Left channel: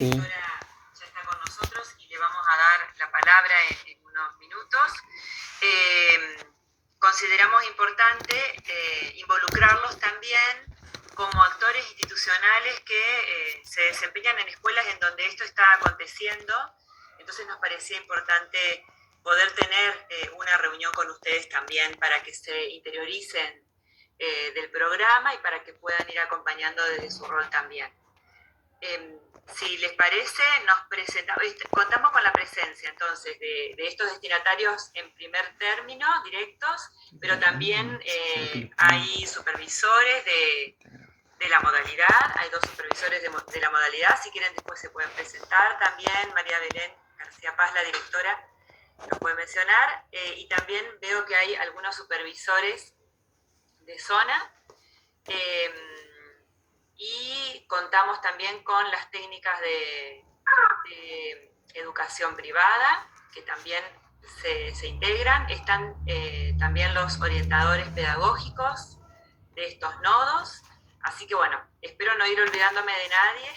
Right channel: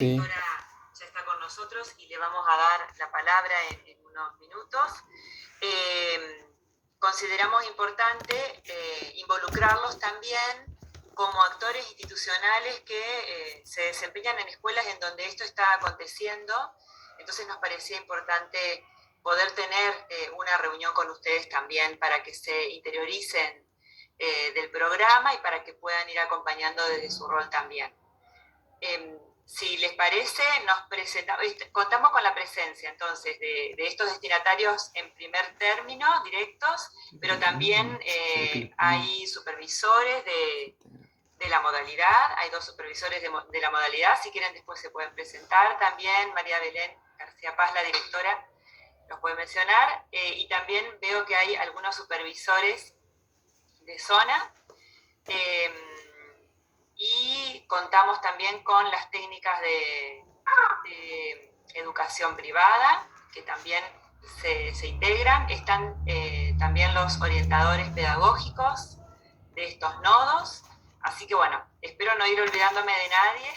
Sí. Ahora ya está con nosotros y le vamos a dar la palabra en unos minutos. Consideramos importante involucrarlos también como actores institucionales que se desempeñan en escuelas en donde esto está aconteciendo. Entonces nos parecía importante poder tener una reunión con ustedes también para que se interioricen del programa y para que puedan ir acompañando desde su rol también. Si les parece, contamos con la presencia entonces de estos destinatarios en primer término, directos, pero también hay supervisores de la modalidad, hay 2 supervisores de la modalidad, si quieren después se pueden presentar también. María Belén García Paz, la directora, nos puede mencionar, y también veo que hay algunos supervisores de zona. Y contamos también con las técnicas de educación privada, que también se integran. Están también los orientadores pedagógicos de estos nodos. Así que bueno, espero no ir olvidándome de nadie.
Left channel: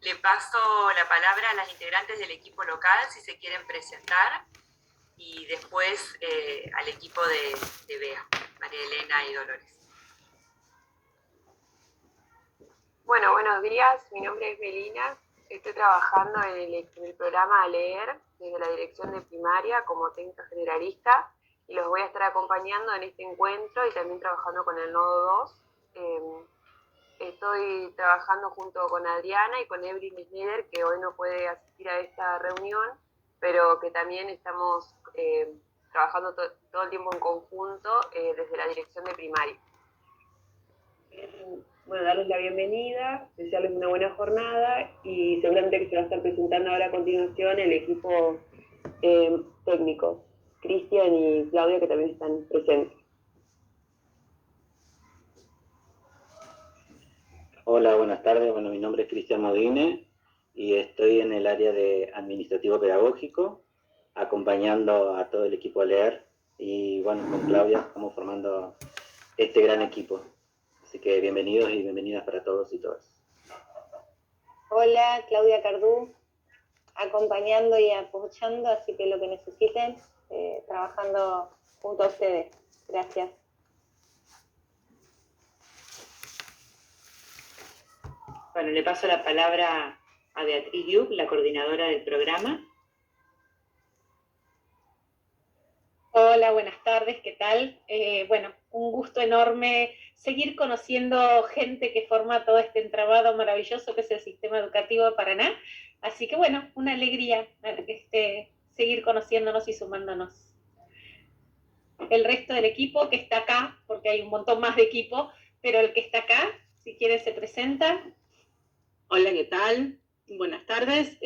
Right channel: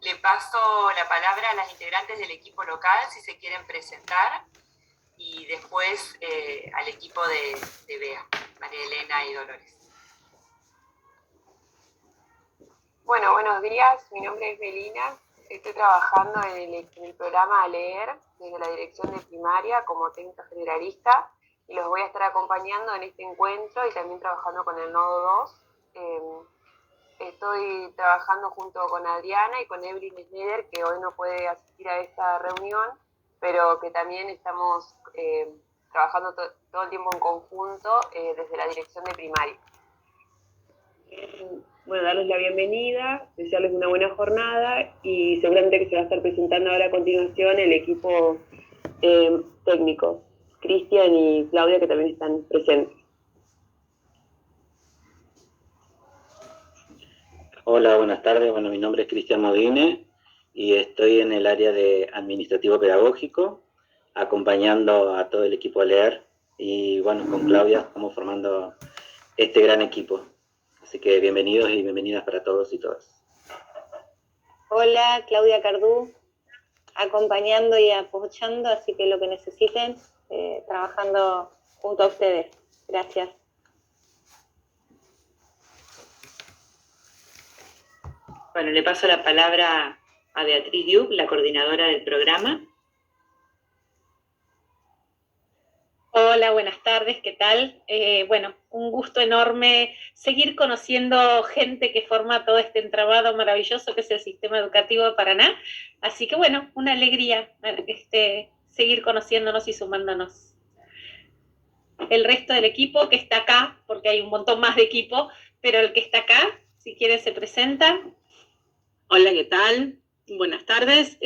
Le paso la palabra a las integrantes del equipo local, si se quieren presentar, y después al equipo de BEA, María Elena y Dolores. Bueno, buenos días, mi nombre es Melina, estoy trabajando en el programa Leer desde la dirección de primaria como técnica generalista y los voy a estar acompañando en este encuentro y también trabajando con el nodo 2. Estoy trabajando junto con Adriana y con Evelyn Schneider, que hoy no puede asistir a esta reunión, pero que también estamos trabajando todo el tiempo en conjunto desde la dirección de primaria. Bueno, darles la bienvenida, desearles una buena jornada y seguramente que se va a estar presentando ahora a continuación el equipo técnico, Cristian y Claudia, que también están presentes. Hola, buenas tardes. Bueno, mi nombre es Cristian Modine y estoy en el área de administrativo pedagógico, acompañando a todo el equipo a leer. Y bueno, con Claudia estamos formando este gran equipo. Así que bienvenidos y bienvenidas para todos y todas. Hola, Claudia Cardú, acompañando y apoyando, así que lo que necesiten, trabajando junto a ustedes. Gracias. Bueno, le paso la palabra a Beatriz Diuk, la coordinadora del programa. Hola, buenas tardes, ¿qué tal? Bueno, un gusto enorme seguir conociendo gente que forma todo este entramado maravilloso que es el sistema educativo de Paraná. Así que bueno, una alegría seguir conociéndonos y sumándonos. El resto del equipo que está acá, porque hay un montón más de equipo, pero el que está acá, si quieren se presenta. Hola, ¿qué tal? Buenas tardes.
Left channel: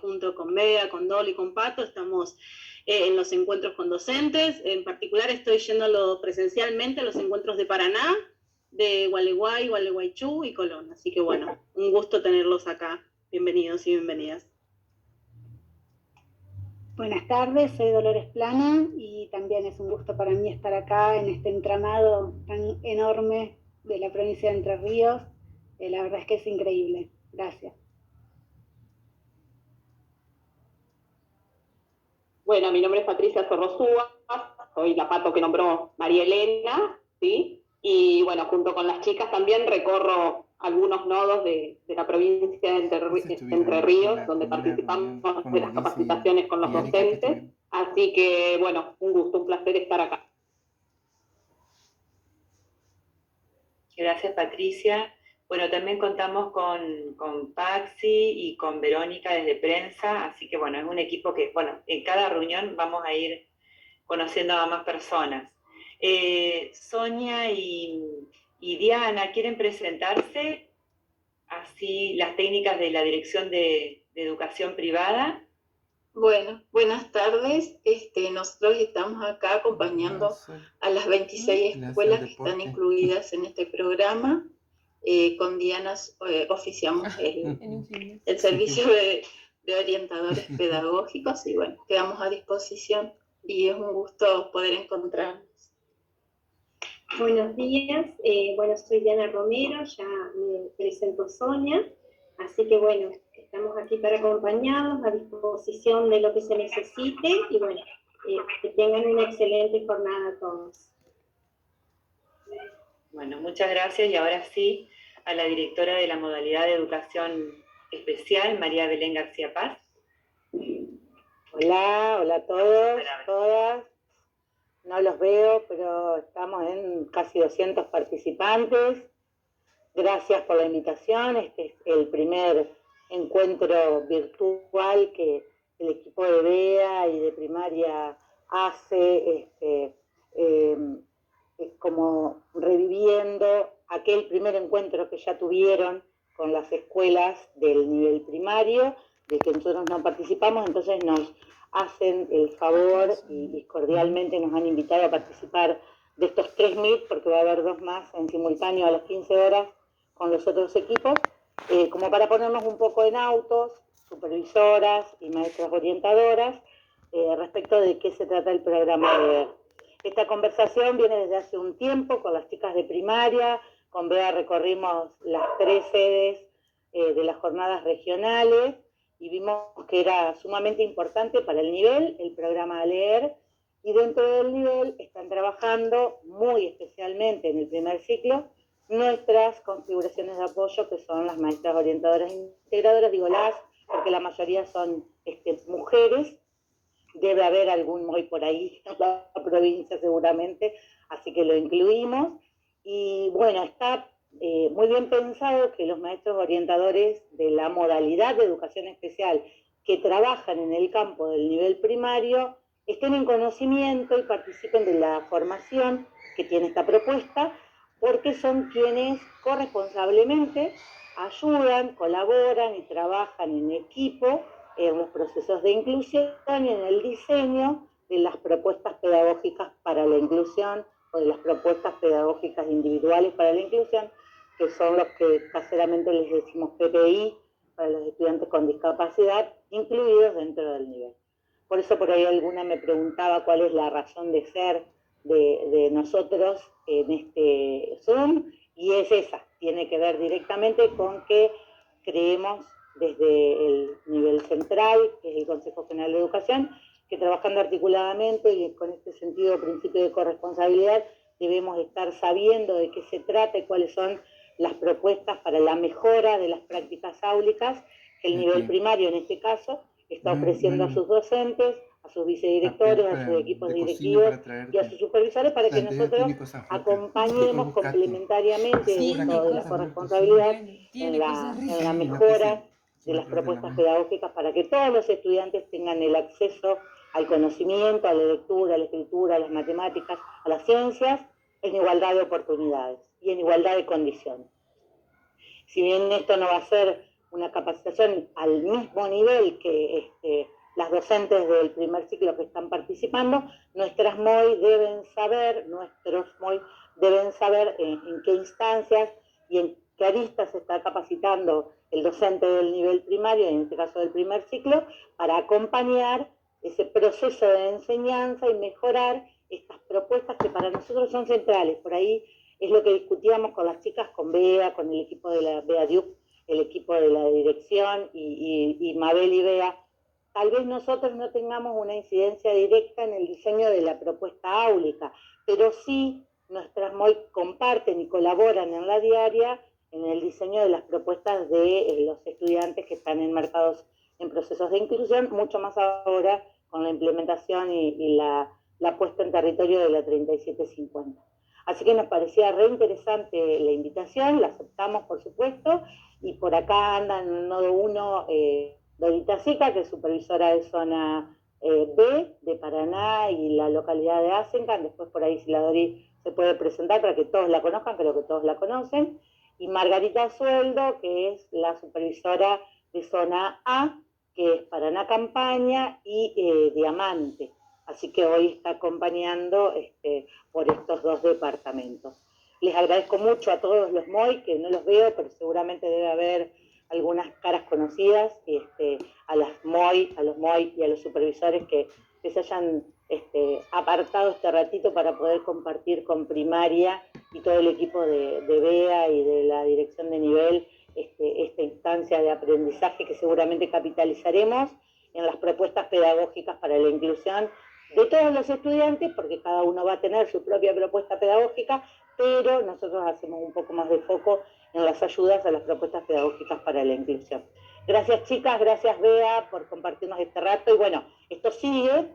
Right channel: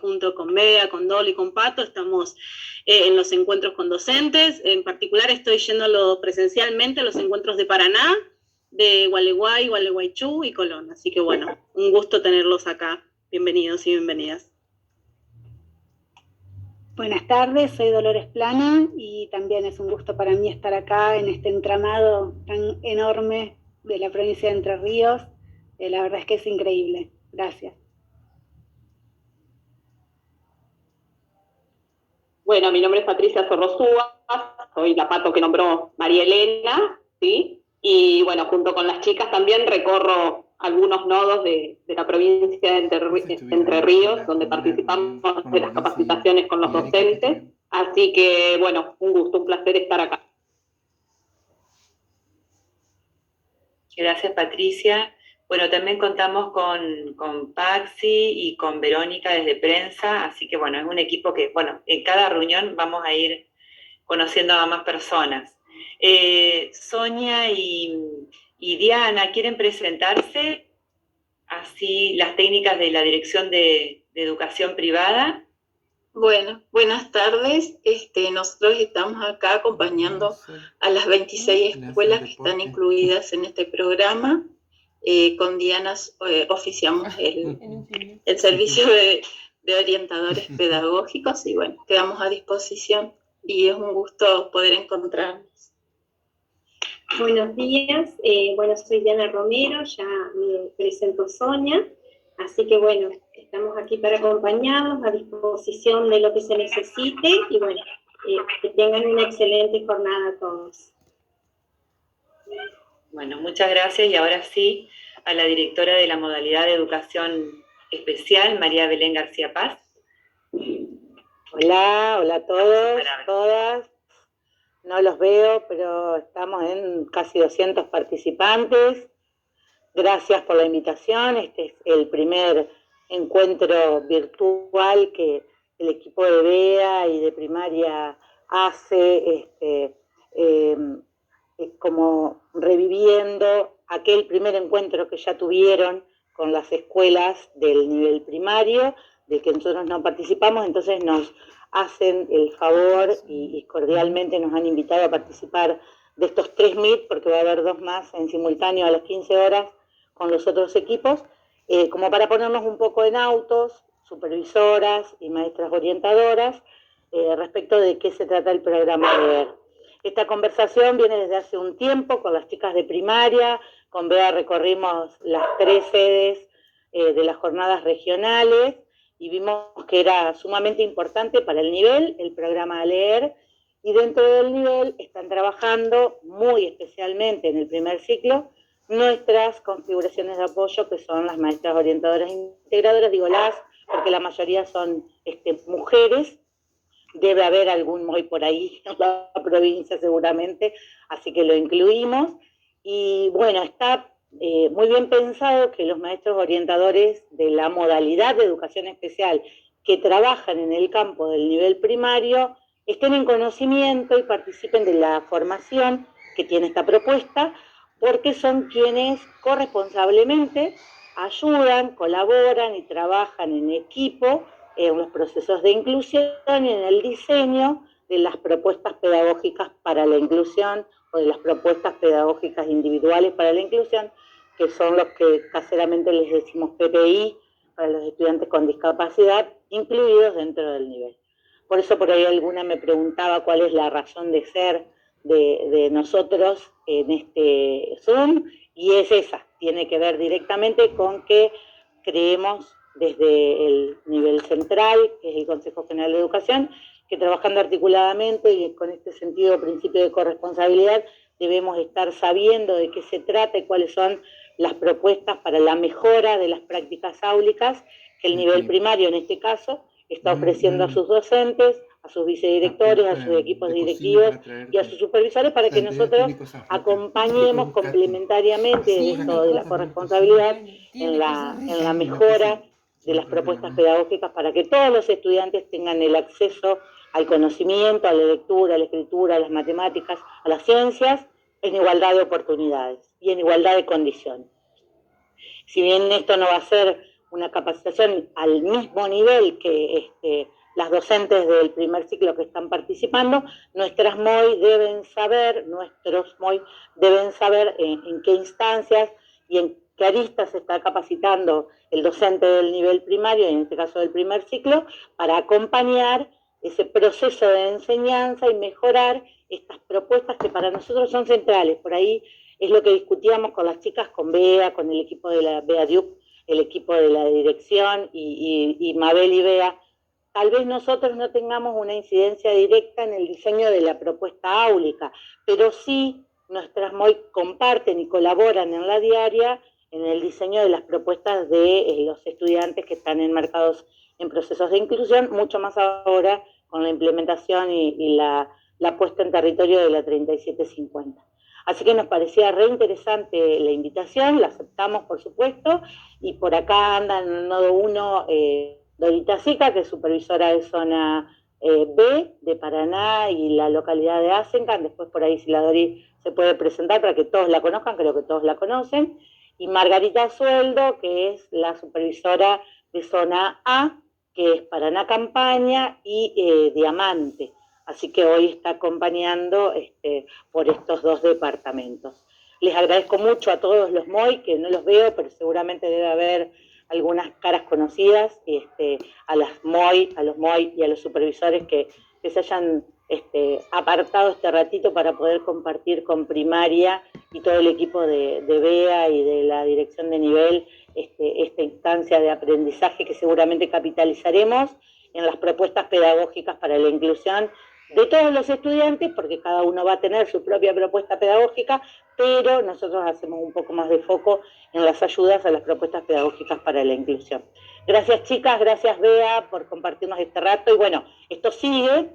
Junto con Bea, con Dol y con Pato estamos en los encuentros con docentes. En particular estoy yendo presencialmente a los encuentros de Paraná, de Gualeguay, Gualeguaychú y Colón. Así que bueno, un gusto tenerlos acá. Bienvenidos y bienvenidas. Buenas tardes, soy Dolores Plana y también es un gusto para mí estar acá en este entramado tan enorme de la provincia de Entre Ríos. La verdad es que es increíble. Gracias. Bueno, mi nombre es Patricia Sorrosúa, soy la pato que nombró María Elena, ¿sí? Y bueno, junto con las chicas también recorro algunos nodos de la provincia de Entre Ríos, donde participamos de las capacitaciones con los docentes. Así que, bueno, un gusto, un placer estar acá. Gracias, Patricia. Bueno, también contamos con Paxi y con Verónica desde prensa, así que bueno, es un equipo que, bueno, en cada reunión vamos a ir conociendo a más personas. Sonia y Diana, ¿quieren presentarse? Así, las técnicas de la Dirección de Educación Privada. Bueno, buenas tardes. Nosotros estamos acá acompañando a las 26 escuelas que están incluidas en este programa. Con Diana oficiamos el servicio de orientadores pedagógicos y bueno, quedamos a disposición y es un gusto poder encontrarnos. Buenos días, bueno, soy Diana Romero, ya me presento Sonia, así que bueno, estamos aquí para acompañarlos, a disposición de lo que se necesite, y bueno, que tengan una excelente jornada todos. Bueno, muchas gracias, y ahora sí, a la directora de la modalidad de educación especial, María Belén García Paz. Hola a todos, todas. No los veo, pero estamos en casi 200 participantes. Gracias por la invitación. Este es el primer encuentro virtual que el equipo de BEA y de primaria hace, como reviviendo aquel primer encuentro que ya tuvieron con las escuelas del nivel primario, del que nosotros no participamos. Entonces nos hacen el favor y cordialmente nos han invitado a participar de estos 3 Meet, porque va a haber 2 más en simultáneo a las 15 horas con los otros equipos, como para ponernos un poco en autos, supervisoras y maestras orientadoras, respecto de qué se trata el programa LEER. Esta conversación viene desde hace un tiempo con las chicas de primaria. Con Bea recorrimos las 3 sedes de las jornadas regionales y vimos que era sumamente importante para el nivel, el programa LEER, y dentro del nivel están trabajando muy especialmente en el primer ciclo nuestras configuraciones de apoyo, que son las maestras orientadoras integradoras. Digo las porque la mayoría son mujeres. Debe haber algún MOI por ahí en la provincia seguramente, así que lo incluimos. Y bueno, está muy bien pensado que los maestros orientadores de la modalidad de educación especial que trabajan en el campo del nivel primario estén en conocimiento y participen de la formación que tiene esta propuesta, porque son quienes corresponsablemente ayudan, colaboran y trabajan en equipo en los procesos de inclusión y en el diseño de las propuestas pedagógicas para la inclusión, o de las propuestas pedagógicas individuales para la inclusión, que son los que caseramente les decimos PPI, para los estudiantes con discapacidad, incluidos dentro del nivel. Por eso por ahí alguna me preguntaba cuál es la razón de ser de nosotros en este Zoom, y es esa, tiene que ver directamente con que creemos desde el nivel central, que es el Consejo General de Educación, que trabajando articuladamente y con este sentido de principio de corresponsabilidad debemos estar sabiendo de qué se trata y cuáles son las propuestas para la mejora de las prácticas áulicas que el nivel primario, en este caso, está ofreciendo a sus docentes, a sus vicedirectores, a sus equipos directivos y a sus supervisores, para que nosotros acompañemos complementariamente esto de la corresponsabilidad en la mejora de las propuestas pedagógicas, para que todos los estudiantes tengan el acceso al conocimiento, a la lectura, a la escritura, a las matemáticas, a las ciencias, en igualdad de oportunidades y en igualdad de condiciones. Si bien esto no va a ser una capacitación al mismo nivel que las docentes del primer ciclo que están participando, nuestros MOI deben saber en qué instancias y en qué aristas se está capacitando el docente del nivel primario, en este caso del primer ciclo, para acompañar ese proceso de enseñanza y mejorar estas propuestas que para nosotros son centrales. Por ahí es lo que discutíamos con las chicas, con Bea, con el equipo de la Bea Diup, el equipo de la dirección y Mabel y Bea. Tal vez nosotros no tengamos una incidencia directa en el diseño de la propuesta áulica, pero sí nuestras MOI comparten y colaboran en la diaria en el diseño de las propuestas de los estudiantes que están enmarcados en procesos de inclusión, mucho más ahora con la implementación y la puesta en territorio de la 3750. Así que nos parecía re interesante la invitación, la aceptamos por supuesto, y por acá anda en el nodo 1 Dorita Sica, que es supervisora de zona B de Paraná y la localidad de Asencan. Después por ahí si la Dori se puede presentar para que todos la conozcan, creo que todos la conocen. Y Margarita Sueldo, que es la supervisora de zona A, que es Paraná Campaña y Diamante. Así que hoy está acompañando por estos 2 departamentos. Les agradezco mucho a todos los MOI, que no los veo, pero seguramente debe haber algunas caras conocidas, a los MOI y a los supervisores que se hayan apartado este ratito para poder compartir con primaria y todo el equipo de BEA y de la dirección de nivel esta instancia de aprendizaje que seguramente capitalizaremos en las propuestas pedagógicas para la inclusión de todos los estudiantes, porque cada uno va a tener su propia propuesta pedagógica, pero nosotros hacemos un poco más de foco en las ayudas a las propuestas pedagógicas para la inclusión. Gracias chicas, gracias Bea por compartirnos este rato, y bueno, esto sigue,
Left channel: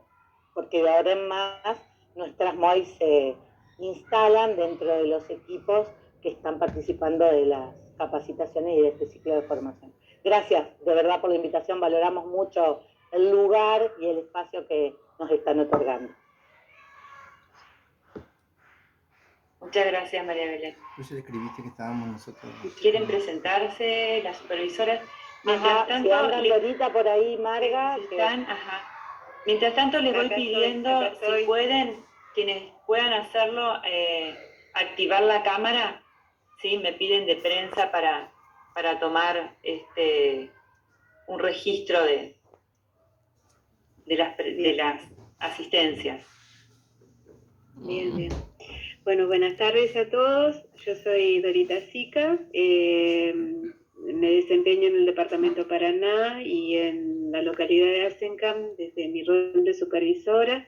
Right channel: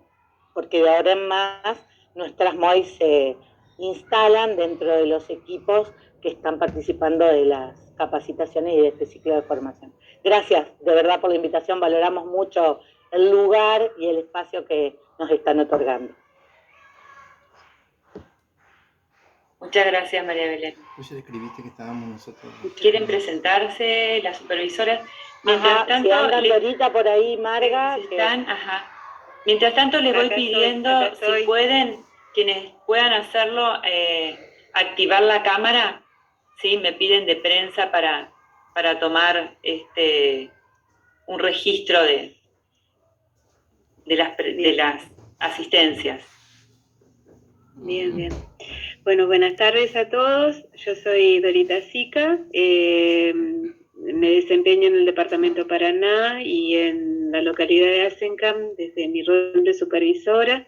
porque de ahora en más nuestras MOI se instalan dentro de los equipos que están participando de las capacitaciones y de este ciclo de formación. Gracias, de verdad, por la invitación, valoramos mucho el lugar y el espacio que nos están otorgando. Muchas gracias, María Belén. Pues escribiste que estábamos nosotros. ¿Quieren presentarse las supervisoras? Mientras tanto, si andan ahorita por ahí, Marga. Mientras tanto, les voy pidiendo, estoy. si pueden, quienes puedan hacerlo, activar la cámara. ¿Sí? Me piden de prensa para tomar un registro de las asistencias. Bien, bien. Bueno, buenas tardes a todos. Yo soy Dorita Sica. Me desempeño en el departamento Paraná y en la localidad de Azencam desde mi rol de supervisora.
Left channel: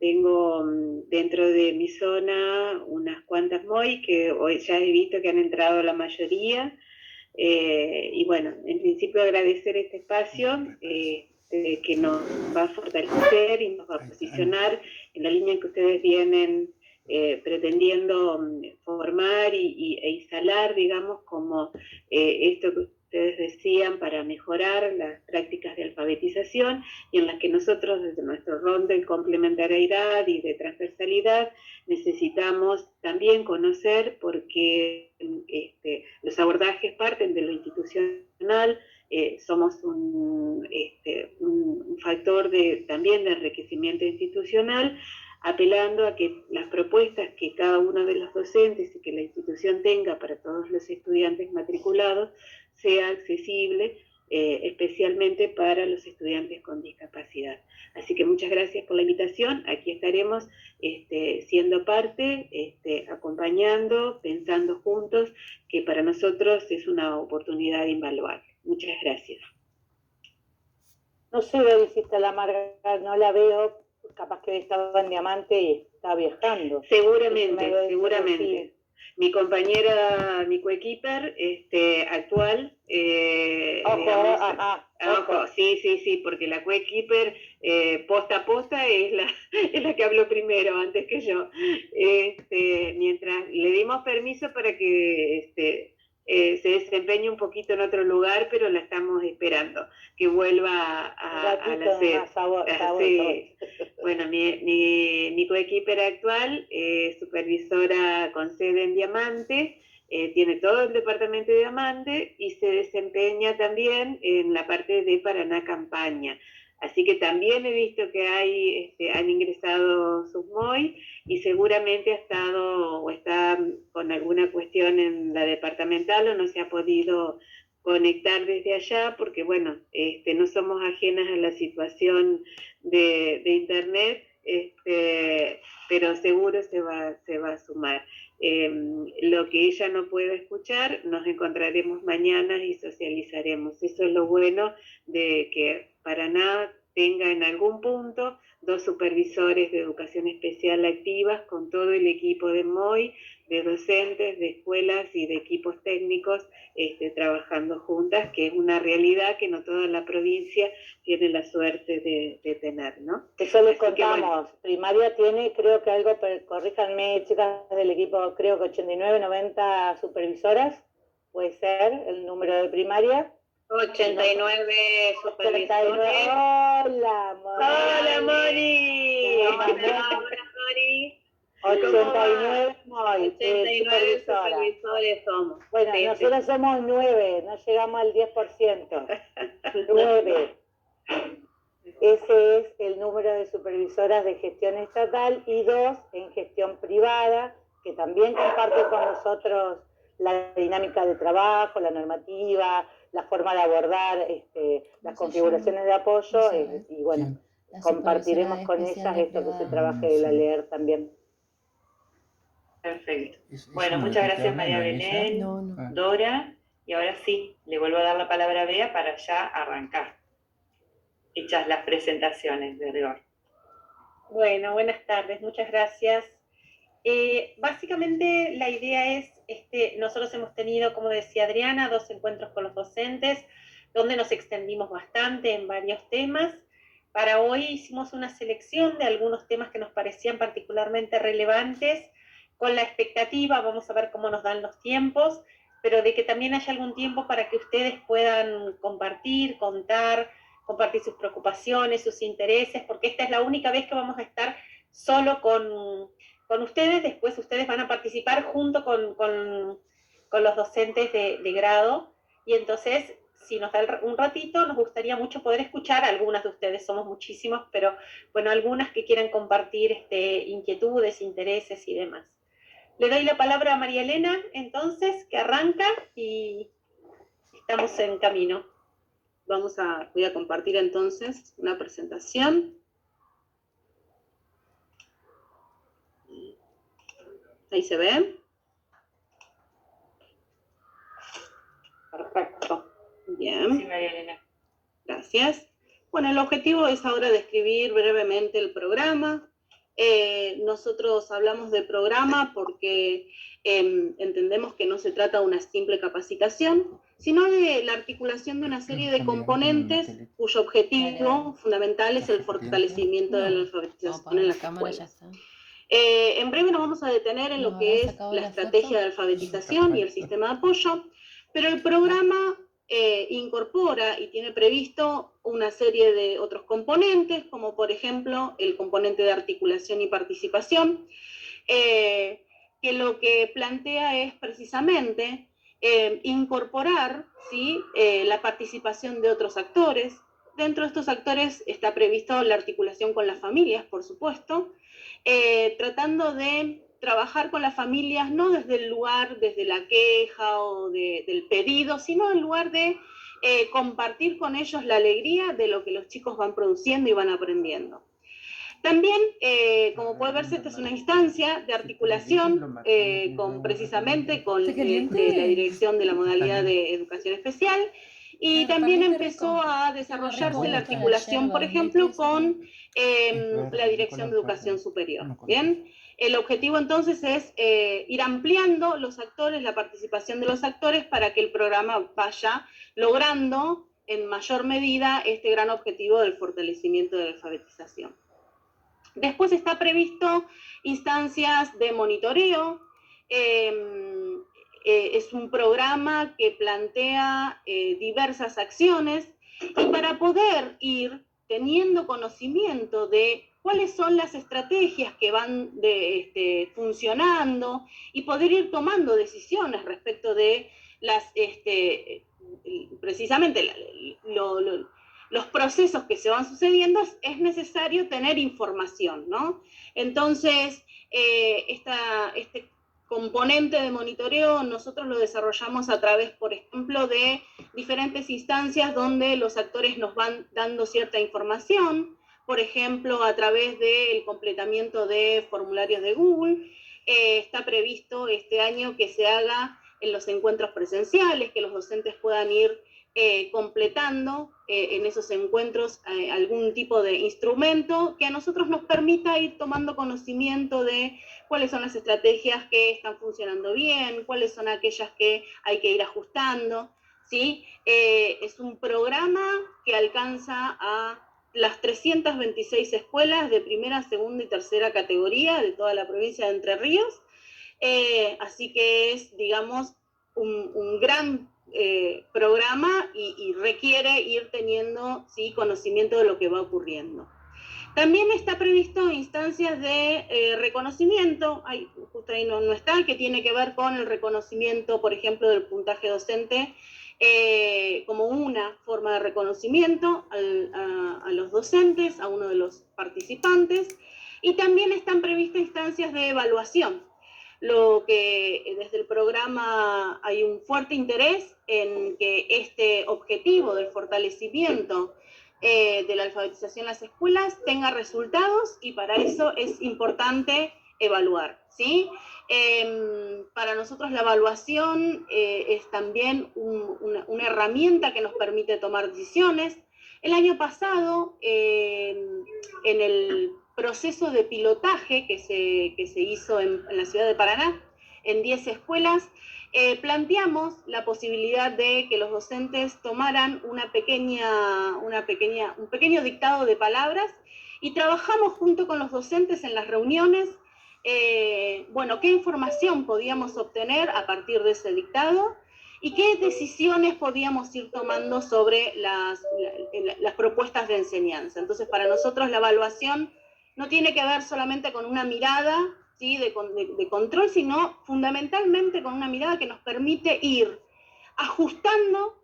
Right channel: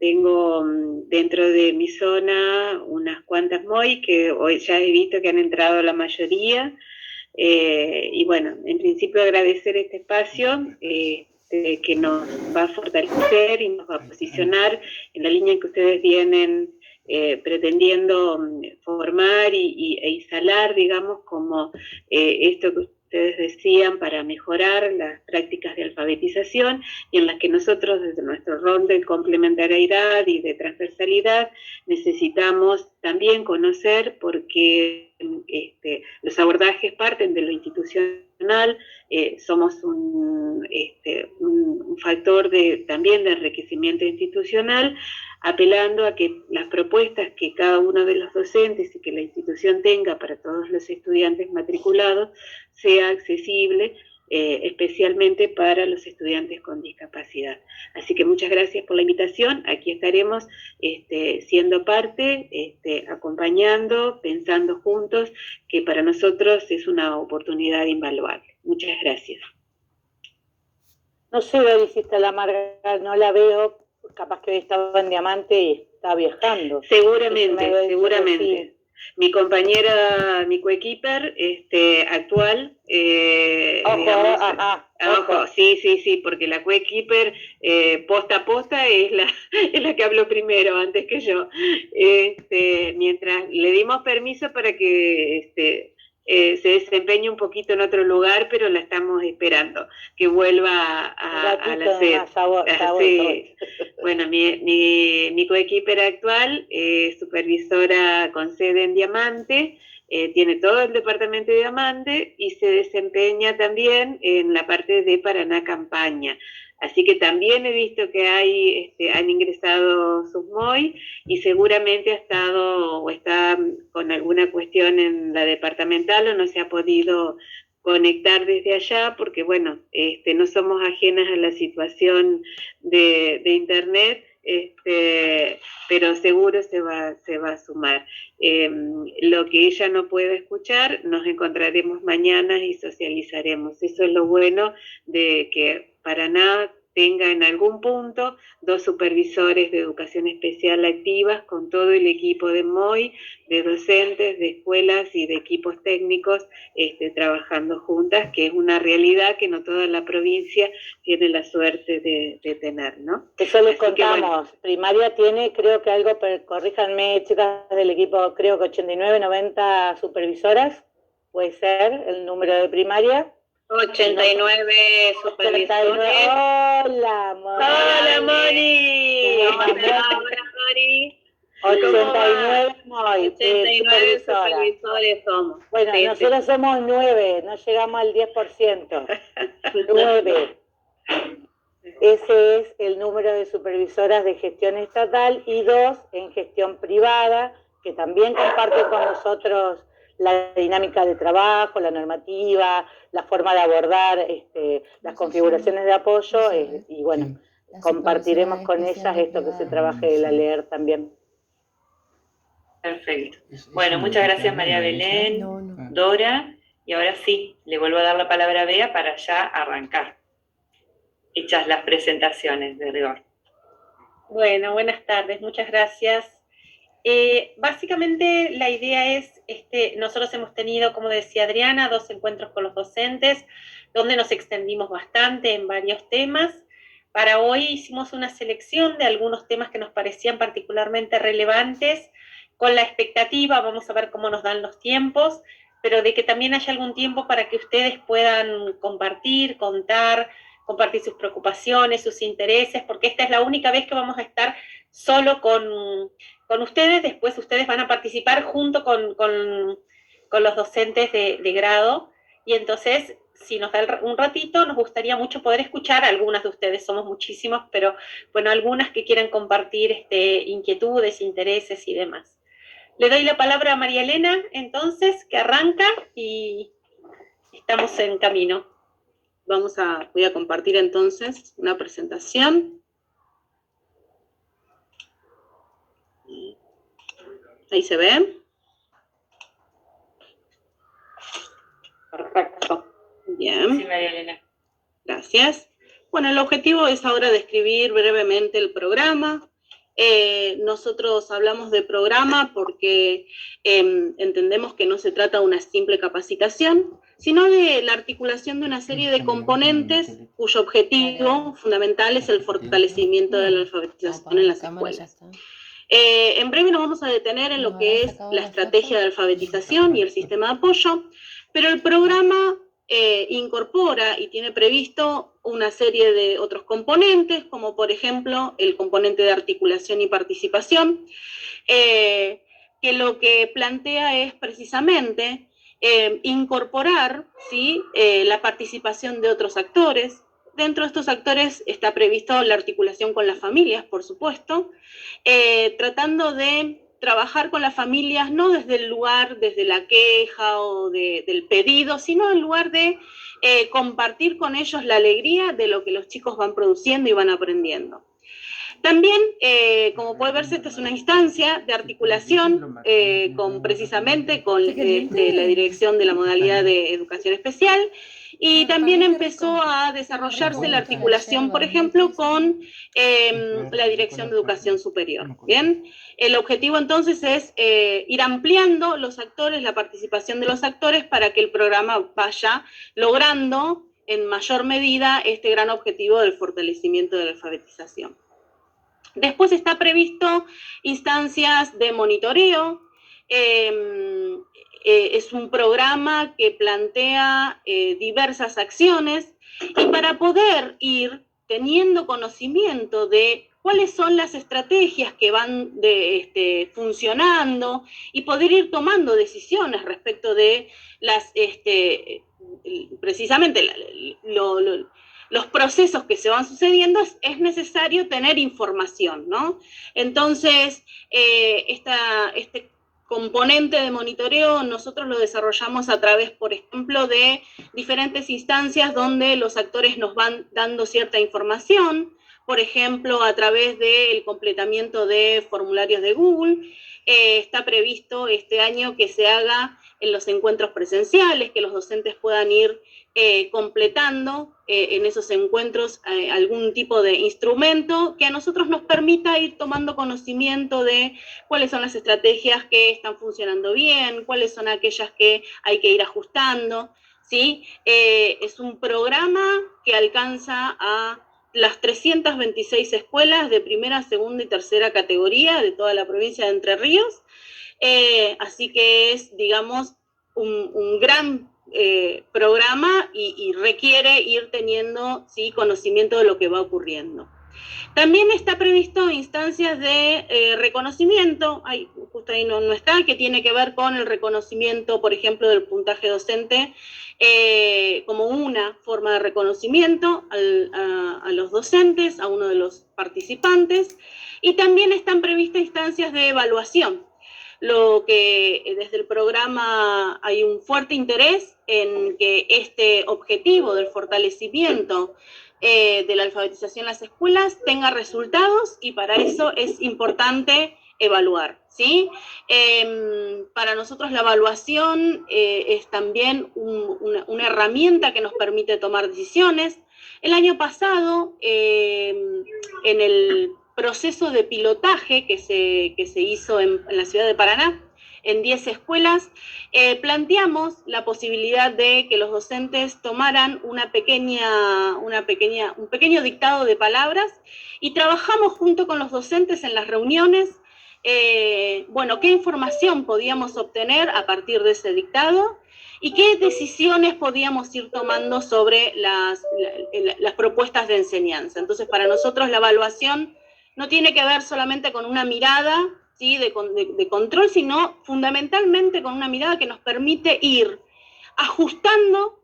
Tengo dentro de mi zona unas cuantas MOI que hoy ya he visto que han entrado la mayoría. Y bueno, en principio agradecer este espacio que nos va a fortalecer y nos va a posicionar en la línea en que ustedes vienen pretendiendo formar e instalar, digamos, como esto que ustedes decían, para mejorar las prácticas de alfabetización, y en las que nosotros, desde nuestro rol de complementariedad y de transversalidad, necesitamos también conocer, porque los abordajes parten de lo institucional. Somos un factor también de enriquecimiento institucional, apelando a que las propuestas que cada uno de los docentes y que la institución tenga para todos los estudiantes matriculados sea accesible, especialmente para los estudiantes con discapacidad. Así que muchas gracias por la invitación. Aquí estaremos siendo parte, acompañando, pensando juntos, que para nosotros es una oportunidad invaluable. Muchas gracias. No sé dónde hiciste la Marga, no la veo, capaz que hoy estaba en Diamante y está viajando. Seguramente, seguramente. Mi compañera, mi coequiper actual, ojo, sí, porque la coequiper posta a posta es la que habló primero, antes que yo. Mientras le dimos permiso para que se desempeñe un poquito en otro lugar, pero la estamos esperando, que vuelva a la sede. Sí. Bueno, mi coequiper actual es supervisora con sede en Diamante, tiene todo el departamento de Diamante y se desempeña también en la parte de Paraná Campaña. Así que también he visto que han ingresado sus MOI y seguramente ha estado o está con alguna cuestión en la departamental o no se ha podido conectar desde allá porque, bueno, no somos ajenas a la situación de internet, pero seguro se va a sumar. Lo que ella no pueda escuchar, nos encontraremos mañana y socializaremos. Eso es lo bueno de que Paraná tenga en algún punto 2 supervisores de educación especial activas con todo el equipo de MOI, de docentes, de escuelas y de equipos técnicos trabajando juntas, que es una realidad que no toda la provincia tiene la suerte de tener, ¿no? Eso les contamos. Bueno, primaria tiene, creo que algo, corríjanme chicas del equipo, creo que 89, 90 supervisoras, puede ser el número de primaria. 89 supervisores. Hola, Moni. Hola, Moni. Hola, Moni. 89 Moni. 89 supervisores somos. Bueno, sí, nosotros somos 9, no llegamos al 10%. 9. Ese es el número de supervisoras de gestión estatal y 2 en gestión privada, que también comparte con nosotros la dinámica de trabajo, la normativa, la forma de abordar las configuraciones de apoyo y bueno, compartiremos con ellas esto que se trabaje de la LEER también. Perfecto. Bueno, muchas gracias María Belén, Dora, Y ahora sí, le vuelvo a dar la palabra a Bea para ya arrancar. Hechas las presentaciones de rigor. Bueno, buenas tardes, muchas gracias. Básicamente la idea es, nosotros hemos tenido, como decía Adriana, 2 encuentros con los docentes, donde nos extendimos bastante en varios temas. Para hoy hicimos una selección de algunos temas que nos parecían particularmente relevantes, con la expectativa, vamos a ver cómo nos dan los tiempos, pero de que también haya algún tiempo para que ustedes puedan compartir, contar, compartir sus preocupaciones, sus intereses, porque esta es la única vez que vamos a estar solo con ustedes. Después ustedes van a participar junto con los docentes de grado, y entonces, si nos da un ratito, nos gustaría mucho poder escuchar a algunas de ustedes, somos muchísimos, pero bueno, algunas que quieran compartir inquietudes, intereses y demás. Le doy la palabra a María Elena, entonces, que arranca y estamos en camino. Voy a compartir entonces una presentación. Ahí se ve. Perfecto. Bien. Sí, María Elena. Gracias. Bueno, el objetivo es ahora describir brevemente el programa. Nosotros hablamos de programa porque entendemos que no se trata de una simple capacitación, sino de la articulación de una serie de componentes cuyo objetivo fundamental es el fortalecimiento de la alfabetización en las escuelas. En breve nos vamos a detener en lo que es la estrategia de alfabetización y el sistema de apoyo, pero el programa incorpora y tiene previsto una serie de otros componentes, como por ejemplo el componente de articulación y participación, que lo que plantea es precisamente incorporar, ¿sí?, la participación de otros actores. Dentro de estos actores está previsto la articulación con las familias, por supuesto, tratando de trabajar con las familias no desde el lugar, desde la queja o del pedido, sino en lugar de compartir con ellos la alegría de lo que los chicos van produciendo y van aprendiendo. También, como puede verse, esta es una instancia de articulación precisamente con la dirección de la modalidad de educación especial, y también empezó a desarrollarse la articulación, por ejemplo, con la dirección de educación superior. ¿Bien? El objetivo entonces es ir ampliando los actores, la participación de los actores, para que el programa vaya logrando en mayor medida este gran objetivo del fortalecimiento de la alfabetización. Después está previsto instancias de monitoreo. Es un programa que plantea diversas acciones, y para poder ir teniendo conocimiento de cuáles son las estrategias que van funcionando y poder ir tomando decisiones respecto de precisamente los procesos que se van sucediendo, es necesario tener información, ¿no? Entonces, este componente de monitoreo nosotros lo desarrollamos a través, por ejemplo, de diferentes instancias donde los actores nos van dando cierta información, por ejemplo, a través del completamiento de formularios de Google. Está previsto este año que se haga en los encuentros presenciales, que los docentes puedan ir completando en esos encuentros algún tipo de instrumento que a nosotros nos permita ir tomando conocimiento de cuáles son las estrategias que están funcionando bien, cuáles son aquellas que hay que ir ajustando, ¿sí? Es un programa que alcanza a las 326 escuelas de primera, segunda y tercera categoría de toda la provincia de Entre Ríos, así que es, digamos, un gran programa y requiere ir teniendo, ¿sí?, conocimiento de lo que va ocurriendo. También está previsto instancias de reconocimiento, justo ahí no está, que tiene que ver con el reconocimiento, por ejemplo, del puntaje docente, como una forma de reconocimiento a los docentes, a uno de los participantes, y también están previstas instancias de evaluación. Lo que desde el programa hay un fuerte interés en que este objetivo del fortalecimiento de la alfabetización en las escuelas tenga resultados, y para eso es importante evaluar, ¿sí? Para nosotros la evaluación es también una herramienta que nos permite tomar decisiones. El año pasado, en el proceso de pilotaje que se hizo en la ciudad de Paraná, en 10 escuelas, planteamos la posibilidad de que los docentes tomaran un pequeño dictado de palabras y trabajamos junto con los docentes en las reuniones, bueno, qué información podíamos obtener a partir de ese dictado y qué decisiones podíamos ir tomando sobre las propuestas de enseñanza. Entonces, para nosotros la evaluación no tiene que ver solamente con una mirada, ¿sí?, de control, sino fundamentalmente con una mirada que nos permite ir ajustando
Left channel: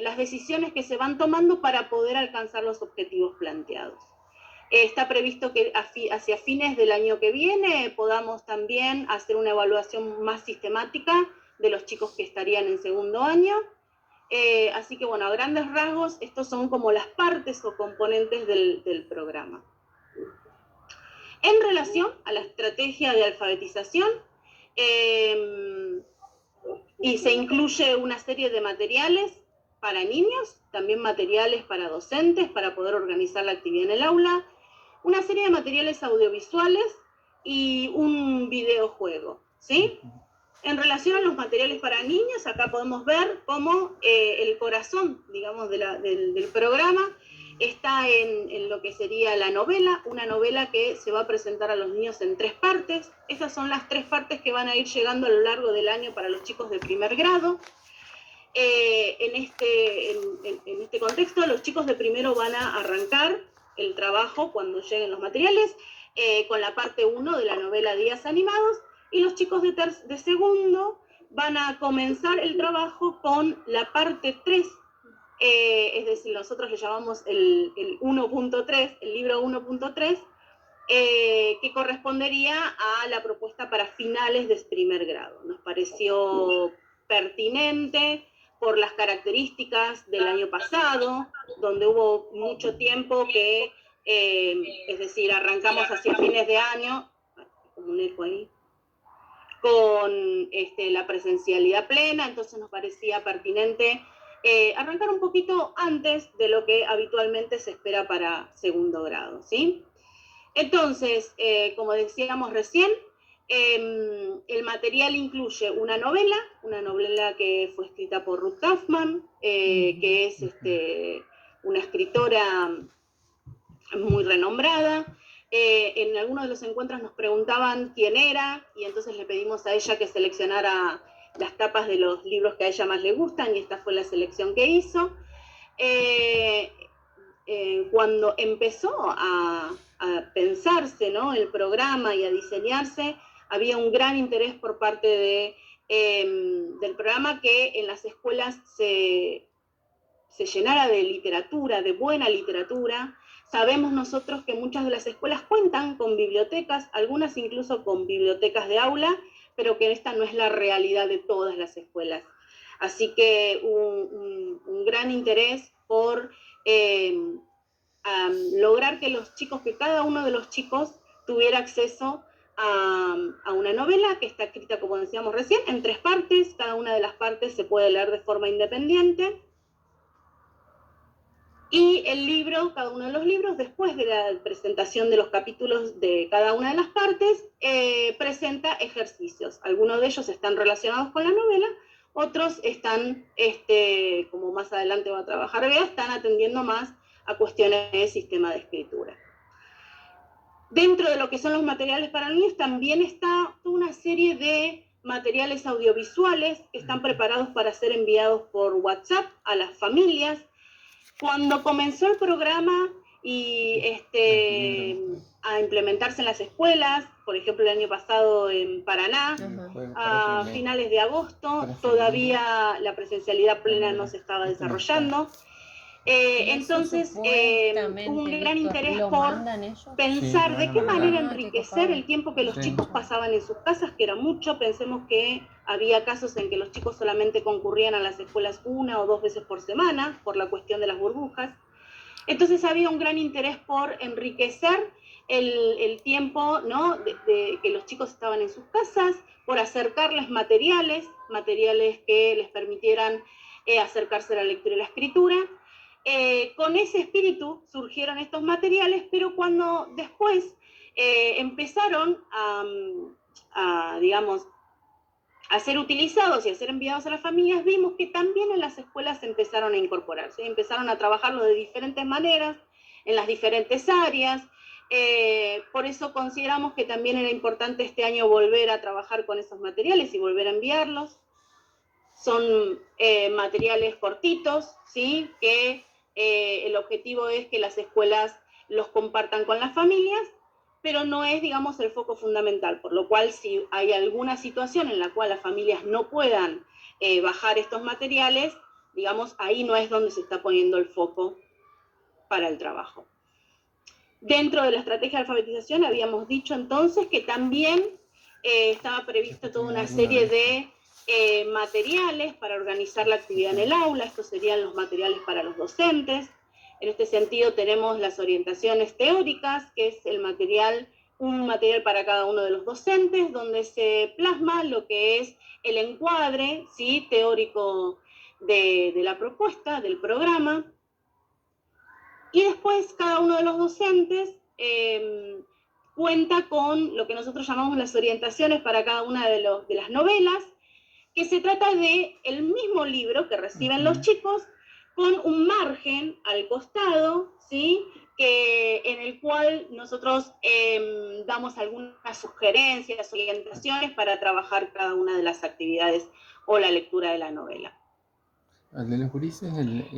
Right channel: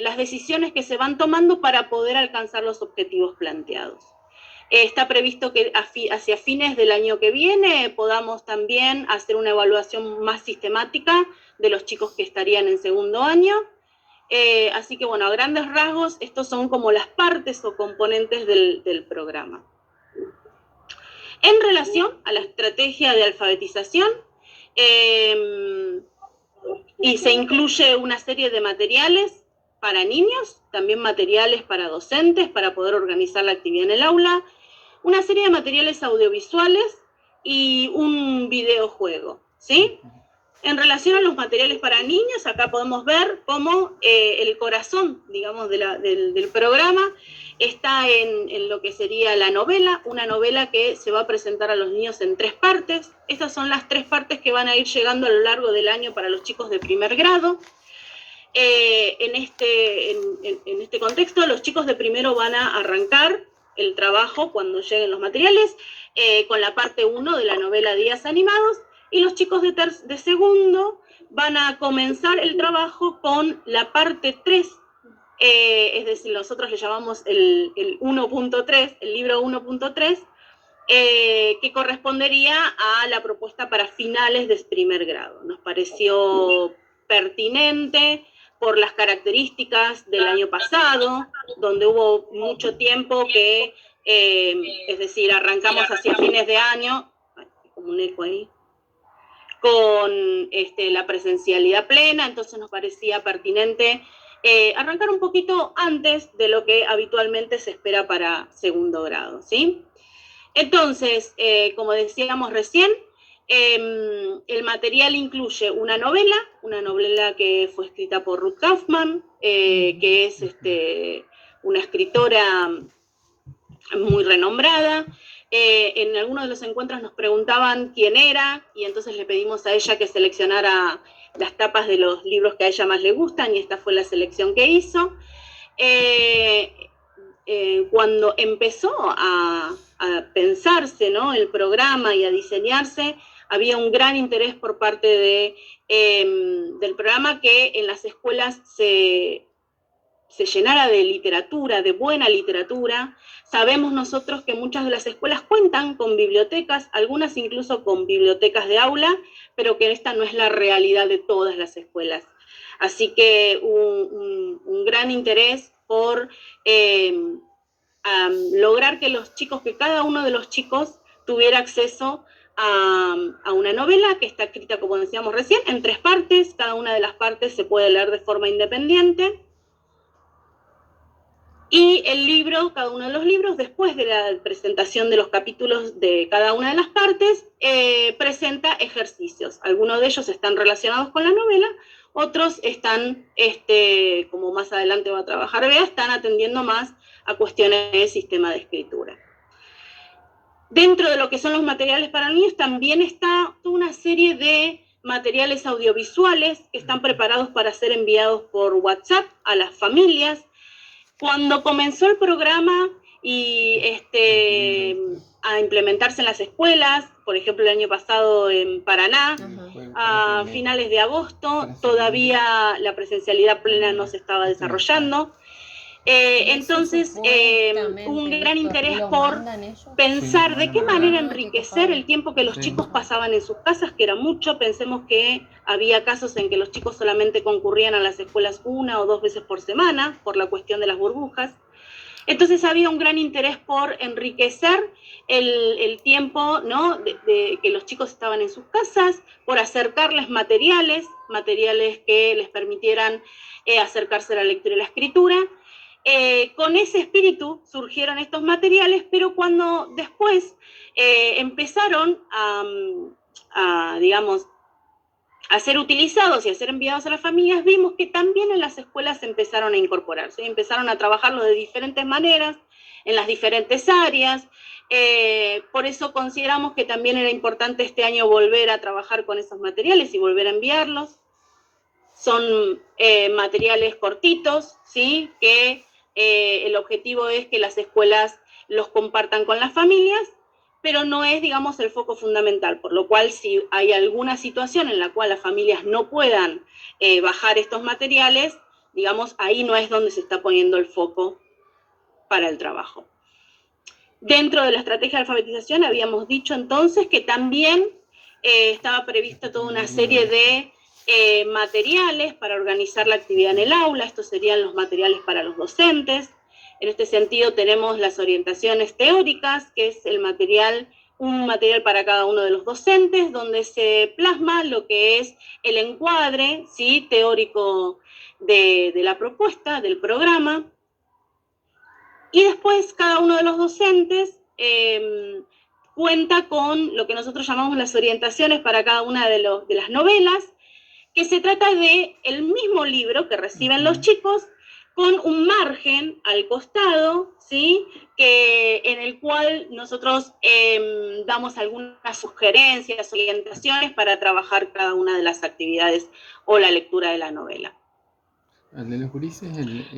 las decisiones que se van tomando para poder alcanzar los objetivos planteados. Está previsto que hacia fines del año que viene podamos también hacer una evaluación más sistemática de los chicos que estarían en segundo año. Así que, bueno, a grandes rasgos, estos son como las partes o componentes del programa. En relación a la estrategia de alfabetización, y se incluye una serie de materiales para niños, también materiales para docentes, para poder organizar la actividad en el aula, una serie de materiales audiovisuales y un videojuego, ¿sí? En relación a los materiales para niños, acá podemos ver cómo el corazón, digamos, del programa está en lo que sería la novela, una novela que se va a presentar a los niños en 3 partes. Estas son las 3 partes que van a ir llegando a lo largo del año para los chicos de primer grado. En este contexto, los chicos de primero van a arrancar el trabajo cuando lleguen los materiales con la parte 1 de la novela Días Animados, y los chicos de segundo van a comenzar el trabajo con la parte 3, es decir, nosotros le llamamos el 1.3, el libro 1.3, que correspondería a la propuesta para finales de primer grado. Nos pareció pertinente por las características del año pasado, donde hubo mucho tiempo que, es decir, arrancamos hacia fines de año, como un eco ahí, con la presencialidad plena, entonces nos parecía pertinente arrancar un poquito antes de lo que habitualmente se espera para segundo grado, ¿sí? Entonces, como decíamos recién, el material incluye una novela que fue escrita por Ruth Kaufman, que es una escritora muy renombrada. En algunos de los encuentros nos preguntaban quién era, y entonces le pedimos a ella que seleccionara las tapas de los libros que a ella más le gustan, y esta fue la selección que hizo. Cuando empezó a pensarse, ¿no?, el programa y a diseñarse, había un gran interés por parte del programa que en las escuelas se llenara de literatura, de buena literatura. Sabemos nosotros que muchas de las escuelas cuentan con bibliotecas, algunas incluso con bibliotecas de aula, pero que esta no es la realidad de todas las escuelas. Así que un gran interés por lograr que cada uno de los chicos tuviera acceso a una novela que está escrita, como decíamos recién, en 3 partes. Cada una de las partes se puede leer de forma independiente. Y el libro, cada uno de los libros, después de la presentación de los capítulos de cada una de las partes, presenta ejercicios. Algunos de ellos están relacionados con la novela, otros están, como más adelante va a trabajar Bea, están atendiendo más a cuestiones de sistema de escritura. Dentro de lo que son los materiales para niños también está toda una serie de materiales audiovisuales que están preparados para ser enviados por WhatsApp a las familias. Cuando comenzó el programa y a implementarse en las escuelas, por ejemplo el año pasado en Paraná, a finales de agosto, todavía la presencialidad plena no se estaba desarrollando. Entonces, un gran interés por pensar de qué manera enriquecer el tiempo que los chicos pasaban en sus casas, que era mucho. Pensemos que había casos en que los chicos solamente concurrían a las escuelas 1 o 2 veces por semana, por la cuestión de las burbujas. Entonces había un gran interés por enriquecer el tiempo, ¿no? de que los chicos estaban en sus casas, por acercarles materiales que les permitieran acercarse a la lectura y la escritura. Con ese espíritu surgieron estos materiales, pero cuando después empezaron digamos, a ser utilizados y a ser enviados a las familias, vimos que también en las escuelas empezaron a incorporarse, empezaron a trabajarlo de diferentes maneras, en las diferentes áreas. Por eso consideramos que también era importante este año volver a trabajar con esos materiales y volver a enviarlos. Son materiales cortitos, ¿sí? Que el objetivo es que las escuelas los compartan con las familias, pero no es, digamos, el foco fundamental, por lo cual si hay alguna situación en la cual las familias no puedan bajar estos materiales, digamos, ahí no es donde se está poniendo el foco para el trabajo. Dentro de la estrategia de alfabetización habíamos dicho entonces que también estaba prevista toda una serie de materiales para organizar la actividad en el aula. Estos serían los materiales para los docentes. En este sentido tenemos las orientaciones teóricas, que es un material para cada uno de los docentes, donde se plasma lo que es el encuadre, ¿sí? Teórico de la propuesta, del programa. Y después cada uno de los docentes cuenta con lo que nosotros llamamos las orientaciones para cada una de las novelas, que se trata de el mismo libro que reciben los chicos, con un margen al costado, ¿sí? En el cual nosotros damos algunas sugerencias, orientaciones para trabajar cada una de las actividades o la lectura de la novela.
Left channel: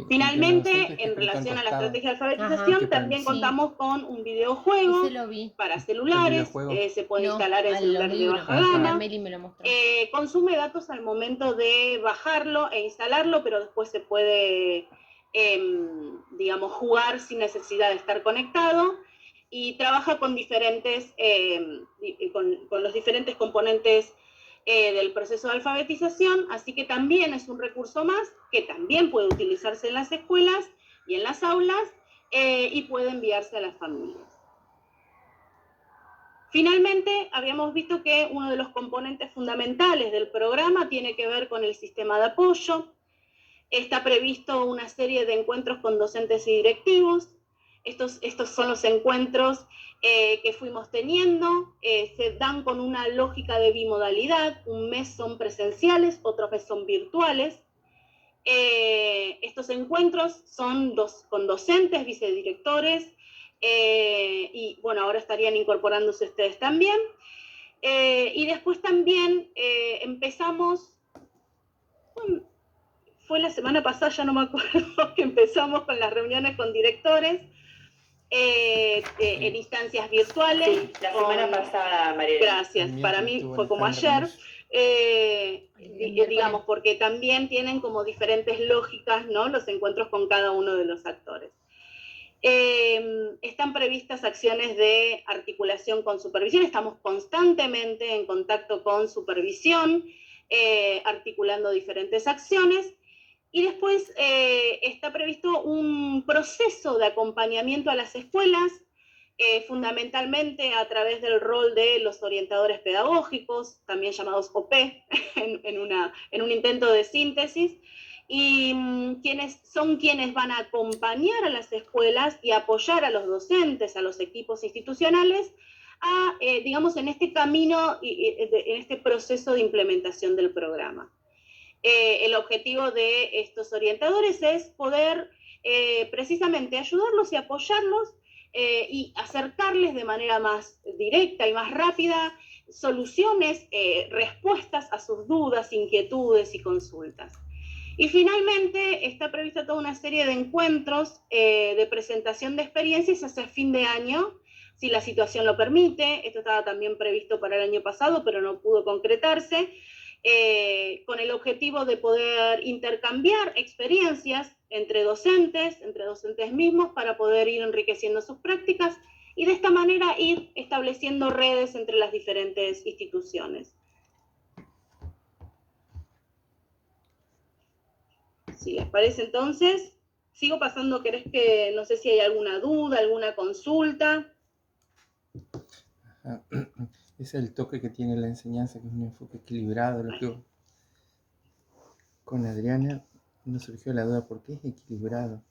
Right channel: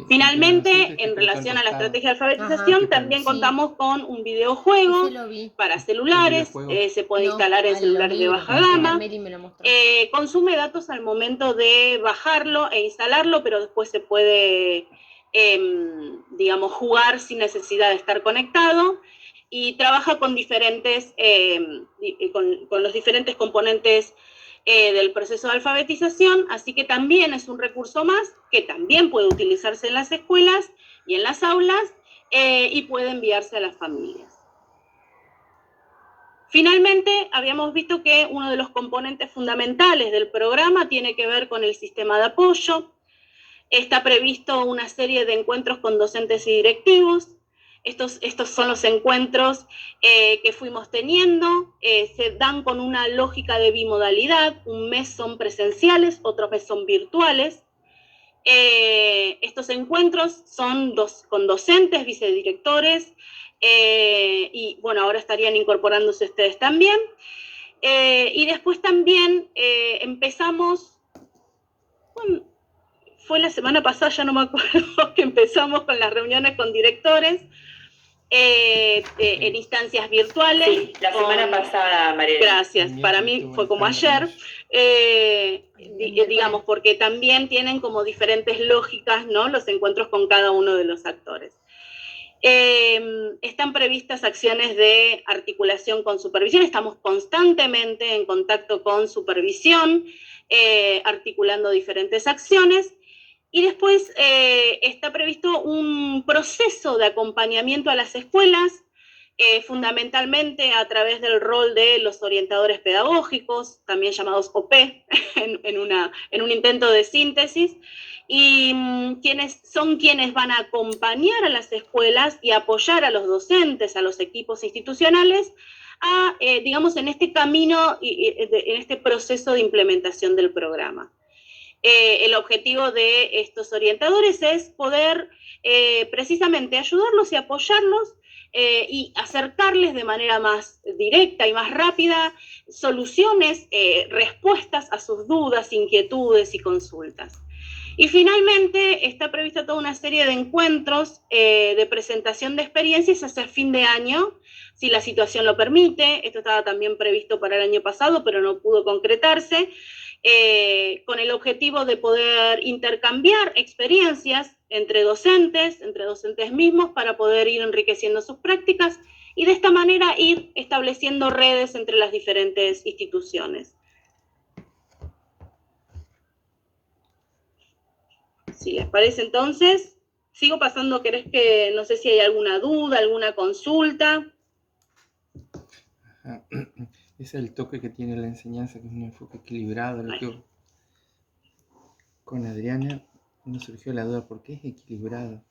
Finalmente, en relación a la estrategia de alfabetización, también contamos con un videojuego para celulares, se puede instalar en celulares de baja gama, consume datos al momento de bajarlo e instalarlo, pero después se puede, digamos, jugar sin necesidad de estar conectado, y trabaja con con los diferentes componentes del proceso de alfabetización, así que también es un recurso más que también puede utilizarse en las escuelas y en las aulas y puede enviarse a las familias. Finalmente, habíamos visto que uno de los componentes fundamentales del programa tiene que ver con el sistema de apoyo. Está previsto una serie de encuentros con docentes y directivos. Estos son los encuentros que fuimos teniendo, se dan con una lógica de bimodalidad, un mes son presenciales, otro mes son virtuales. Estos encuentros son con docentes, vicedirectores, y bueno, ahora estarían incorporándose ustedes también. Y después también empezamos, fue la semana pasada, ya no me acuerdo, que empezamos con las reuniones con directores, en instancias virtuales. Sí, la semana pasada, María. Gracias, para mí fue como ayer, digamos, porque también tienen como diferentes lógicas, ¿no? Los encuentros con cada uno de los actores. Están previstas acciones de articulación con supervisión, estamos constantemente en contacto con supervisión, articulando diferentes acciones. Y después está previsto un proceso de acompañamiento a las escuelas, fundamentalmente a través del rol de los orientadores pedagógicos, también llamados OP, en un intento de síntesis, y quienes van a acompañar a las escuelas y apoyar a los docentes, a los equipos institucionales, digamos, en este camino, en este proceso de implementación del programa. El objetivo de estos orientadores es poder precisamente ayudarlos y apoyarlos y acercarles de manera más directa y más rápida soluciones, respuestas a sus dudas, inquietudes y consultas. Y finalmente está prevista toda una serie de encuentros de presentación de experiencias hacia fin de año, si la situación lo permite. Esto estaba también previsto para el año pasado, pero no pudo concretarse. Con el objetivo de poder intercambiar experiencias entre docentes mismos, para poder ir enriqueciendo sus prácticas y de esta manera ir estableciendo redes entre las diferentes instituciones. Si les parece entonces, sigo pasando, ¿querés que, no sé si hay alguna duda, alguna consulta? Ajá. Es el toque que tiene la enseñanza, que es un enfoque equilibrado. Lo que con Adriana nos surgió la duda, ¿por qué es equilibrado?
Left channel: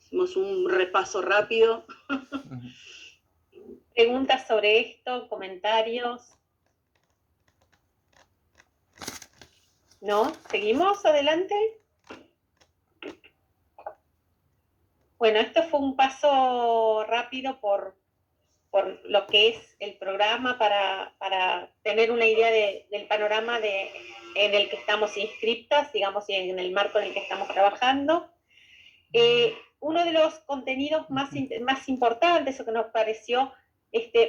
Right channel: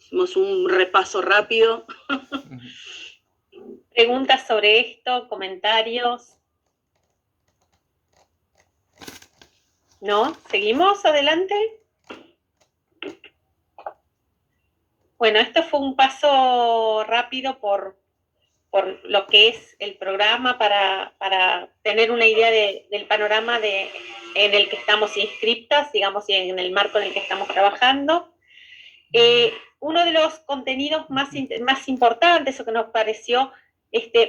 Hicimos un repaso rápido. ¿Preguntas sobre esto? ¿Comentarios? ¿No? ¿Seguimos adelante? Bueno, esto fue un paso rápido por lo que es el programa para tener una idea del panorama en el que estamos inscriptas, digamos, y en el marco en el que estamos trabajando. Uno de los contenidos más importantes o que nos pareció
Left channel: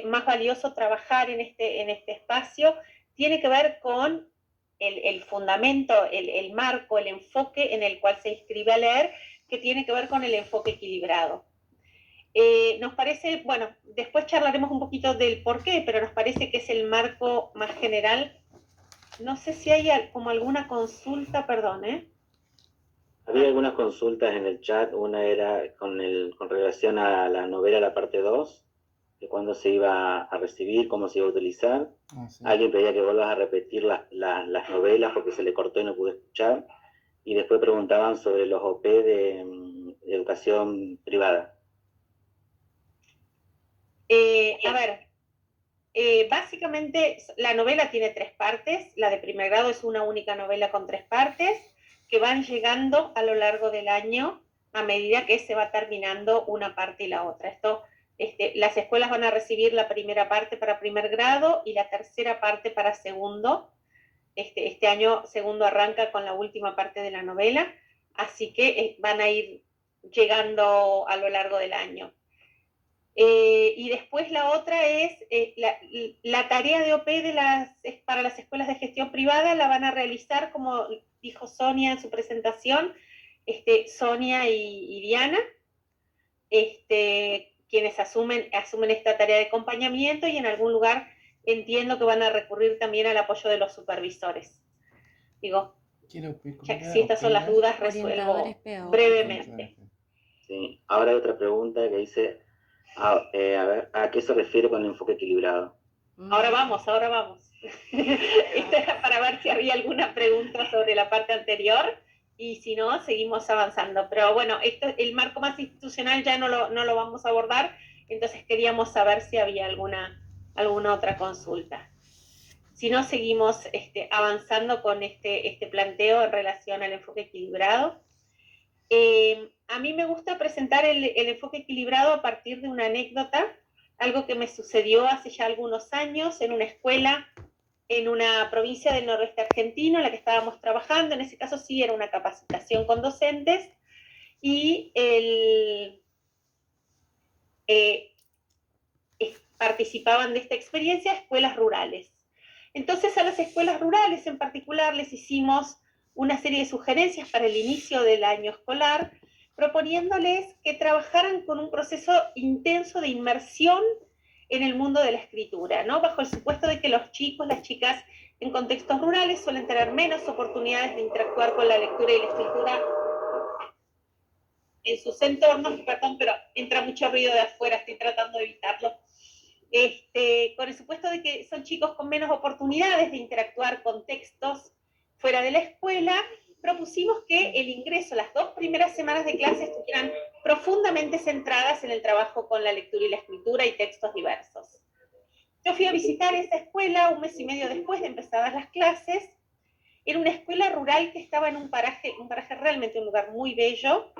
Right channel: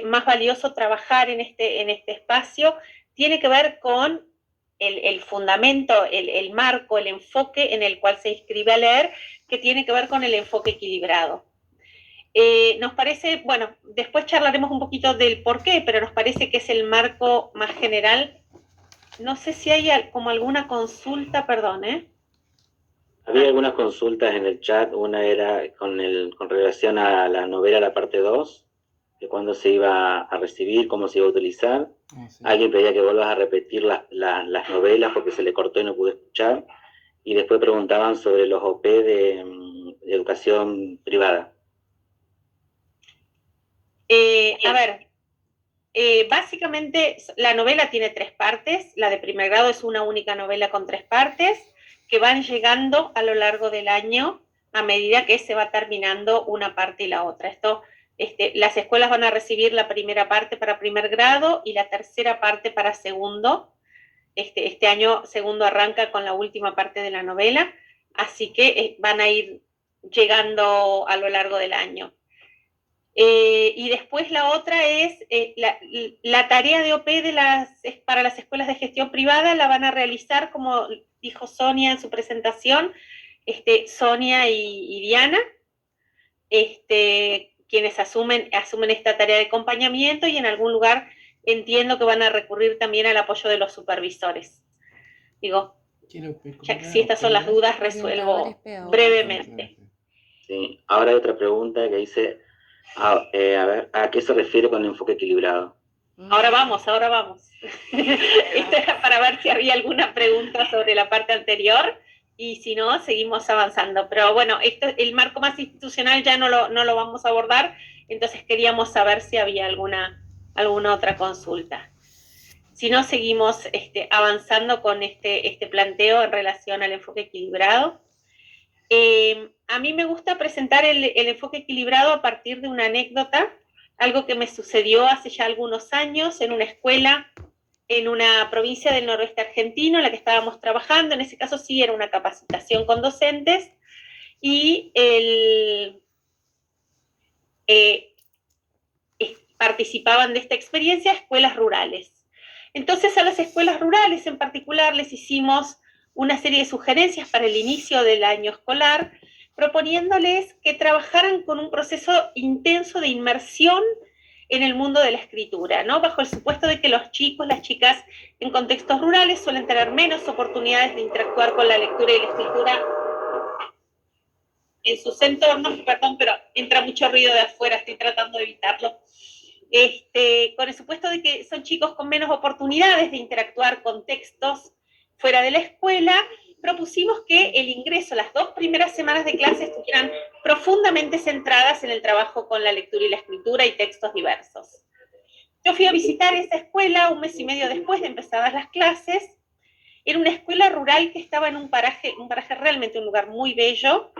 más valioso trabajar en este espacio tiene que ver con el fundamento, el marco, el enfoque en el cual se inscribe a leer, que tiene que ver con el enfoque equilibrado. Nos parece, bueno, después charlaremos un poquito del por qué, pero nos parece que es el marco más general. No sé si hay como alguna consulta, perdón, Había algunas consultas en el chat, una era con relación a la novela, la parte 2, de cuándo se iba a recibir, cómo se iba a utilizar. Sí. Alguien pedía que vuelvas a repetir las novelas porque se le cortó y no pude escuchar. Y después preguntaban sobre los OP de educación privada. A ver, básicamente la novela tiene 3 partes. La de primer grado es una única novela con 3 partes que van llegando a lo largo del año a medida que se va terminando una parte y la otra. Las escuelas van a recibir la primera parte para primer grado y la tercera parte para segundo. Este año segundo arranca con la última parte de la novela, así que van a ir llegando a lo largo del año. Y después la otra es la tarea de OP para las escuelas de gestión privada la van a realizar, como dijo Sonia en su presentación, Sonia y Diana, quienes asumen esta tarea de acompañamiento, y en algún lugar entiendo que van a recurrir también al apoyo de los supervisores. Digo, ya que si estas son las dudas, resuelvo brevemente. Sí, ahora hay otra pregunta que dice, a ver, ¿a qué se refiere con enfoque equilibrado? Ahora vamos. Esto era para ver si había alguna pregunta sobre la parte anterior, y si no, seguimos avanzando. Pero bueno, el marco más institucional ya no lo vamos a abordar, entonces queríamos saber si había alguna otra consulta. Si no, seguimos avanzando con este planteo en relación al enfoque equilibrado. A mí me gusta presentar el enfoque equilibrado a partir de una anécdota, algo que me sucedió hace ya algunos años en una escuela en una provincia del noroeste argentino en la que estábamos trabajando. En ese caso sí era una capacitación con docentes, y participaban de esta experiencia escuelas rurales. Entonces a las escuelas rurales en particular les hicimos una serie de sugerencias para el inicio del año escolar, proponiéndoles que trabajaran con un proceso intenso de inmersión en el mundo de la escritura, ¿no? Bajo el supuesto de que los chicos, las chicas en contextos rurales suelen tener menos oportunidades de interactuar con la lectura y la escritura en sus entornos. Perdón, pero entra mucho ruido de afuera, estoy tratando de evitarlo. Con el supuesto de que son chicos con menos oportunidades de interactuar con textos fuera de la escuela, propusimos que el ingreso, las 2 primeras semanas de clase, estuvieran profundamente centradas en el trabajo con la lectura y la escritura y textos diversos. Yo fui a visitar esa escuela 1 mes y medio después de empezadas las clases. Era una escuela rural que estaba en un paraje realmente, un lugar muy bello,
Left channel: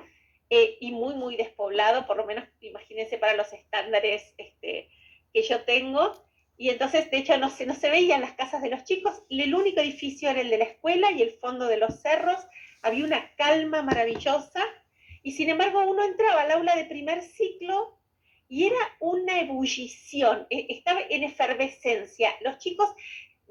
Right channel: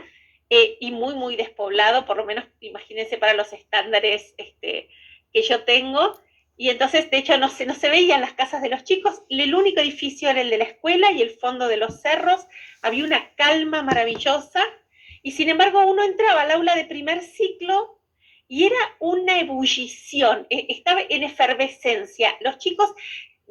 y muy, muy despoblado, por lo menos imagínense para los estándares que yo tengo. Y entonces, de hecho, no se veían las casas de los chicos. El único edificio era el de la escuela y el fondo de los cerros. Había una calma maravillosa, y sin embargo uno entraba al aula de primer ciclo y era una ebullición, estaba en efervescencia. Los chicos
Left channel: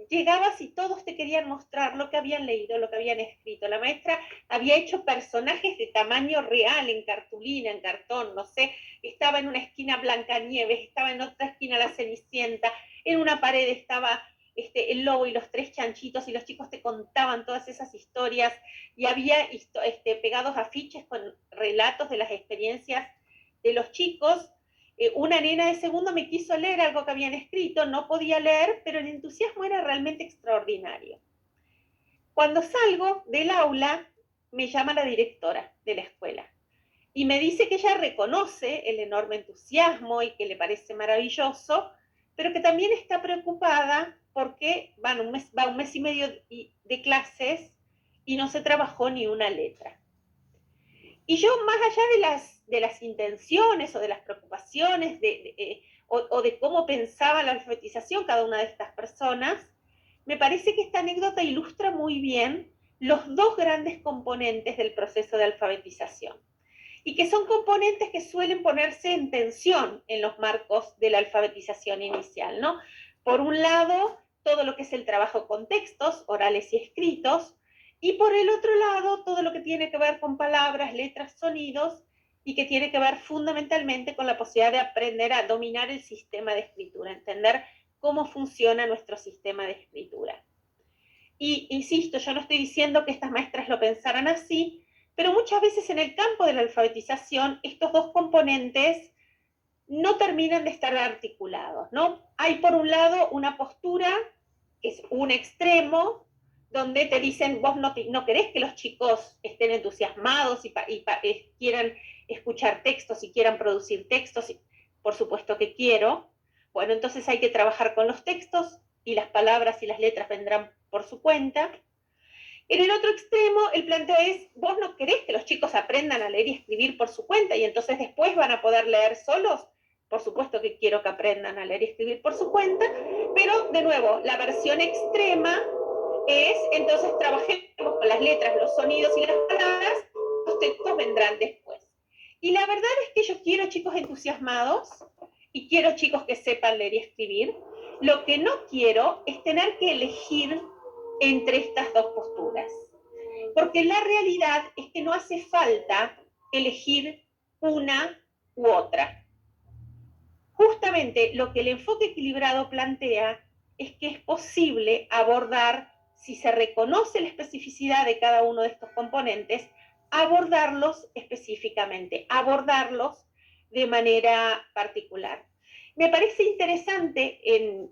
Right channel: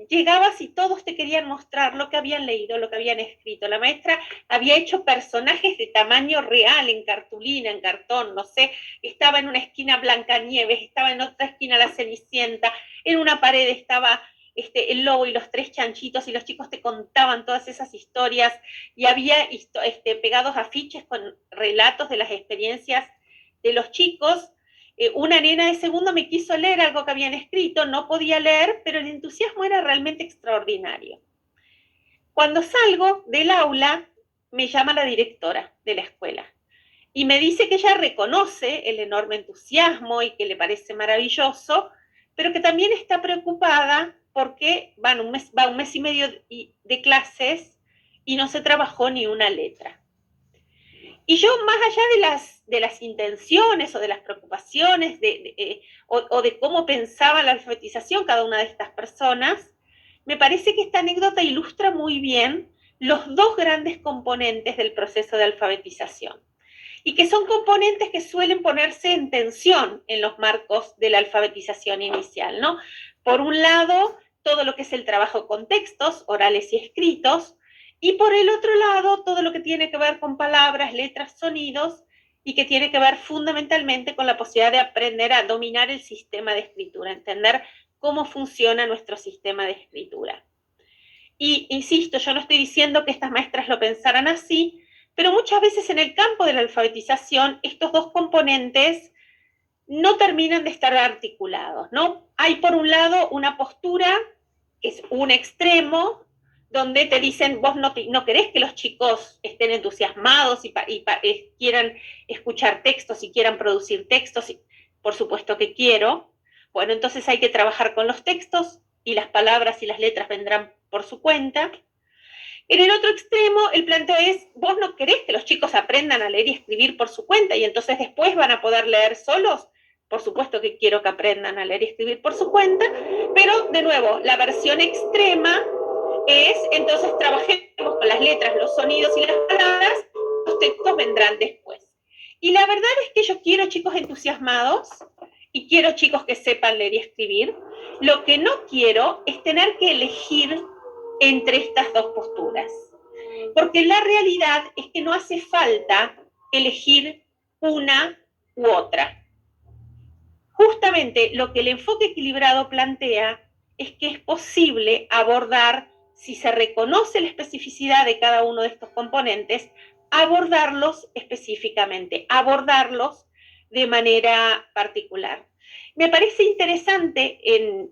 llegabas y todos te querían mostrar lo que habían leído, lo que habían escrito. La maestra había hecho personajes de tamaño real, en cartulina, en cartón, no sé. Estaba en una esquina Blancanieves, estaba en otra esquina la Cenicienta, en una pared estaba El lobo y los 3 chanchitos, y los chicos te contaban todas esas historias, y había pegados afiches con relatos de las experiencias de los chicos. Una nena de segundo me quiso leer algo que habían escrito, no podía leer, pero el entusiasmo era realmente extraordinario. Cuando salgo del aula, me llama la directora de la escuela y me dice que ella reconoce el enorme entusiasmo y que le parece maravilloso, pero que también está preocupada porque va un mes y medio de clases y no se trabajó ni una letra. Y yo, más allá de las intenciones o de las preocupaciones o de cómo pensaba la alfabetización cada una de estas personas, me parece que esta anécdota ilustra muy bien los 2 grandes componentes del proceso de alfabetización, y que son componentes que suelen ponerse en tensión en los marcos de la alfabetización inicial, ¿no? Por un lado, todo lo que es el trabajo con textos, orales y escritos, y por el otro lado, todo lo que tiene que ver con palabras, letras, sonidos, y que tiene que ver fundamentalmente con la posibilidad de aprender a dominar el sistema de escritura, entender cómo funciona nuestro sistema de escritura. Y insisto, yo no estoy diciendo que estas maestras lo pensaran así, pero muchas veces en el campo de la alfabetización estos 2 componentes no terminan de estar articulados, ¿no? Hay por un lado una postura, que es un extremo, donde te dicen, vos no querés que los chicos estén entusiasmados y quieran escuchar textos y quieran producir textos, y por supuesto que quiero. Bueno, entonces hay que trabajar con los textos y las palabras y las letras vendrán por su cuenta. En el otro extremo, el planteo es, vos no querés que los chicos aprendan a leer y escribir por su cuenta y entonces después van a poder leer solos. Por supuesto que quiero que aprendan a leer y escribir por su cuenta, pero de nuevo, la versión extrema es, entonces trabajemos con las letras, los sonidos y las palabras, los textos vendrán después. Y la verdad es que yo quiero chicos entusiasmados y quiero chicos que sepan leer y escribir. Lo que no quiero es tener que elegir entre estas 2 posturas, porque la realidad es que no hace falta elegir una u otra. Justamente lo que el enfoque equilibrado plantea es que es posible abordar, si se reconoce la especificidad de cada uno de estos componentes, abordarlos específicamente, abordarlos de manera particular. Me parece interesante en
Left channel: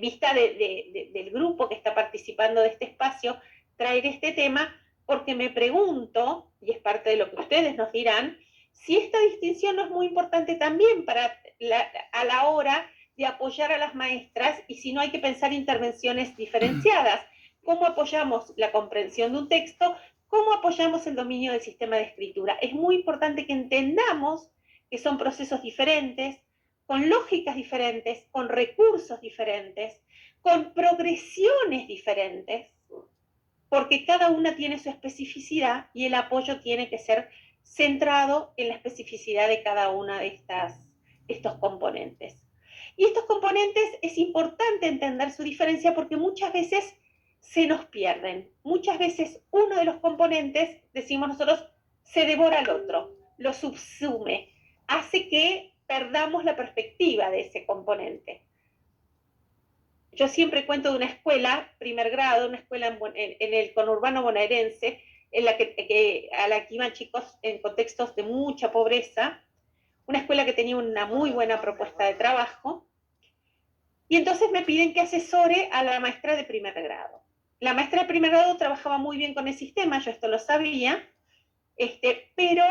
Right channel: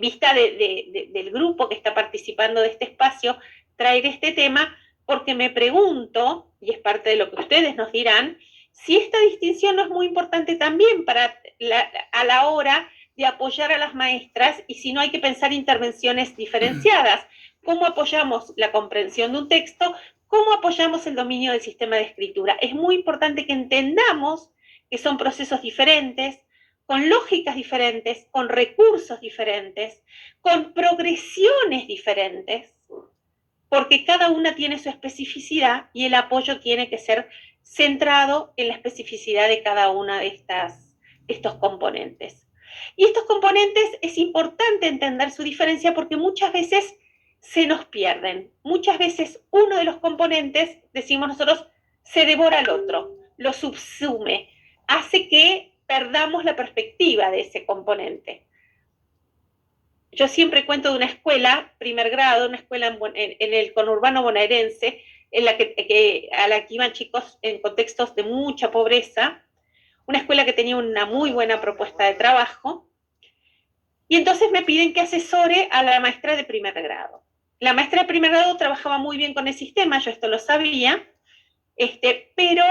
vista del grupo que está participando de este espacio, traer este tema, porque me pregunto, y es parte de lo que ustedes nos dirán, si esta distinción no es muy importante también a la hora de apoyar a las maestras, y si no hay que pensar intervenciones diferenciadas. ¿Cómo apoyamos la comprensión de un texto? ¿Cómo apoyamos el dominio del sistema de escritura? Es muy importante que entendamos que son procesos diferentes, con lógicas diferentes, con recursos diferentes, con progresiones diferentes, porque cada una tiene su especificidad y el apoyo tiene que ser centrado en la especificidad de cada una de estos componentes. Y estos componentes es importante entender su diferencia porque muchas veces se nos pierden. Muchas veces uno de los componentes, decimos nosotros, se devora al otro, lo subsume, hace que perdamos la perspectiva de ese componente. Yo siempre cuento de una escuela, primer grado, una escuela en el conurbano bonaerense, a la que iban chicos en contextos de mucha pobreza, una escuela que tenía una muy buena propuesta de trabajo, y entonces me piden que asesore a la maestra de primer grado. La maestra de primer grado trabajaba muy bien con el sistema, yo esto lo sabía, pero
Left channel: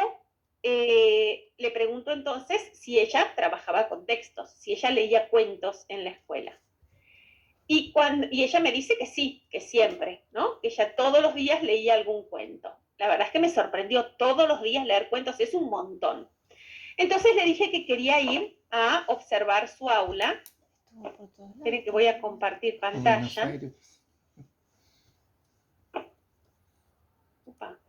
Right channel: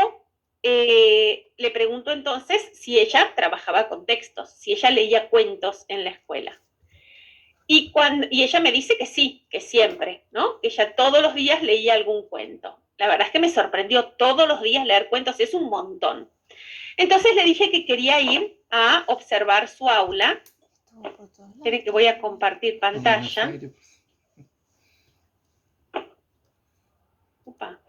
le pregunto entonces si ella trabajaba con textos, si ella leía cuentos en la escuela. Y ella me dice que sí, que siempre, ¿no? Que ella todos los días leía algún cuento. La verdad es que me sorprendió todos los días leer cuentos, es un montón. Entonces le dije que quería ir a observar su aula. Esperen que voy a compartir pantalla. Upa.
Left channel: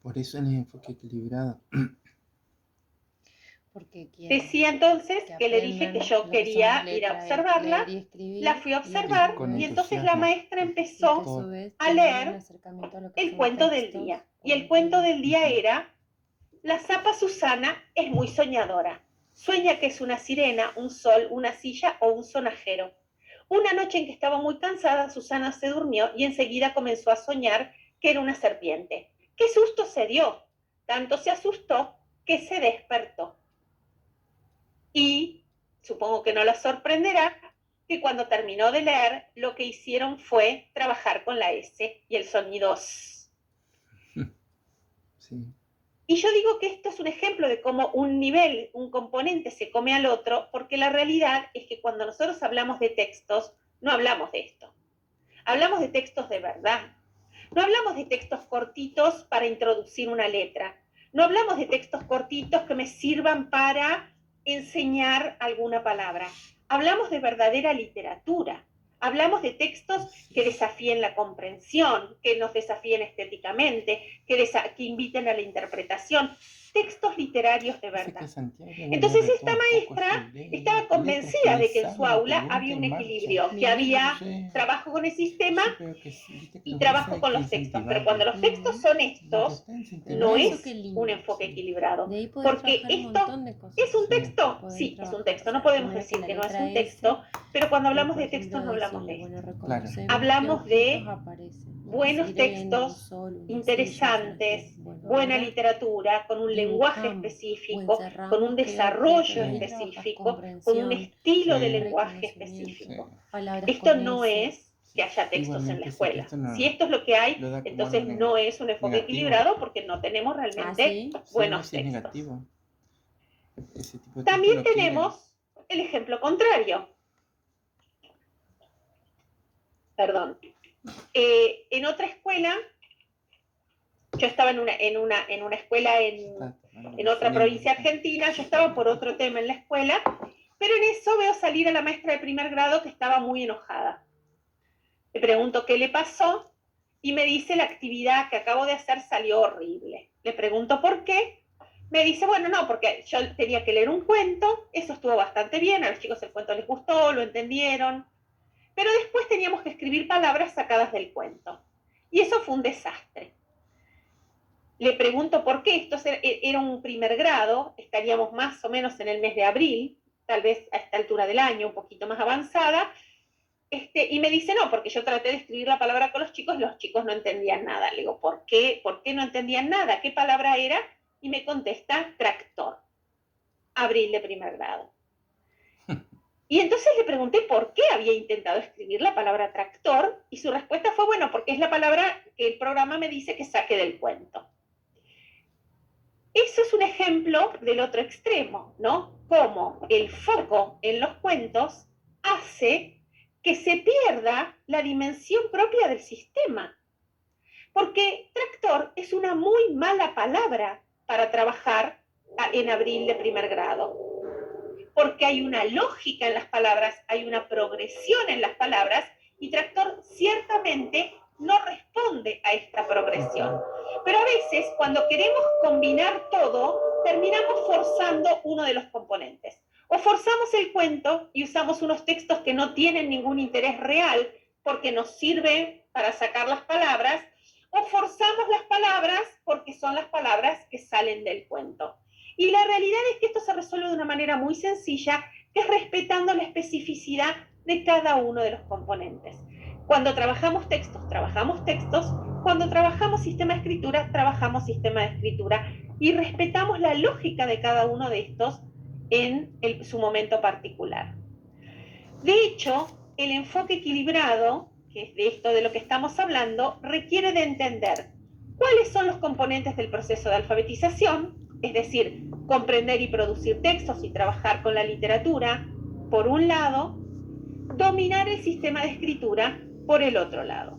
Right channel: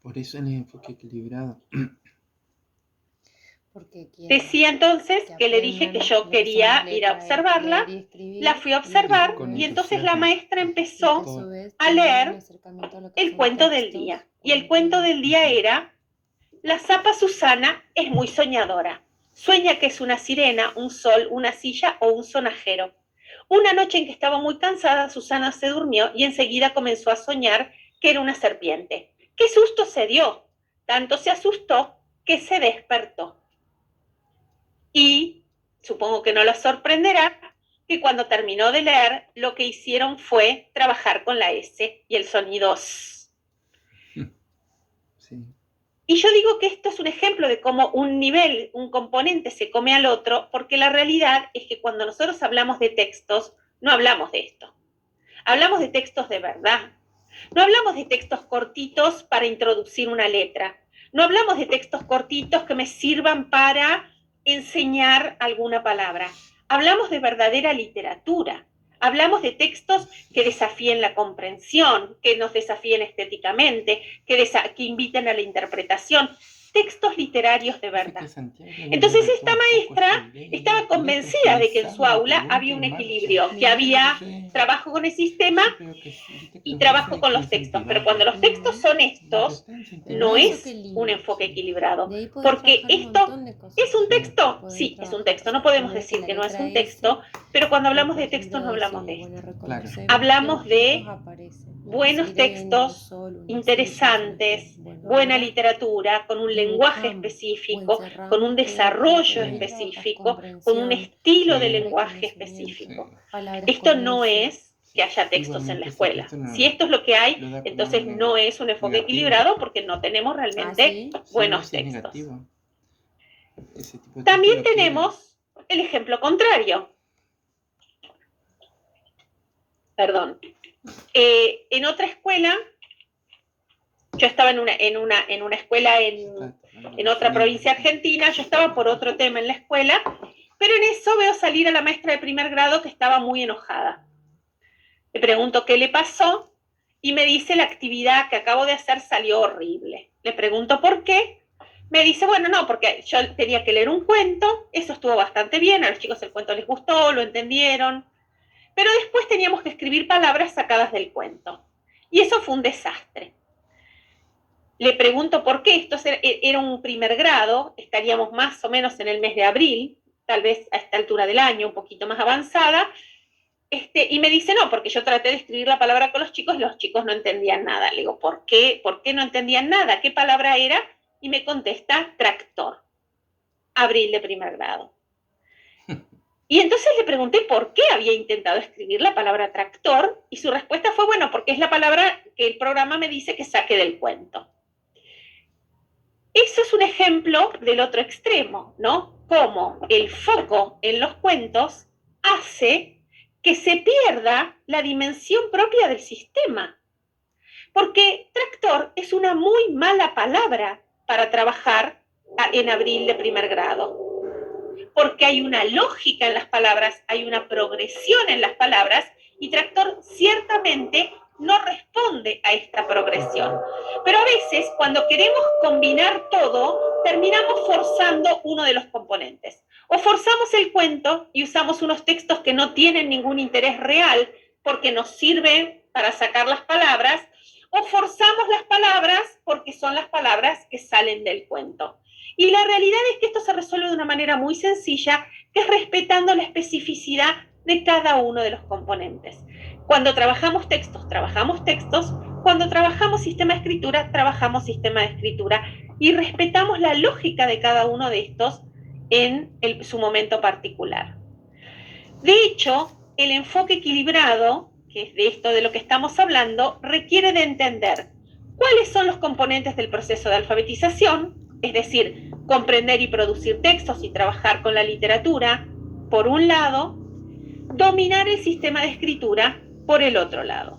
Por eso el enfoque equilibrado. Decía entonces que le dije que yo quería ir a observarla, la fui a observar y entonces la maestra empezó a leer el cuento del día. Y el cuento del día era: la zapa Susana es muy soñadora. Sueña que es una sirena, un sol, una silla o un sonajero. Una noche en que estaba muy cansada, Susana se durmió y enseguida comenzó a soñar que era una serpiente. ¡Qué susto se dio! Tanto se asustó que se despertó. Y supongo que no los sorprenderá que cuando terminó de leer, lo que hicieron fue trabajar con la S y el sonido S. Sí. Y yo digo que esto es un ejemplo de cómo un nivel, un componente se come al otro, porque la realidad es que cuando nosotros hablamos de textos, no hablamos de esto. Hablamos de textos de verdad. No hablamos de textos cortitos para introducir una letra. No hablamos de textos cortitos que me sirvan para enseñar alguna palabra. Hablamos de verdadera literatura. Hablamos de textos que desafíen la comprensión, que nos desafíen estéticamente, que inviten a la interpretación. Textos literarios de verdad. Entonces esta maestra estaba convencida de que en su aula había un equilibrio, que había trabajo con el sistema y trabajo con los textos. Pero cuando los textos son estos, no es un enfoque equilibrado. Porque esto es un texto, sí, es un texto. No podemos decir que no es un texto, pero cuando hablamos de textos no hablamos de esto. Hablamos de buenos textos, interesantes, buena literatura, con un lenguaje específico, con un desarrollo específico, con un estilo de lenguaje específico. Esto no es que haya textos en la escuela. Si esto es lo que hay, entonces no es un enfoque equilibrado porque no tenemos realmente buenos textos. También tenemos el ejemplo contrario. Perdón. En otra escuela, yo estaba en una escuela en otra provincia argentina, yo estaba por otro tema en la escuela, pero en eso veo salir a la maestra de primer grado que estaba muy enojada. Le pregunto qué le pasó y me dice: la actividad que acabo de hacer salió horrible. Le pregunto por qué. Me dice: bueno, no, porque yo tenía que leer un cuento, eso estuvo bastante bien, a los chicos el cuento les gustó, lo entendieron, pero después teníamos que escribir palabras sacadas del cuento. Y eso fue un desastre. Le pregunto por qué. Esto era un primer grado, estaríamos más o menos en el mes de abril, tal vez a esta altura del año, un poquito más avanzada, y me dice: no, porque yo traté de escribir la palabra con los chicos no entendían nada. Le digo: ¿por qué? ¿Por qué no entendían nada? ¿Qué palabra era? Y me contesta: tractor. Abril de primer grado. Y entonces le pregunté por qué había intentado escribir la palabra tractor, y su respuesta fue: bueno, porque es la palabra que el programa me dice que saque del cuento. Eso es un ejemplo del otro extremo, ¿no? Cómo el foco en los cuentos hace que se pierda la dimensión propia del sistema. Porque tractor es una muy mala palabra para trabajar en abril de primer grado. Porque hay una lógica en las palabras, hay una progresión en las palabras, y tractor ciertamente no responde a esta progresión. Pero a veces, cuando queremos combinar todo, terminamos forzando uno de los componentes. O forzamos el cuento y usamos unos textos que no tienen ningún interés real porque nos sirven para sacar las palabras, o forzamos las palabras porque son las palabras que salen del cuento. Y la realidad es que esto se resuelve de una manera muy sencilla, que es respetando la especificidad de cada uno de los componentes. Cuando trabajamos textos, trabajamos textos. Cuando trabajamos sistema de escritura, trabajamos sistema de escritura. Y respetamos la lógica de cada uno de estos en su momento particular. De hecho, el enfoque equilibrado, que es de esto de lo que estamos hablando, requiere de entender cuáles son los componentes del proceso de alfabetización, es decir, comprender y producir textos y trabajar con la literatura, por un lado, dominar el sistema de escritura, por el otro lado.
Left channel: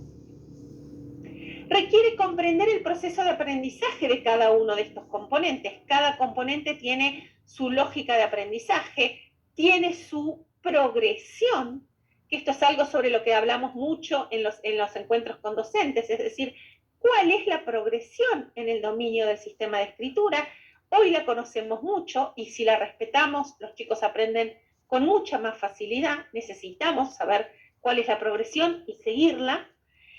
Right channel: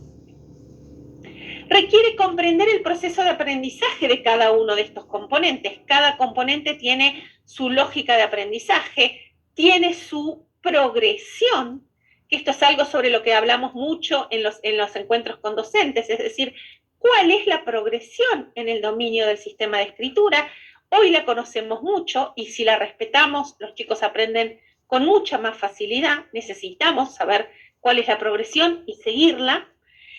Requiere comprender el proceso de aprendizaje de cada uno de estos componentes. Cada componente tiene su lógica de aprendizaje, tiene su progresión, que esto es algo sobre lo que hablamos mucho en los encuentros con docentes, es decir, cuál es la progresión en el dominio del sistema de escritura. Hoy la conocemos mucho y si la respetamos, los chicos aprenden con mucha más facilidad. Necesitamos saber cuál es la progresión y seguirla.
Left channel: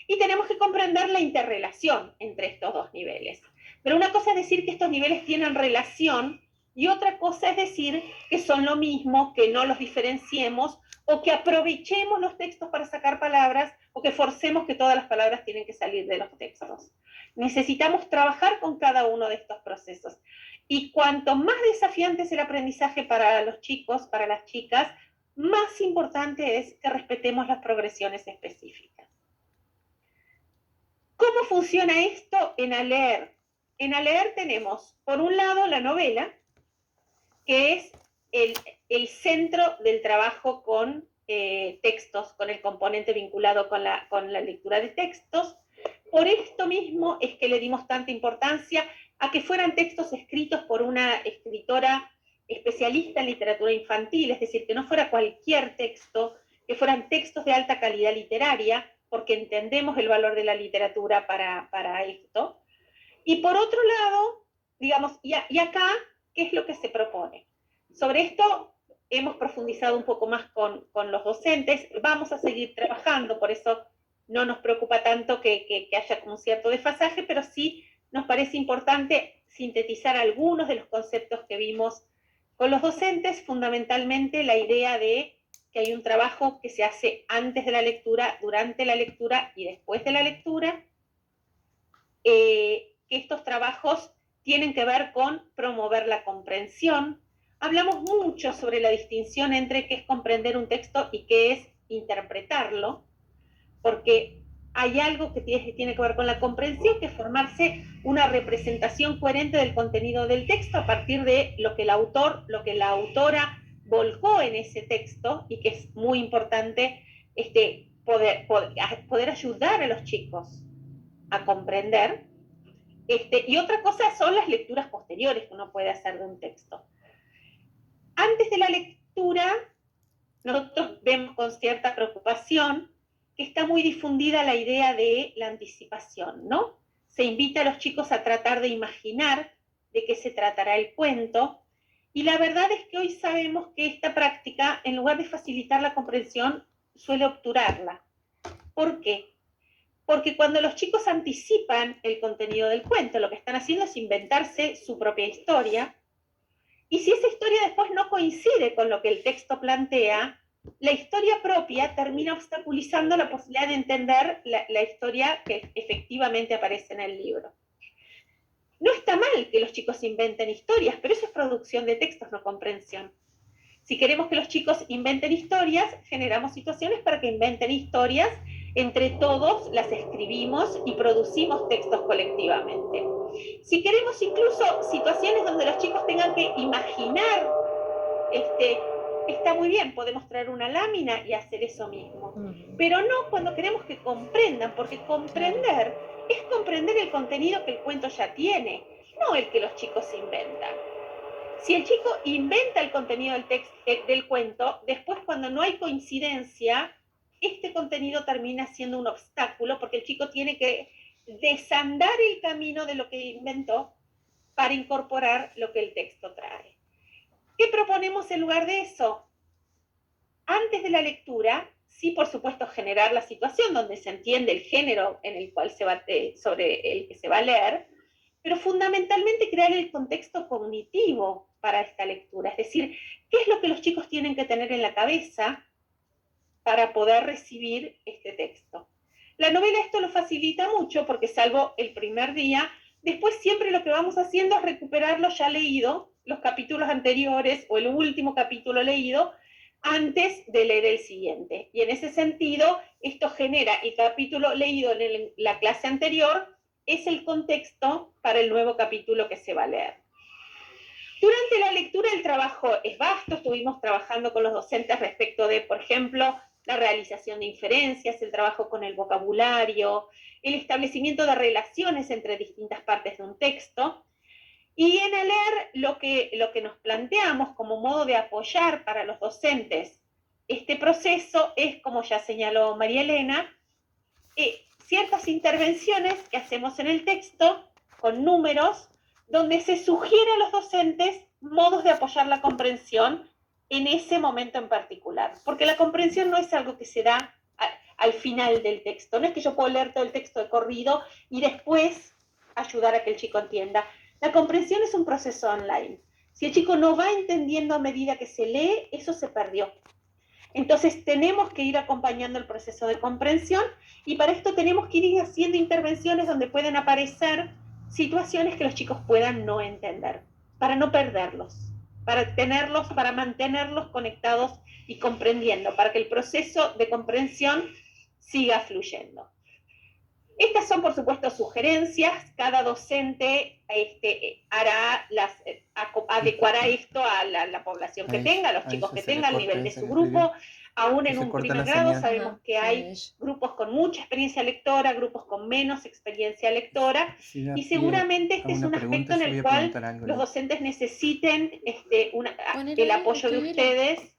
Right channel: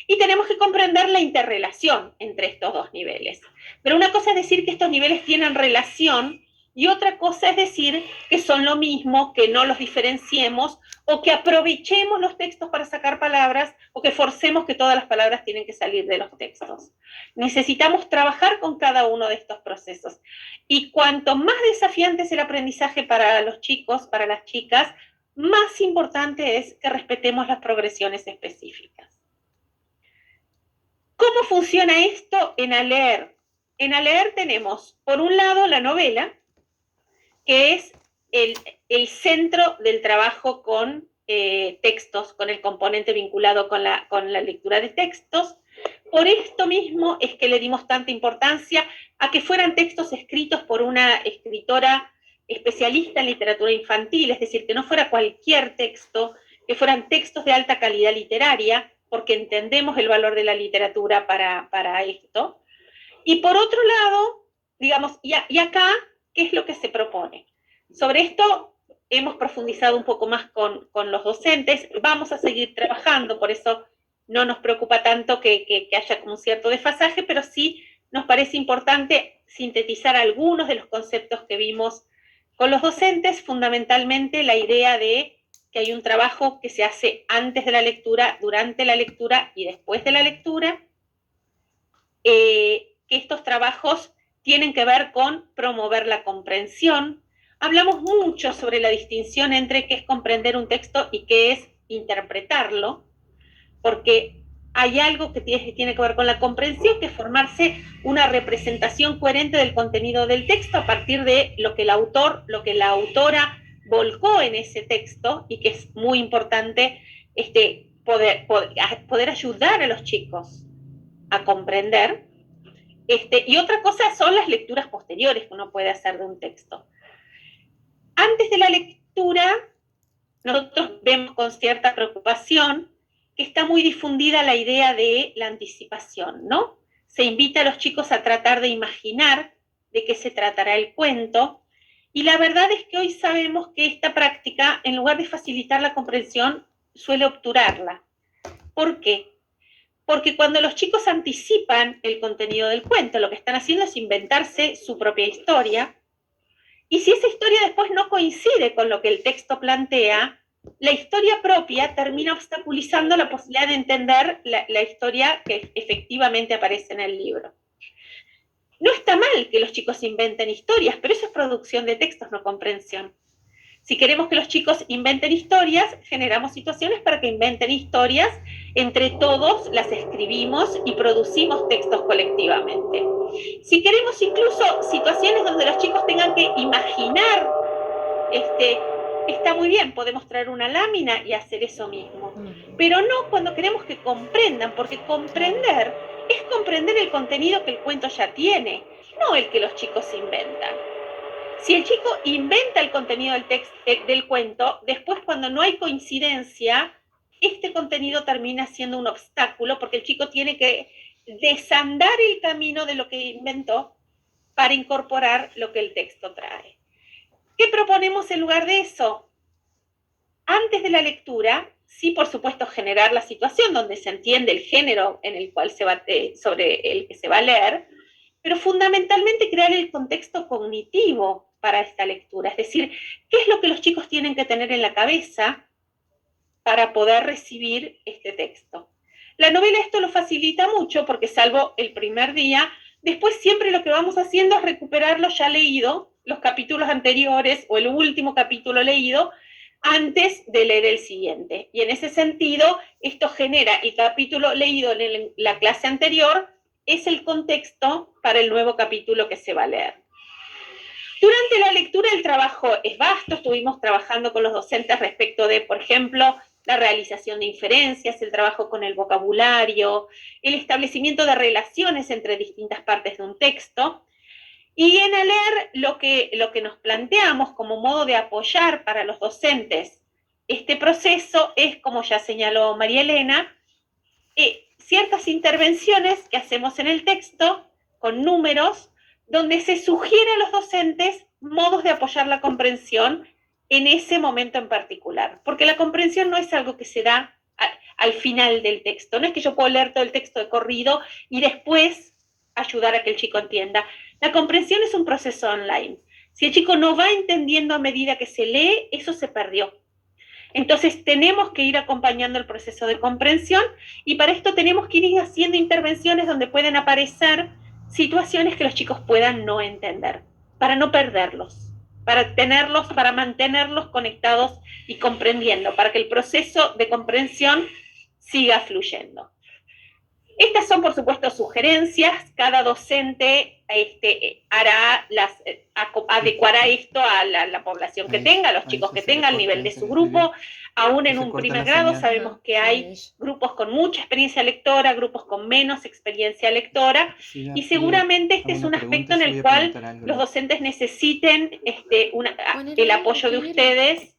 Y tenemos que comprender la interrelación entre estos dos niveles. Pero una cosa es decir que estos niveles tienen relación y otra cosa es decir que son lo mismo, que no los diferenciemos o que aprovechemos los textos para sacar palabras o que forcemos que todas las palabras tienen que salir de los textos. Necesitamos trabajar con cada uno de estos procesos. Y cuanto más desafiante es el aprendizaje para los chicos, para las chicas, más importante es que respetemos las progresiones específicas. ¿Cómo funciona esto en ALEER? En ALEER tenemos, por un lado, la novela, que es el centro del trabajo con textos, con el componente vinculado con la lectura de textos. Por esto mismo es que le dimos tanta importancia a que fueran textos escritos por una escritora especialista en literatura infantil, es decir, que no fuera cualquier texto, que fueran textos de alta calidad literaria, porque entendemos el valor de la literatura para esto. Y por otro lado, digamos, y acá, ¿qué es lo que se propone? Sobre esto hemos profundizado un poco más con los docentes, vamos a seguir trabajando, por eso no nos preocupa tanto que haya un cierto desfasaje, pero sí nos parece importante sintetizar algunos de los conceptos que vimos con los docentes, fundamentalmente la idea de que hay un trabajo que se hace antes de la lectura, durante la lectura y después de la lectura, que estos trabajos tienen que ver con promover la comprensión. Hablamos mucho sobre la distinción entre qué es comprender un texto y qué es interpretarlo, porque hay algo que tiene que ver con la comprensión, que es formarse una representación coherente del contenido del texto a partir de lo que el autor, lo que la autora volcó en ese texto, y que es muy importante poder ayudar a los chicos a comprender. Y otra cosa son las lecturas posteriores que uno puede hacer de un texto. Antes de la lectura, nosotros vemos con cierta preocupación que está muy difundida la idea de la anticipación, ¿no? Se invita a los chicos a tratar de imaginar de qué se tratará el cuento, y la verdad es que hoy sabemos que esta práctica, en lugar de facilitar la comprensión, suele obturarla. ¿Por qué? Porque cuando los chicos anticipan el contenido del cuento, lo que están haciendo es inventarse su propia historia, y si esa historia después no coincide con lo que el texto plantea, la historia propia termina obstaculizando la posibilidad de entender la historia que efectivamente aparece en el libro. No está mal que los chicos inventen historias, pero eso es producción de textos, no comprensión. Si queremos que los chicos inventen historias, generamos situaciones para que inventen historias, entre todos las escribimos y producimos textos colectivamente. Si queremos incluso situaciones donde los chicos tengan que imaginar, está muy bien, podemos traer una lámina y hacer eso mismo, pero no cuando queremos que comprendan, porque comprender es comprender el contenido que el cuento ya tiene, no el que los chicos inventan. Si el chico inventa el contenido del cuento, después cuando no hay coincidencia, este contenido termina siendo un obstáculo, porque el chico tiene que desandar el camino de lo que inventó para incorporar lo que el texto trae. ¿Qué proponemos en lugar de eso? Antes de la lectura, sí, por supuesto, generar la situación donde se entiende el género en el cual sobre el que se va a leer, pero fundamentalmente crear el contexto cognitivo para esta lectura, es decir, qué es lo que los chicos tienen que tener en la cabeza para poder recibir este texto. La novela esto lo facilita mucho porque salvo el primer día, después siempre lo que vamos haciendo es recuperar lo ya leído, los capítulos anteriores o el último capítulo leído, antes de leer el siguiente. Y en ese sentido, esto genera el capítulo leído en la clase anterior, es el contexto para el nuevo capítulo que se va a leer. Durante la lectura el trabajo es vasto, estuvimos trabajando con los docentes respecto de, por ejemplo, la realización de inferencias, el trabajo con el vocabulario, el establecimiento de relaciones entre distintas partes de un texto. Y en ALEER lo que nos planteamos como modo de apoyar para los docentes este proceso es, como ya señaló María Elena, ciertas intervenciones que hacemos en el texto con números, donde se sugiere a los docentes modos de apoyar la comprensión en ese momento en particular. Porque la comprensión no es algo que se da al final del texto. No es que yo puedo leer todo el texto de corrido y después ayudar a que el chico entienda. La comprensión es un proceso online. Si el chico no va entendiendo a medida que se lee, eso se perdió. Entonces tenemos que ir acompañando el proceso de comprensión y para esto tenemos que ir haciendo intervenciones donde pueden aparecer situaciones que los chicos puedan no entender, para no perderlos, para mantenerlos conectados y comprendiendo, para que el proceso de comprensión siga fluyendo. Estas son, por supuesto, sugerencias. Cada docente adecuará esto a la población que tenga, a los chicos que tenga, al nivel de su grupo. Aún en un primer grado sabemos que hay grupos con mucha experiencia lectora, grupos con menos experiencia lectora, y seguramente este es un aspecto en el cual los docentes necesiten el apoyo de ustedes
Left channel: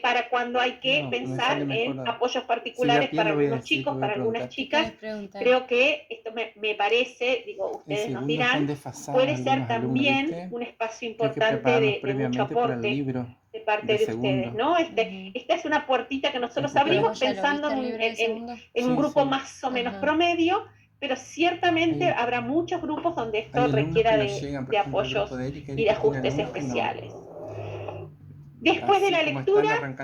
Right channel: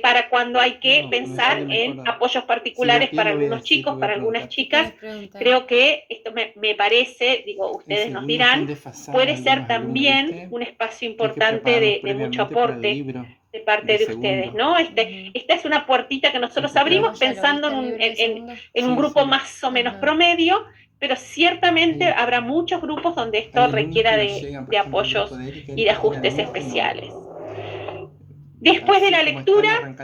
para cuando hay que pensar en apoyos particulares para algunos chicos, para algunas chicas. Creo que esto me parece, digo, ustedes nos dirán, puede ser también un espacio importante de mucho aporte de parte de ustedes, ¿no? Esta es una puertita que nosotros abrimos pensando en un grupo más o menos promedio, pero ciertamente habrá muchos grupos donde esto requiera de apoyos y de ajustes especiales. Después de la lectura,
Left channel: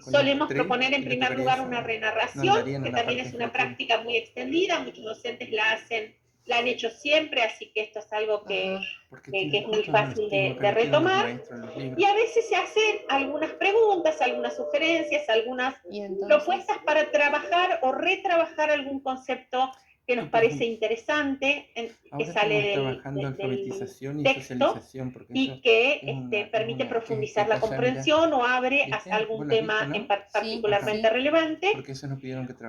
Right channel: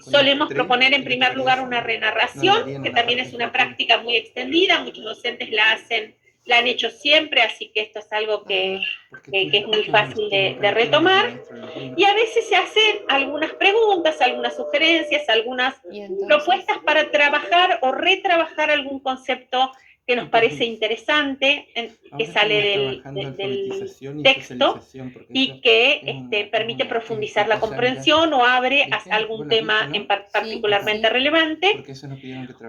solemos proponer en primer lugar una renarración, que también es una práctica muy extendida, muchos docentes la han hecho siempre, así que esto es algo que es muy fácil de retomar. Y a veces se hacen algunas preguntas, algunas sugerencias, algunas propuestas para trabajar o retrabajar algún concepto que nos parece interesante, que sale del texto y que permite profundizar la comprensión o abre a algún tema particularmente relevante.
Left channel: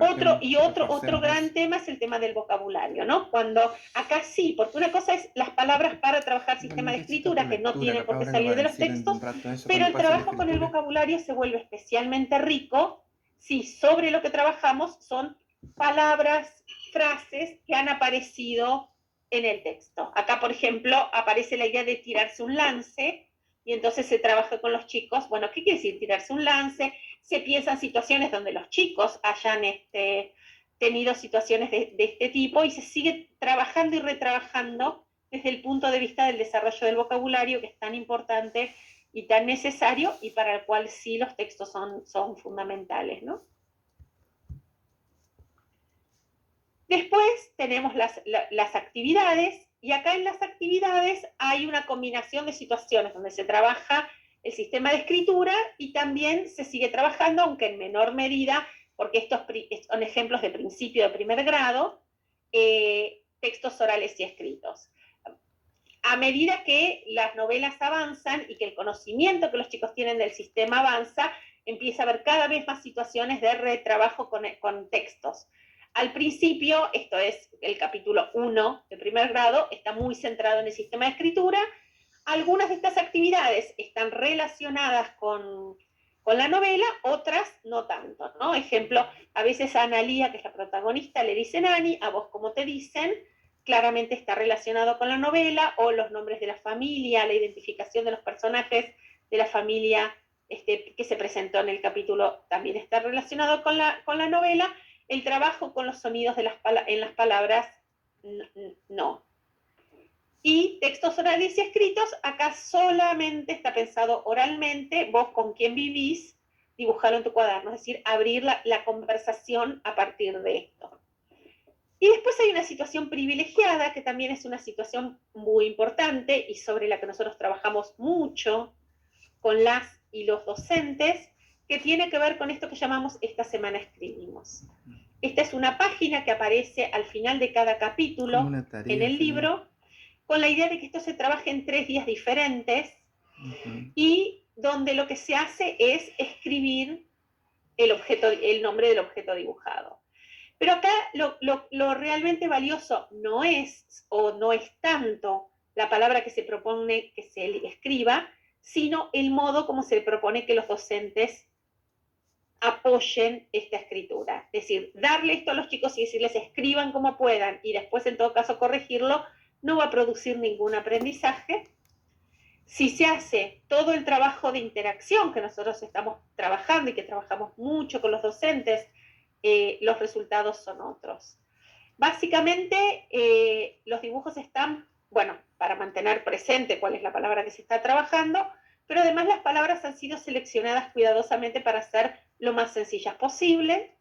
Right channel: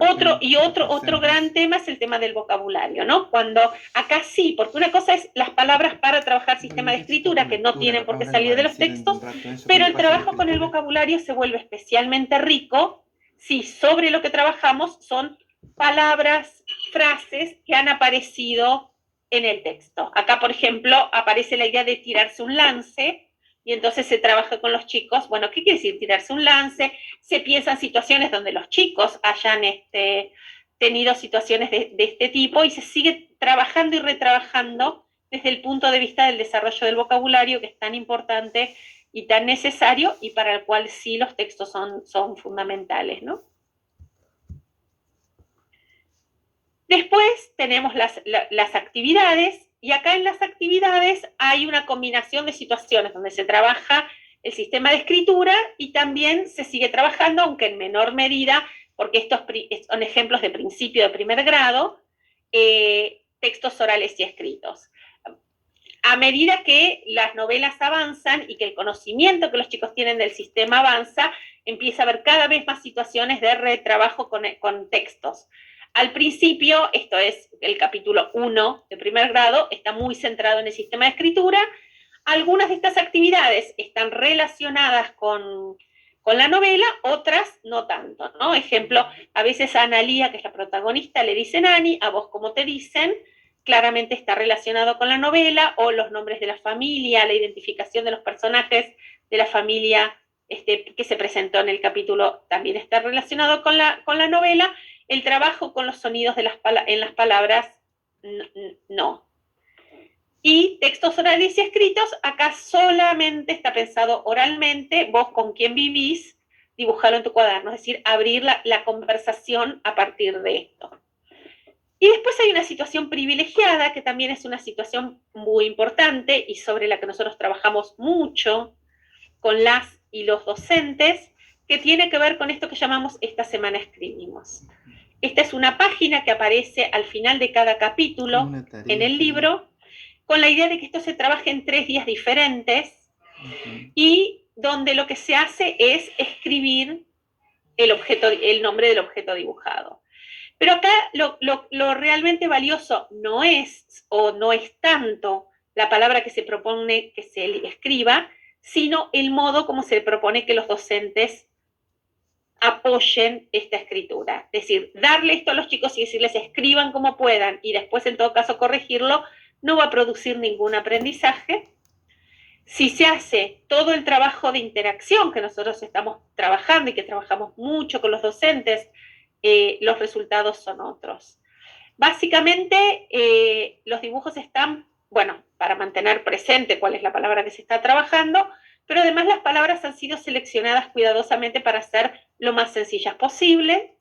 Otro gran tema es el tema del vocabulario, ¿no? Cuando acá sí, porque una cosa es las palabras para trabajar sistema de escritura, que no tienen por qué salir de los textos, pero el trabajo con el vocabulario se vuelve especialmente rico si sobre lo que trabajamos son palabras, frases que han aparecido en el texto. Acá, por ejemplo, aparece la idea de tirarse un lance, y entonces se trabaja con los chicos. Bueno, ¿qué quiere decir tirarse un lance? Se piensa en situaciones donde los chicos hayan tenido situaciones de este tipo, y se sigue trabajando y retrabajando desde el punto de vista del desarrollo del vocabulario, que es tan importante y tan necesario, y para el cual sí los textos son fundamentales, ¿no? Después tenemos las actividades, y acá en las actividades hay una combinación de situaciones donde se trabaja el sistema de escritura y también se sigue trabajando, aunque en menor medida, porque estos son ejemplos de principio de primer grado, textos orales y escritos. A medida que las novelas avanzan y que el conocimiento que los chicos tienen del sistema avanza, empieza a haber cada vez más situaciones de retrabajo con textos. Al principio, esto es el capítulo 1 de primer grado, está muy centrado en el sistema de escritura. Algunas de estas actividades están relacionadas con la novela, otras no tanto, ¿no? Ejemplo, a veces a Analía, que es la protagonista, le dicen Ani, a vos como te dicen, claramente está relacionado con la novela, o los nombres de la familia, la identificación de los personajes de la familia que se presentó en el capítulo también está relacionado con la novela. El trabajo con los sonidos en las palabras, no. Y textos orales y escritos, acá solamente está pensado oralmente, vos con quién vivís, dibujalo en tu cuaderno, es decir, abrir la conversación a partir de esto. Y después hay una situación privilegiada, que también es una situación muy importante y sobre la que nosotros trabajamos mucho con las y los docentes, que tiene que ver con esto que llamamos Esta Semana Escribimos. Esta es una página que aparece al final de cada capítulo en el libro, con la idea de que esto se trabaje en 3 días diferentes, y donde lo que se hace es escribir el nombre del objeto dibujado. Pero acá lo realmente valioso no es tanto la palabra que se propone que se escriba, sino el modo como se propone que los docentes apoyen esta escritura. Es decir, darle esto a los chicos y decirles escriban como puedan, y después en todo caso corregirlo, no va a producir ningún aprendizaje. Si se hace todo el trabajo de interacción que nosotros estamos trabajando y que trabajamos mucho con los docentes, los resultados son otros. Básicamente, los dibujos están, bueno, para mantener presente cuál es la palabra que se está trabajando, pero además las palabras han sido seleccionadas cuidadosamente para ser lo más sencillas posible,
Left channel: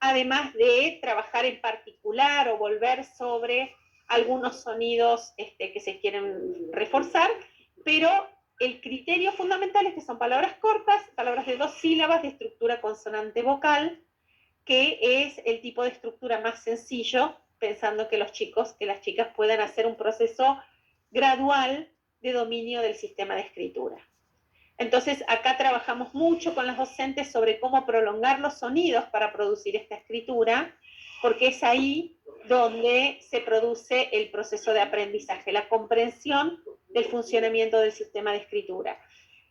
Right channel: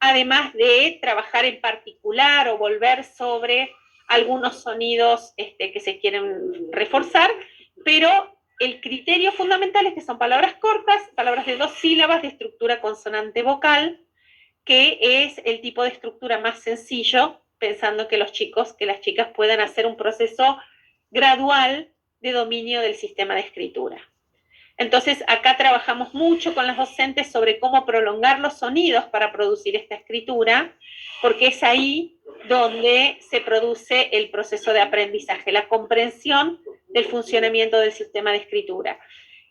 además de trabajar en particular o volver sobre algunos sonidos que se quieren reforzar, pero el criterio fundamental es que son palabras cortas, palabras de 2 sílabas de estructura consonante-vocal, que es el tipo de estructura más sencillo, pensando que las chicas puedan hacer un proceso gradual de dominio del sistema de escritura. Entonces, acá trabajamos mucho con las docentes sobre cómo prolongar los sonidos para producir esta escritura, porque es ahí donde se produce el proceso de aprendizaje, la comprensión del funcionamiento del sistema de escritura.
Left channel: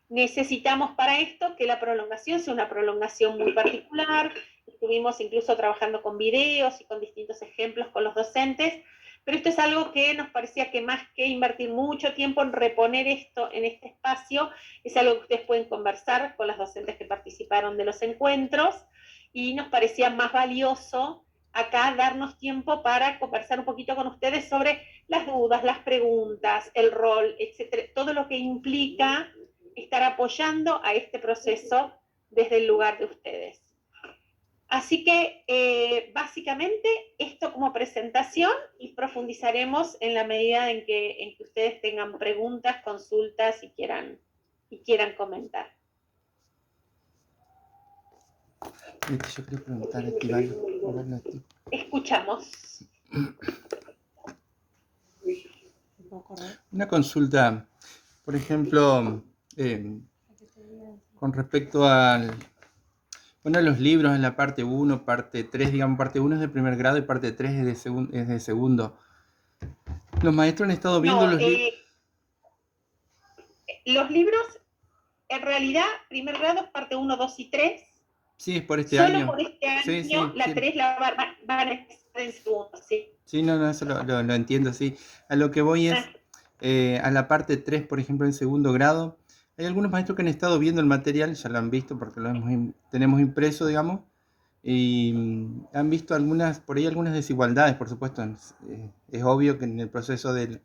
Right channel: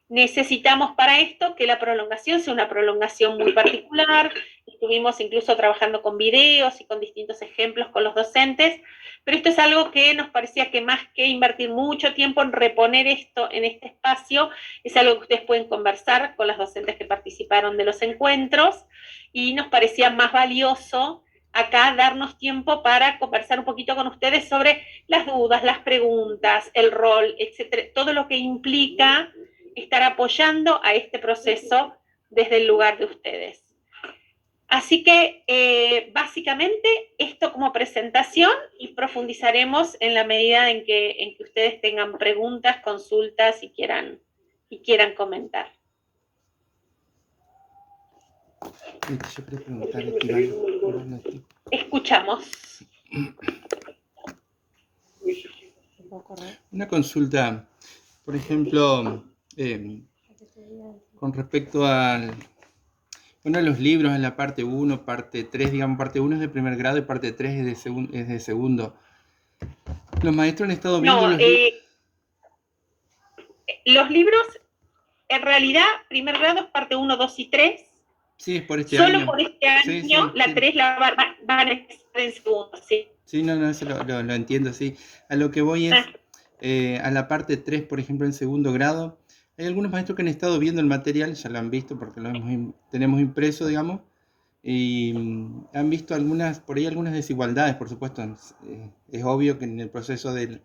Necesitamos para esto que la prolongación sea una prolongación muy particular. Estuvimos incluso trabajando con videos y con distintos ejemplos con los docentes, pero esto es algo que nos parecía que más que invertir mucho tiempo en reponer esto en este espacio, es algo que ustedes pueden conversar con las docentes que participaron de los encuentros, y nos parecía más valioso acá darnos tiempo para conversar un poquito con ustedes sobre las dudas, las preguntas, el rol, etcétera, todo lo que implica estar apoyando a este proceso desde el lugar de ustedes. Así que básicamente esto como presentación, y profundizaremos en la medida en que ustedes tengan preguntas, consultas y quieran comentar. Yo quería preguntar, Escuchamos. Una consulta, por ejemplo, con respecto a los libros en la parte 1, parte 3, digamos, parte 1 es de primer grado y parte 3 es de segundo. ¿Los maestros han estado viendo los libros, en realidad, primer grado es parte 1, 2 y 3. Sí, es por este año. Solo por este año, sí, la 3 la van a estar en segundo, sí. Sí, no, eso lo entiendo, sí. A lo que voy es, a la parte 3, por ejemplo, en segundo grado, hay algunos maestros que han estado viendo el material, ya lo han visto porque tenemos impreso, digamos, y han visto por ahí algunas desigualdades, por supuesto. Es obvio que en el proceso de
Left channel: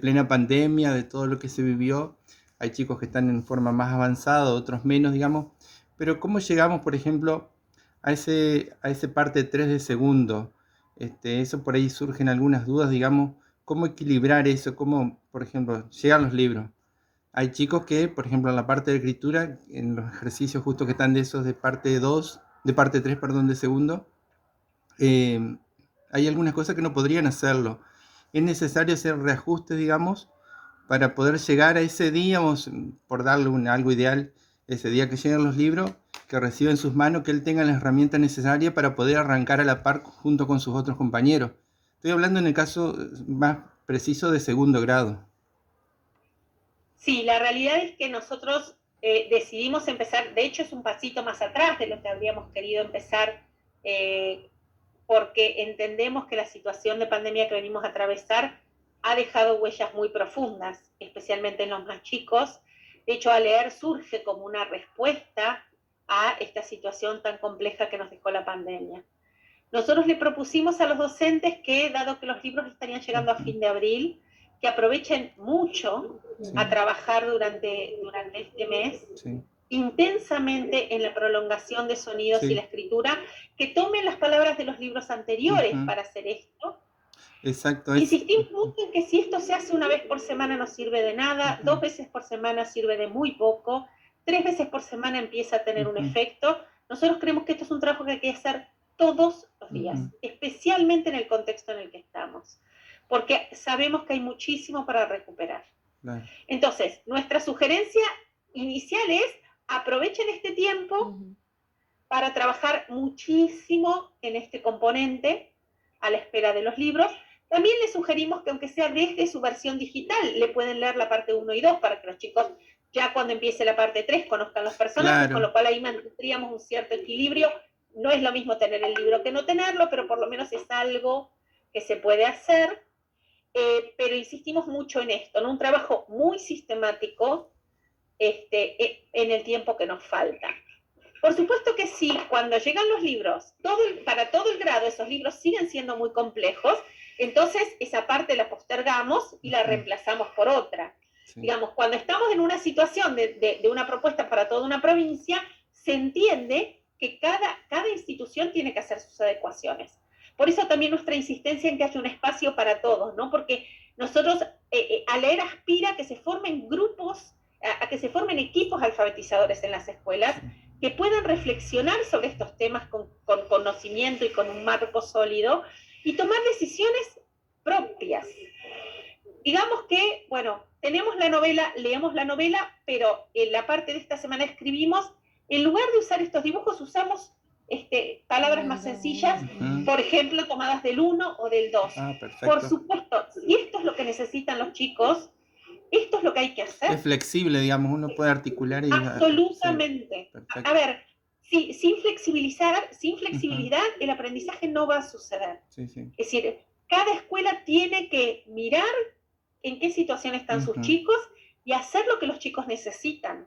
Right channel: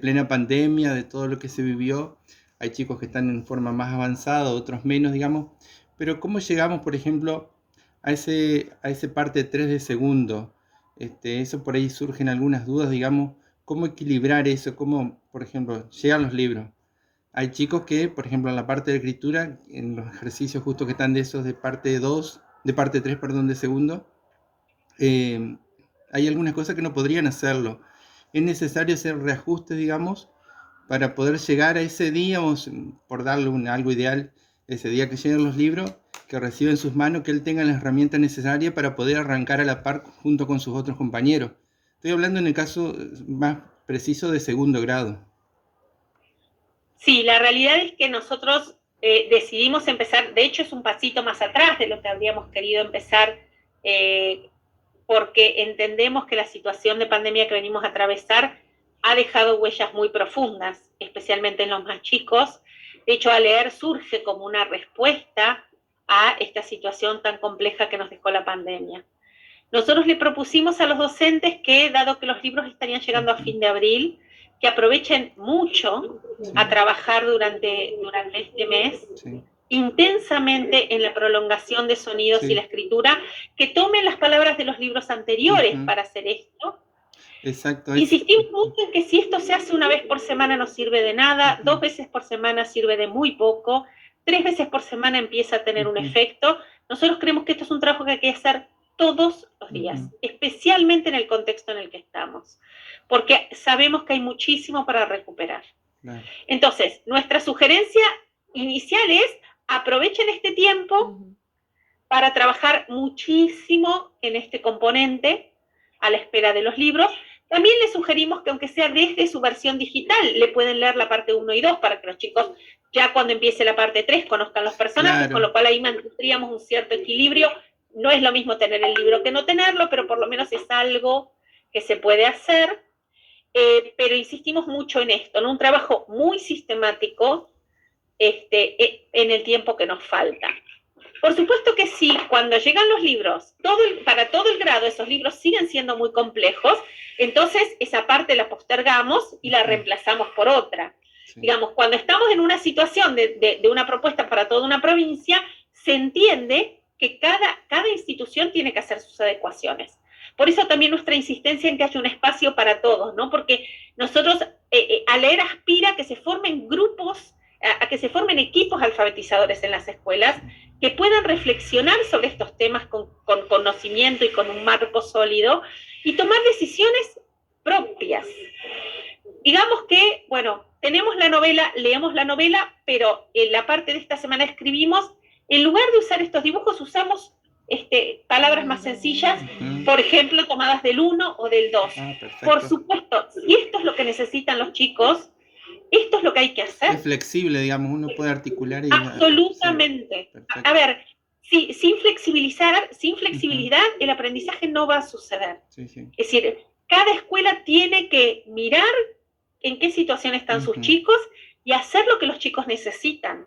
plena pandemia, de todo lo que se vivió, hay chicos que están en forma más avanzada, otros menos, digamos. Pero ¿cómo llegamos, por ejemplo, a ese parte 3 de segundo? Eso por ahí surgen algunas dudas, digamos, ¿cómo equilibrar eso? ¿Cómo, por ejemplo, llegan los libros? Hay chicos que, por ejemplo, en la parte de escritura, en los ejercicios justo que están de esos de parte 3, perdón, de segundo, hay algunas cosas que no podrían hacerlo. Es necesario hacer reajustes, digamos, para poder llegar a ese día, por darle algo ideal, ese día que lleguen los libros, que reciba en sus manos, que él tenga las herramientas necesarias para poder arrancar a la par junto con sus otros compañeros. Estoy hablando en el caso más preciso de segundo grado. Sí, la realidad es que nosotros decidimos empezar, de hecho es un pasito más atrás de lo que habríamos querido empezar, porque entendemos que la situación de pandemia que venimos a atravesar ha dejado huellas muy profundas, especialmente en los más chicos. De hecho, a leer surge como una respuesta a esta situación tan compleja que nos dejó la pandemia. Nosotros le propusimos a los docentes que, dado que los libros estarían llegando a fin de abril, que aprovechen mucho a trabajar durante este mes, intensamente en la prolongación de sonidos y la escritura, que tomen las palabras de los libros anteriores para hacer esto. Exacto. Insistimos mucho en que si esto se hace una vez por semana no sirve de nada, 2 veces por semana sirve de muy poco, 3 veces por semana empieza a tener un efecto. Nosotros creemos que esto es un trabajo que hay que hacer todos los días, especialmente en el contexto en el que estamos, porque sabemos que hay muchísimo para recuperar. Entonces, nuestra sugerencia inicial es aprovechen este tiempo para trabajar muchísimo en este componente a la espera de los libros. También les sugerimos que aunque sea desde su versión digital, le pueden leer la parte 1 y 2 para que los chicos ya cuando empiece la parte 3 conozcan los personajes, con lo cual ahí mantendríamos un cierto equilibrio. No es lo mismo tener el libro que no tenerlo, pero por lo menos es algo que se puede hacer. pero insistimos mucho en esto, en un trabajo muy sistemático en el tiempo que nos falta. Por supuesto que sí, cuando llegan los libros, para todo el grado esos libros siguen siendo muy complejos, entonces esa parte la postergamos y la reemplazamos por otra. Sí. Digamos, cuando estamos en una situación de una propuesta para toda una provincia, se entiende que cada institución tiene que hacer sus adecuaciones. Por eso también nuestra insistencia en que haya un espacio para todos, ¿no? Porque nosotros, a leer aspira a que se formen grupos, a que se formen equipos alfabetizadores en las escuelas, que puedan reflexionar sobre estos temas con conocimiento y con un marco sólido, y tomar decisiones propias. Digamos que, bueno, tenemos la novela, leemos la novela, pero en la parte de esta semana escribimos, en lugar de usar estos dibujos, usamos palabras más sencillas, por ejemplo, tomadas del 1 o del 2. Por supuesto, si esto es lo que necesitan los chicos, esto es lo que hay que hacer. Es flexible, digamos, uno puede articular y... Absolutamente. Sí, a ver, sin flexibilidad, el aprendizaje no va a suceder. Sí, sí. Es decir, cada escuela tiene que mirar en qué situación están sus chicos y hacer lo que los chicos necesitan.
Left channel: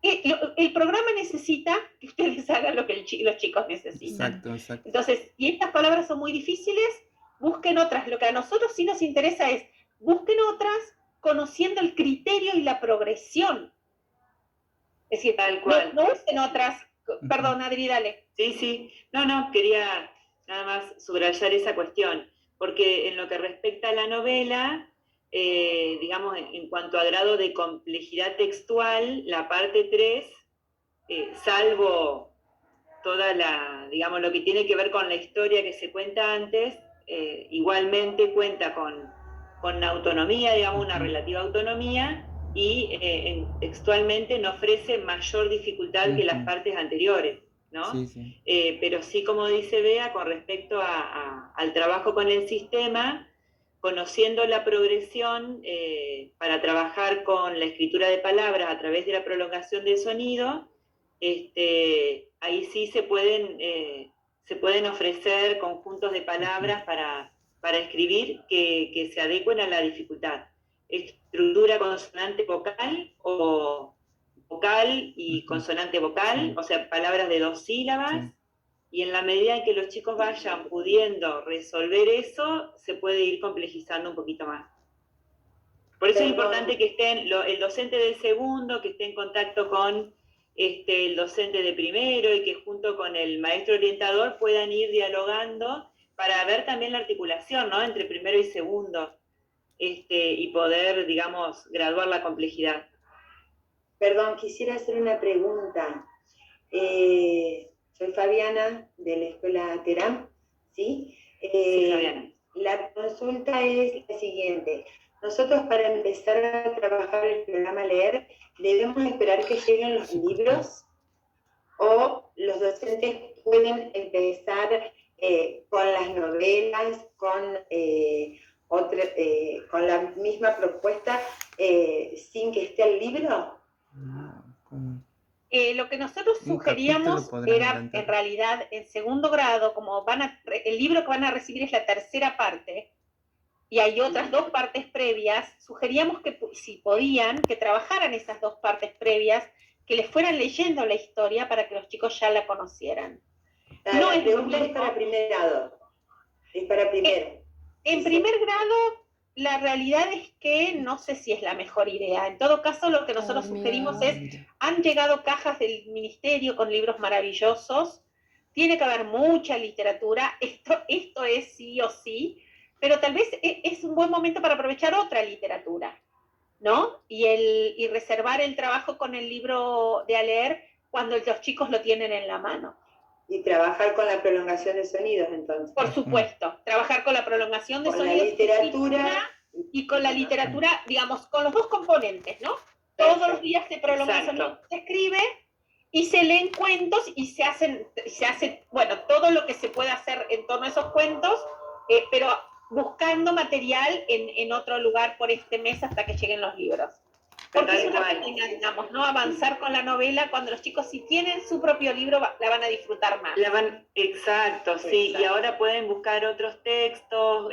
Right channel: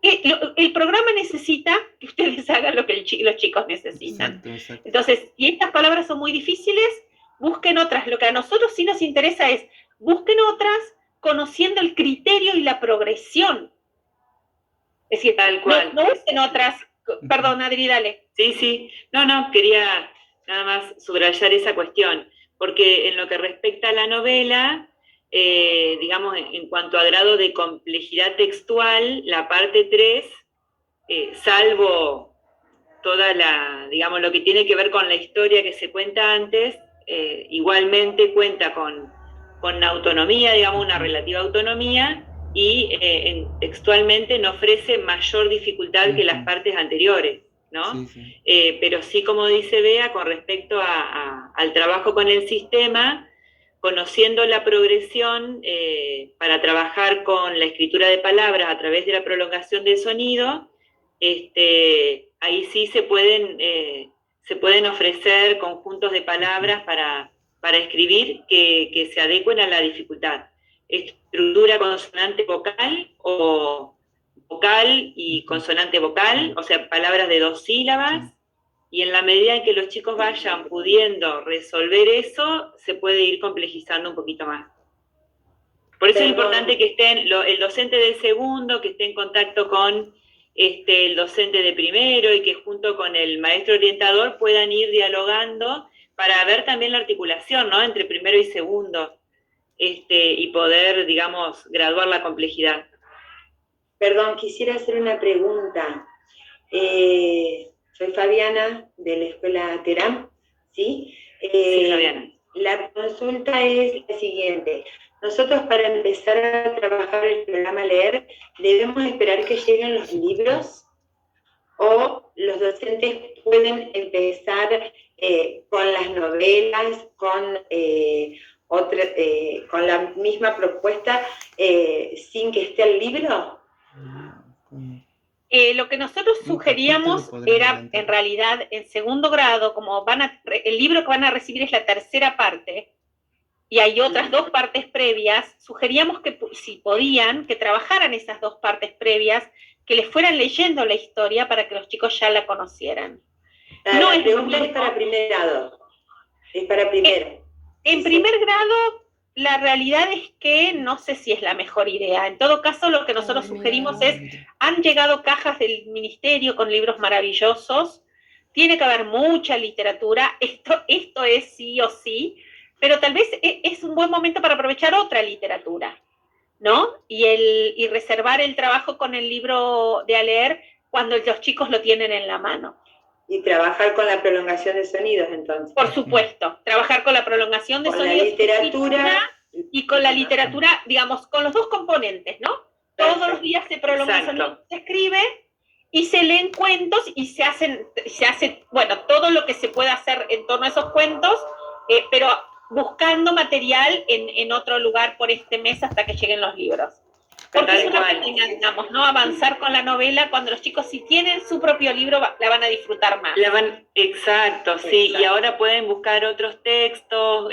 El programa necesita que ustedes hagan lo que los chicos necesitan. Exacto, exacto. Entonces, si estas palabras son muy difíciles, busquen otras. Lo que a nosotros sí nos interesa es, busquen otras conociendo el criterio y la progresión. Es decir, tal cual. No busquen otras. Perdón, Adri, dale. Sí. No, quería nada más subrayar esa cuestión, porque en lo que respecta a la novela, digamos, en cuanto a grado de complejidad textual, la parte 3, salvo toda digamos, lo que tiene que ver con la historia que se cuenta antes, igualmente cuenta con autonomía, digamos, una relativa autonomía, y textualmente no ofrece mayor dificultad que las partes anteriores, ¿no? Sí. Pero sí, como dice Bea, con respecto al trabajo con el sistema, conociendo la progresión para trabajar con la escritura de palabras a través de la prolongación del sonido, ahí sí se pueden ofrecer conjuntos de palabras para escribir que se adecuen a la dificultad. Estructura consonante vocal o vocal y consonante vocal, o sea, palabras de 2 sílabas, y en la medida en que los chicos vayan pudiendo resolver eso, se puede ir complejizando un poquito más. Por eso es importante que estén el docente de segundo, que esté en contacto con el docente de primero, y que junto con el maestro orientador puedan ir dialogando para ver también la articulación, ¿no?, entre primero y segundo, y poder, digamos, graduar la complejidad. Perdón, quisiera hacer una pregunta. Soy Fabiana, de la Escuela Teram, ¿sí? Sí, Fabiana. La consulta es la siguiente. Nosotros, para empezar a trabajar el programa Leer, ¿debemos esperar que lleguen los libros? ¿O los docentes pueden empezar con las novelas, con la misma propuesta, sin que esté el libro? Lo que nosotros sugeríamos era, en realidad, en segundo grado, como el libro que van a recibir es la tercera parte, y hay otras 2 partes previas, sugeríamos que, si podían, que trabajaran esas 2 partes previas, que les fueran leyendo la historia para que los chicos ya la conocieran. No es para primer grado. Es para primero. En primer grado, la realidad es que no sé si es la mejor idea. En todo caso, lo que nosotros sugerimos es, han llegado cajas del ministerio con libros maravillosos, tiene que haber mucha literatura, esto es sí o sí, pero tal vez es un buen momento para aprovechar otra literatura, ¿no? Y reservar el trabajo con el libro de a leer cuando los chicos lo tienen en la mano. Y trabajar con la prolongación de sonidos, entonces. Por supuesto, trabajar con la prolongación de sonidos. Con la literatura. Y con la literatura, digamos, con los 2 componentes, ¿no? Todos los días se prolonga el sonido, se escribe, y se leen cuentos, y se hace, bueno, todo lo que se pueda hacer en torno a esos cuentos, pero buscando material en otro lugar por este mes hasta que lleguen los libros. Porque es una pena, digamos, ¿no? Avanzar con la novela cuando los chicos, si tienen su propio libro, la van a disfrutar más. Exacto, sí. Y ahora pueden buscar otros textos,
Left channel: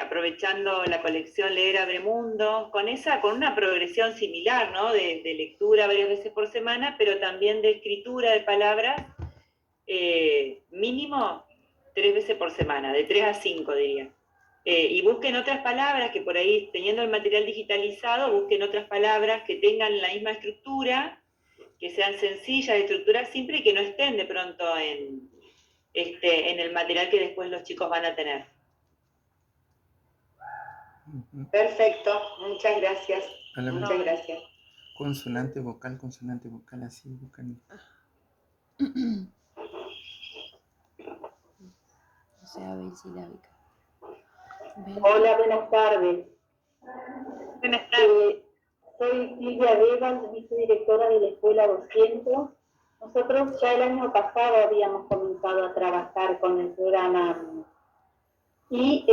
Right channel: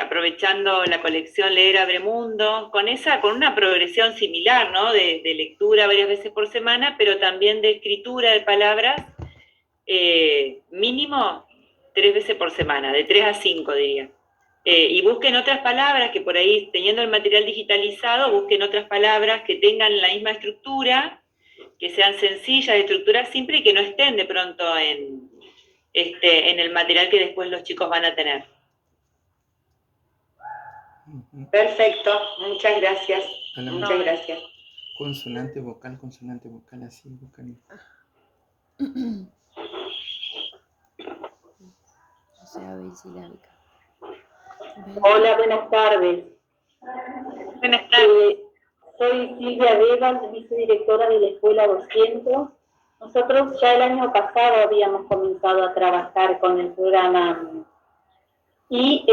aprovechando la colección Leer Abre Mundo, con una progresión similar, ¿no? De lectura varias veces por semana, pero también de escritura de palabras, mínimo 3 veces por semana, de 3 a 5 diría. Y busquen otras palabras que por ahí, teniendo el material digitalizado, busquen otras palabras que tengan la misma estructura, que sean sencillas de estructurar simple y que no estén de pronto en el material que después los chicos van a tener. Perfecto, muchas gracias. Muchas gracias. Consonante, vocal, así, vocal. O sea, bisilábica. Hola, buenas tardes. Buenas tardes. Soy Silvia Vegas, vicedirectora de la Escuela 200. Nosotros ya el año pasado habíamos comenzado a trabajar con el programa y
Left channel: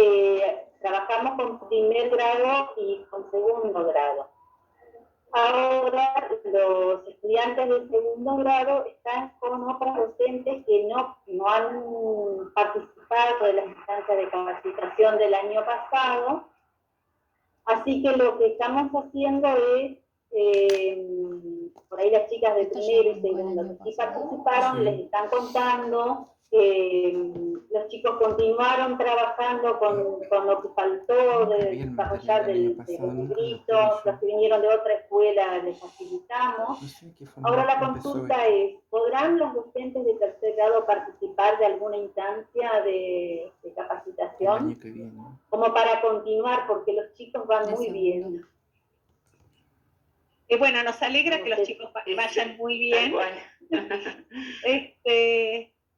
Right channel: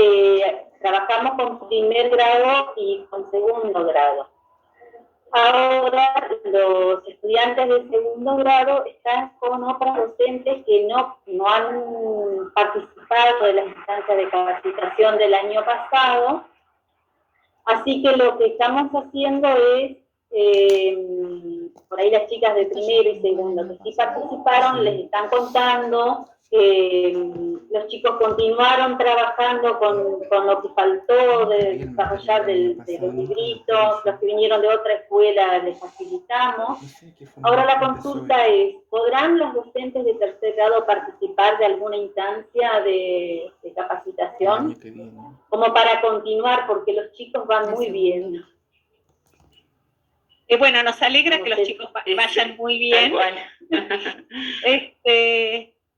trabajamos con primer grado y con segundo grado. Ahora los estudiantes de segundo grado están con otras docentes que no han participado de las instancias de capacitación del año pasado. Así que lo que estamos haciendo es, por ahí las chicas de primero y segundo que sí participaron, les están contando que los chicos continuaron trabajando con lo que faltó de desarrollar de los libritos, los que vinieron de otra escuela les facilitamos. Ahora la consulta es, ¿podrán los docentes de tercer grado participar de alguna instancia de capacitación? Como para continuar, porque los chicos van muy bien. Bueno, nos alegra que los chicos vayan muy bien.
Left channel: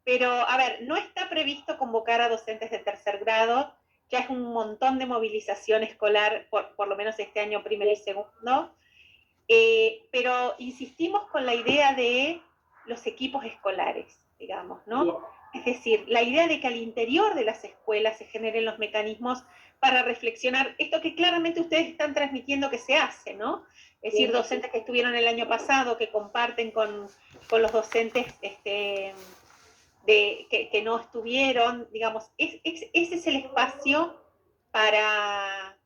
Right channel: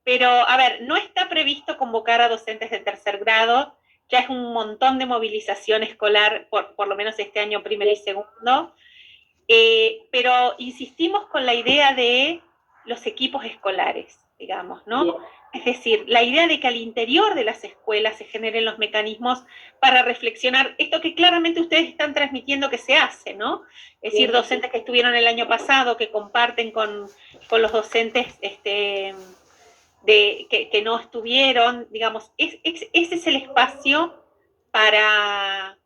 Pero, a ver, no está previsto convocar a docentes de tercer grado, ya es un montón de movilización escolar, por lo menos este año primero y segundo, pero insistimos con la idea de los equipos escolares, digamos, ¿no? Bien. Es decir, la idea de que al interior de las escuelas se generen los mecanismos para reflexionar esto que claramente ustedes están transmitiendo que se hace, ¿no? Es decir, docentes que estuvieron el año pasado, que comparten con los docentes que no estuvieron, digamos, ese es el espacio para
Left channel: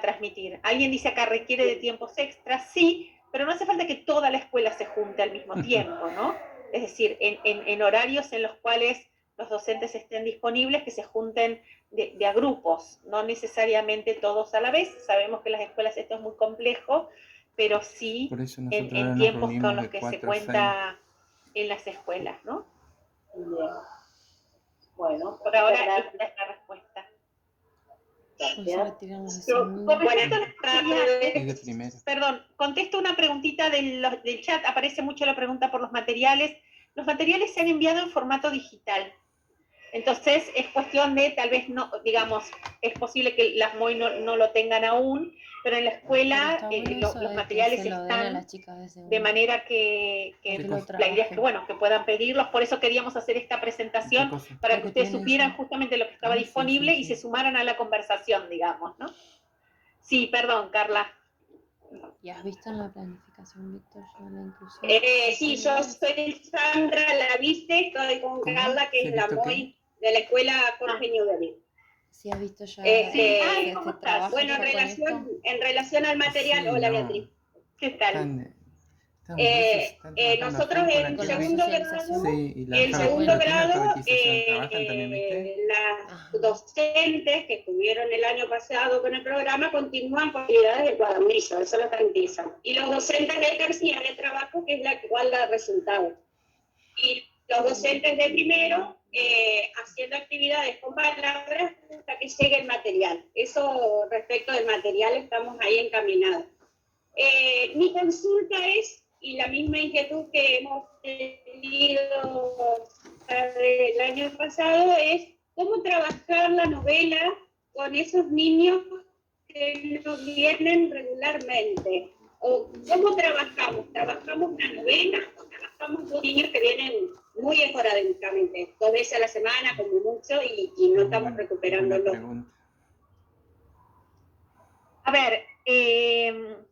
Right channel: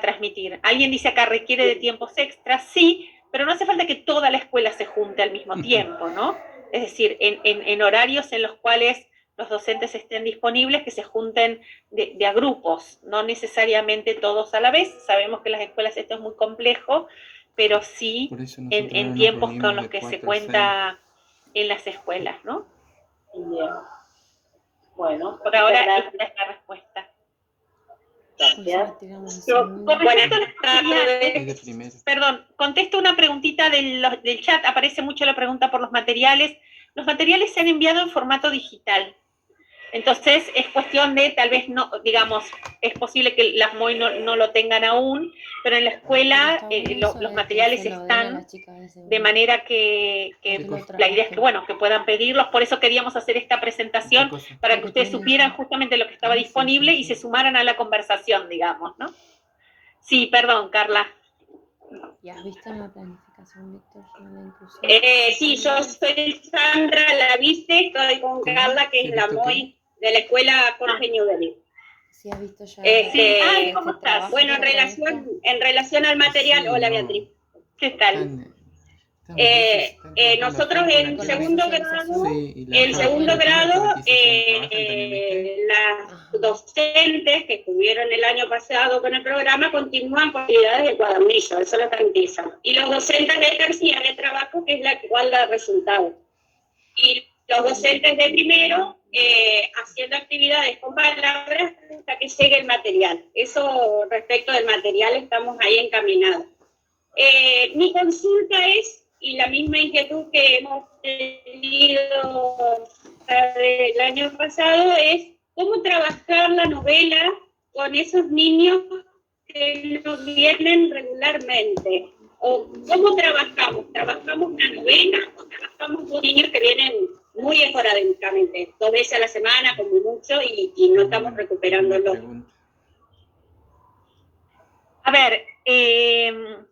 transmitir. Alguien dice acá, requiere de tiempos extras, sí, pero no hace falta que toda la escuela se junte al mismo tiempo, ¿no? Es decir, en horarios en los cuales los docentes estén disponibles, que se junten de a grupos, no necesariamente todos a la vez. Sabemos que en las escuelas esto es muy complejo, pero sí en tiempos con los que se cuenta en las escuelas, ¿no? Bien. Bueno, por ahora esta es la respuesta. Perdón, contesto una preguntita del chat, aparece mucho la pregunta por los materiales. Los materiales se han enviado en formato digital. Entonces es cuestión de, tal vez no, digamos, es posible que las MOI no lo tengan aún, pero en la escuela los materiales están de manera que la idea es que, bueno, que puedan pedirlos. Por eso queríamos hacer esta presentación, para que ustedes supieran justamente lo que estaba disponible y se sumaran a la conversación, digamos, ¿no? Sí, perdón, Carla. ¿Y has visto en la planificación, Víctor, la inclusión? Sí, yo soy Sandra, la viste, estoy con Carla, que es la MOI de la escuela Jorge Newbery. Sí, has visto ya. ¿Cómo estás? Bueno, en relación al material, hola Beatriz. ¿Qué tal? Nosotros en segundo grado, las docentes que estuvieron el año pasado con el programa continúan con actividades de cuadernillo, eso lo garantizan. Y los docentes de terciario de trabajo, que es la que guarda resultados. Y los docentes de primero haciendo actividades con palabras hasta que llegue el material. Eso respecto del material estamos ahí encaminados. Mi consulta es, y la misma inquietud que hemos tenido el año pasado, es cómo trabajar la novela con esos niños que no vienen regularmente. O cómo trabajamos una novela o trabajamos con niños que vienen muy esporádicamente, 2 veces a la semana como mucho y no estamos recuperándolo. A ver, el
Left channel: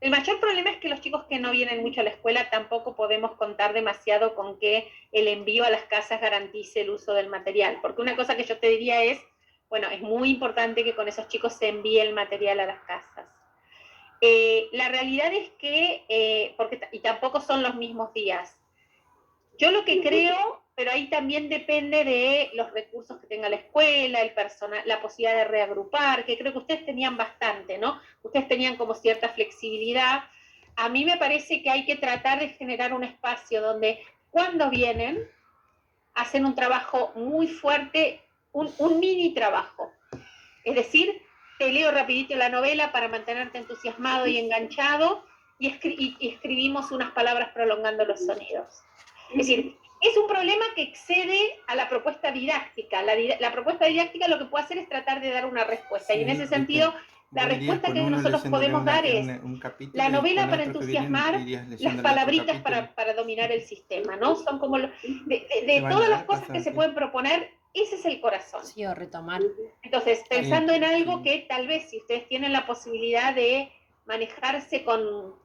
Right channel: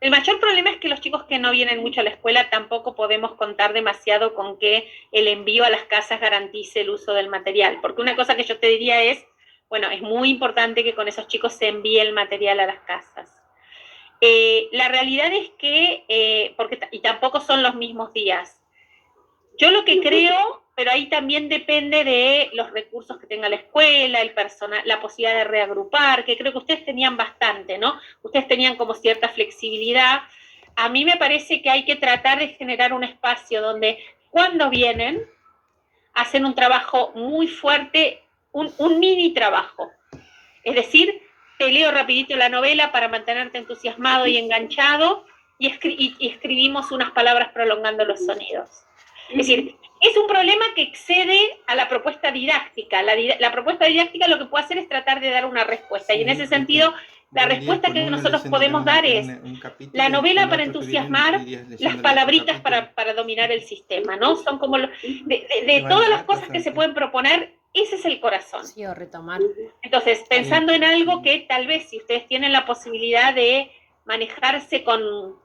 mayor problema es que los chicos que no vienen mucho a la escuela tampoco podemos contar demasiado con que el envío a las casas garantice el uso del material, porque una cosa que yo te diría es, bueno, es muy importante que con esos chicos se envíe el material a las casas. La realidad es que, y tampoco son los mismos días. Yo lo que creo, pero ahí también depende de los recursos que tenga la escuela, el personal, la posibilidad de reagrupar, que creo que ustedes tenían bastante, ¿no? Ustedes tenían como cierta flexibilidad. A mí me parece que hay que tratar de generar un espacio donde cuando vienen, hacen un trabajo muy fuerte, un mini trabajo. Es decir, te leo rapidito la novela para mantenerte entusiasmado y enganchado y escribimos unas palabras prolongando los sonidos. Es decir, es un problema que excede a la propuesta didáctica. La propuesta didáctica lo que puede hacer es tratar de dar una respuesta. Y en ese sentido, la respuesta que nosotros podemos dar es la novela para entusiasmar, las palabritas para dominar el sistema, ¿no? Son como de todas las cosas que se pueden proponer, ese es el corazón. Sí, o retomar. Entonces, pensando en algo que tal vez, si ustedes tienen la posibilidad de manejarse con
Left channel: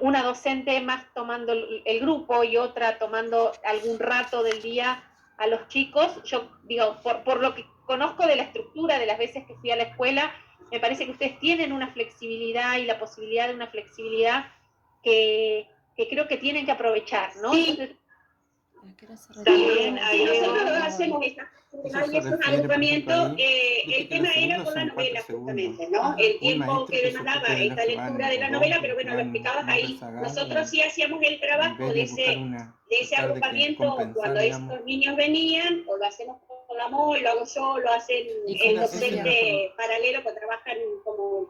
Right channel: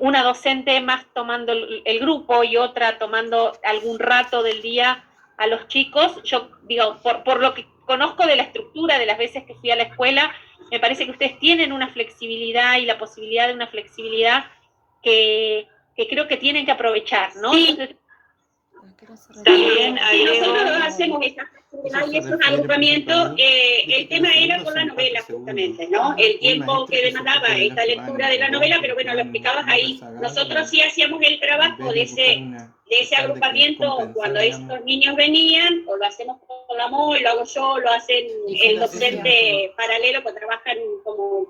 una docente más tomando el grupo y otra tomando algún rato del día a los chicos, yo digo, por lo que conozco de la estructura de las veces que fui a la escuela, me parece que ustedes tienen una flexibilidad y la posibilidad de una flexibilidad que creo que tienen que aprovechar, ¿no? Sí. Entonces, también nosotros hacemos esa flexibilidad y esos agrupamientos. El tema era con la novela, justamente, ¿no? El tiempo que demandaba esta lectura de la novela, pero bueno, lo explicabas ahí. Nosotros sí hacíamos el trabajo de ese agrupamiento cuando estos niños venían, o lo hacemos con la MOI, lo hago yo, lo hacen el docente paralelo, que trabajan como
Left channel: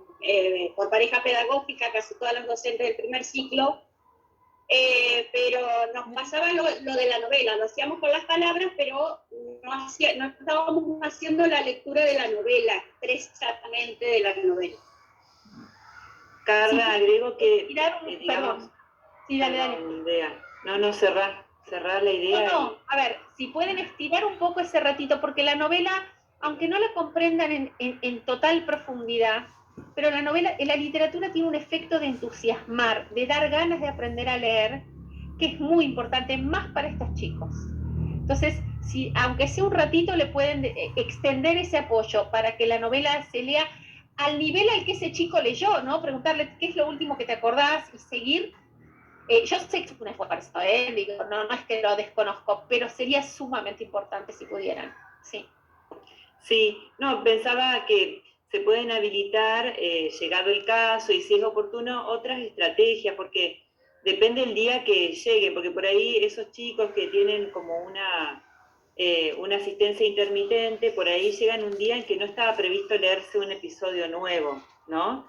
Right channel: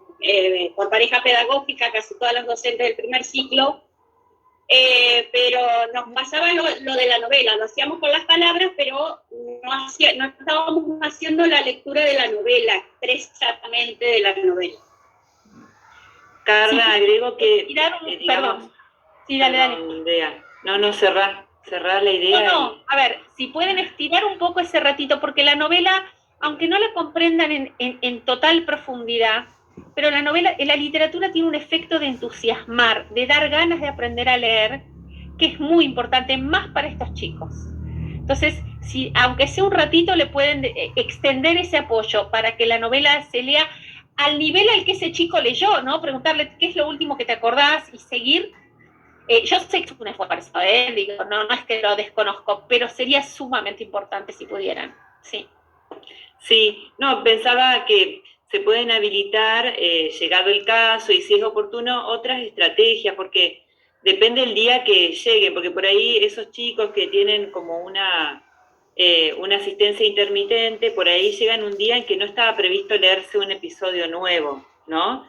por pareja pedagógica, casi todas las docentes del primer ciclo. Pero nos pasaba lo de la novela, lo hacíamos con las palabras, pero no estábamos haciendo la lectura de la novela, expresamente de la novela. Carla, agrego que... Perdón. Sí, dale. No, cerrar la idea. No, a ver, si pueden estirar un poco ese ratito, porque la novela, aunque no la comprendan en total profundidad, pero la literatura tiene un efecto de entusiasmar, de dar ganas de aprender a leer, que es muy importante, más para estos chicos. Entonces, aunque sea un ratito, le pueden extender ese apoyo para que la novela se lea al nivel al que ese chico leyó, ¿no? Preguntarle qué es lo último que te acordás y seguir. Yo sé que es un esfuerzo, digo, no es que lo desconozco, pero sería sumamente importante si pudieran, sí. Sí, no, pensaba que se pueden habilitar, llegado el caso, y si es oportuno, otras estrategias, porque depende del día que llegue, porque por ahí esos chicos que tienen como una asistencia intermitente, por ahí llegan un día en que no estaba previsto leerse un episodio nuevo, ¿no?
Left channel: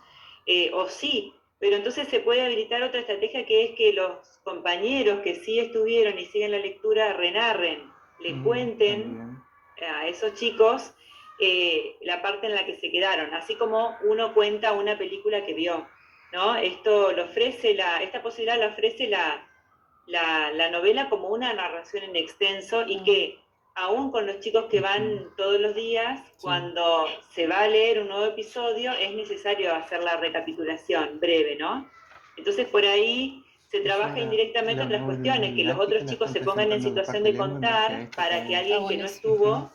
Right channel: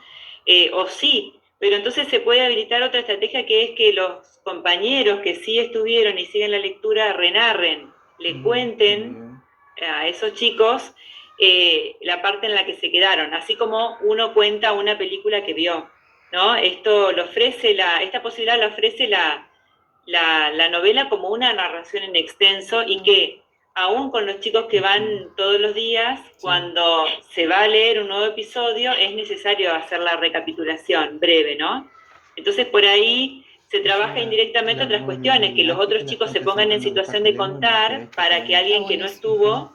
O sí, pero entonces se puede habilitar otra estrategia, que es que los compañeros que sí estuvieron y siguen la lectura renarren, le cuenten a esos chicos la parte en la que se quedaron, así como uno cuenta una película que vio, ¿no? Esto lo ofrece esta posibilidad la ofrece la novela como una narración en extenso, y que aún con los chicos que van todos los días, cuando se va a leer un nuevo episodio, es necesario hacer la recapitulación breve, ¿no? Entonces por ahí se trabaja indirectamente otras cuestiones, que los otros chicos se pongan en situación de contar para que alguien que no estuvo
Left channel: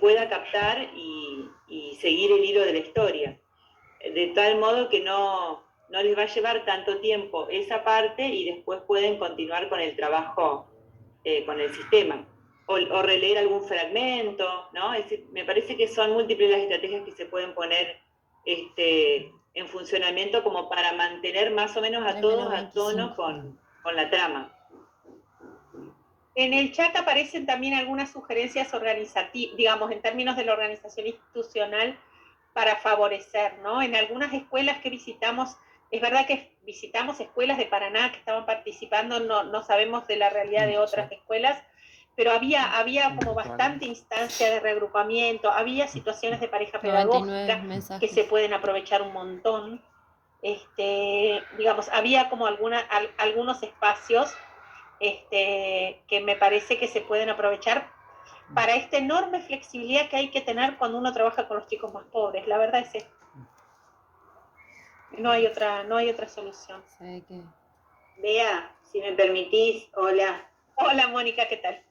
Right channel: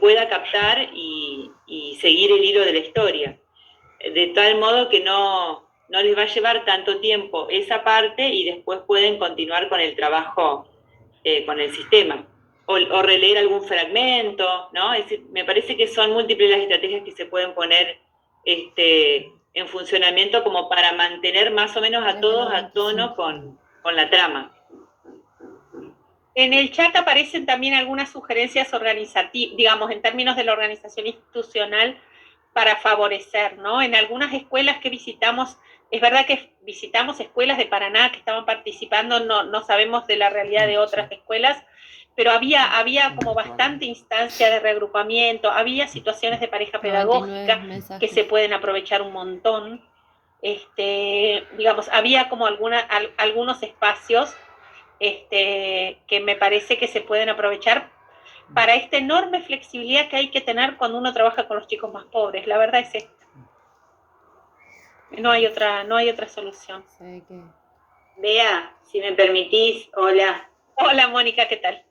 pueda captar y seguir el hilo de la historia, de tal modo que no les va a llevar tanto tiempo esa parte, y después pueden continuar con el trabajo con el sistema, o releer algún fragmento, ¿no? Es decir, me parece que son múltiples las estrategias que se pueden poner en funcionamiento como para mantener más o menos a todos a tono con la trama. En el chat aparecen también algunas sugerencias organizativas, digamos, en términos de la organización institucional para favorecer, ¿no? En algunas escuelas que visitamos, es verdad que visitamos escuelas de Paraná que estaban participando, no sabemos de la realidad de otras escuelas, pero había como bastante instancia de reagrupamiento, había situaciones de pareja pedagógica que se pueden aprovechar un montón. Digamos, había como algunos espacios que me parece que se pueden aprovechar para esta enorme flexibilidad que hay que tener cuando uno trabaja con los chicos más pobres. La verdad es esta. No hay otra solución. Bea, si me permitís, hola. Hola, Mónica, ¿qué tal?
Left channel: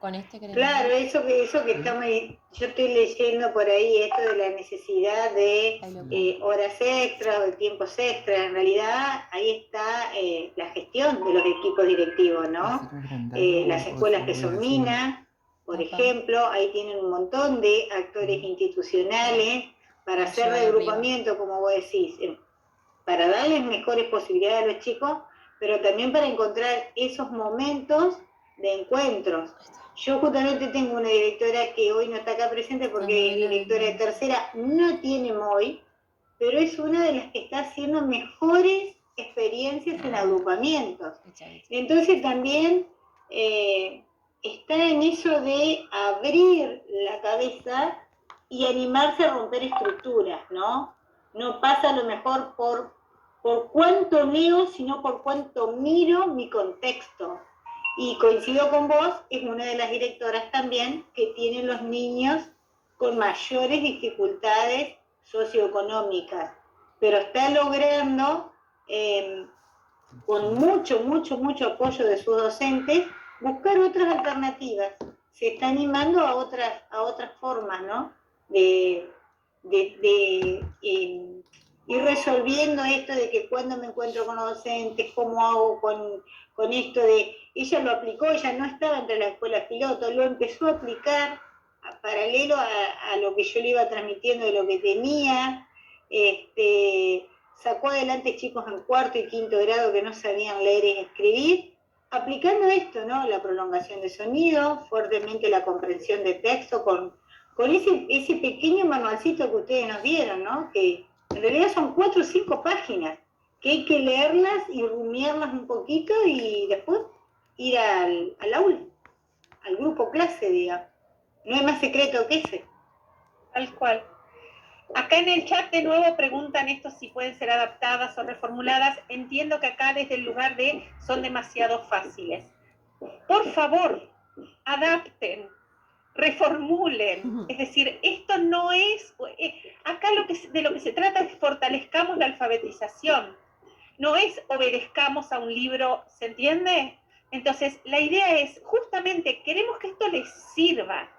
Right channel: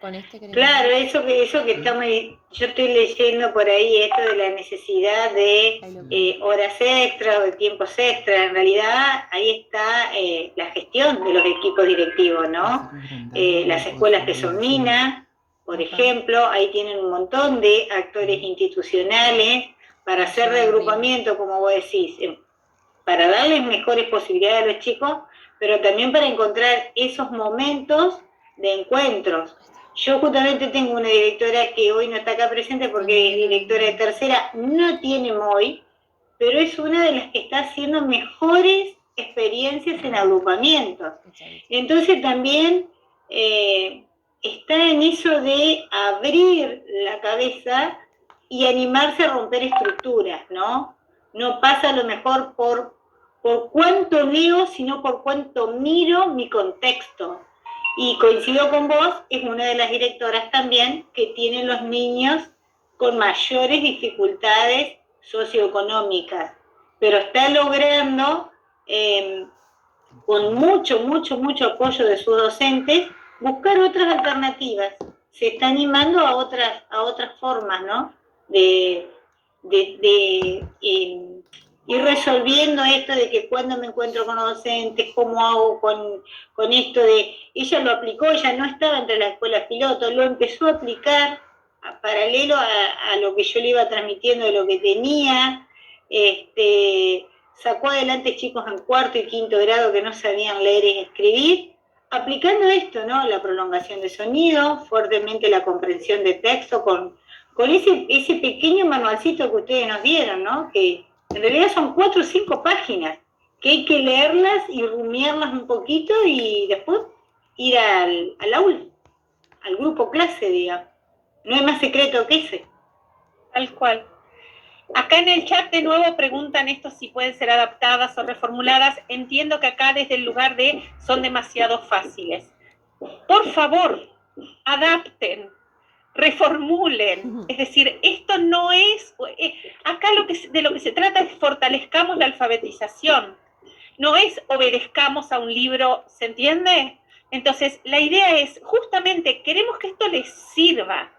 Con este Claro, eso que estamos, yo estoy leyendo por ahí esto de la necesidad de horas extras o de tiempos extras. En realidad ahí está la gestión de los equipos directivos, ¿no? Las escuelas que son MINA, por ejemplo, ahí tienen un montón de actores institucionales para hacer reagrupamiento, como vos decís, para darles mejores posibilidades a los chicos, pero también para encontrar esos momentos de encuentros. Yo justamente tengo una directora que hoy no está acá presente porque es directora de tercera, no tiene MOI, pero es una de las que está haciendo mejores experiencias en agrupamientos. Entonces también está en eso de abrir la cabeza y animarse a romper estructuras, ¿no? No pasa a lo mejor por cuánto leo, sino por cuánto miro mi contexto. Y coincido con vos, es una de las directoras también que tienen los niños con mayores dificultades socioeconómicas, pero está logrando, con mucho apoyo de sus docentes, buscar otras alternativas. Se está animando a otras formas, ¿no? De ir resolviendo esto de que cuando me encuentro con los docentes, cómo hago con esto de... Ella lo aplicó, ella no estaba entre las escuelas piloto, lo empezó a aplicar paralelo a lo que yo le iba transmitiendo de lo que tenía, sacó adelante chicos en cuarto y quinto grado que no sabían leer y escribir, aplicando esto, ¿no? La prolongación de sonido, fuertemente la comprensión de texto, con ese pequeño manualcito que ustedes nos dieron, ¿no? Que en realidad son 4 o 5 páginas, que hay que leerlas y rumiarlas un poquito y después ir al aula, al grupo clase, digamos. No hay más secreto que ese. Tal cual. Acá en el chat de nuevo preguntan esto si pueden ser adaptadas o reformuladas. Entiendo que acá desde el lugar de son demasiado fáciles. Por favor, adapten, reformulen. Es decir, esto no es... Acá de lo que se trata es fortalezcamos la alfabetización. No es obedezcamos a un libro, ¿se entiende? Entonces, la idea es, justamente, queremos que esto les sirva.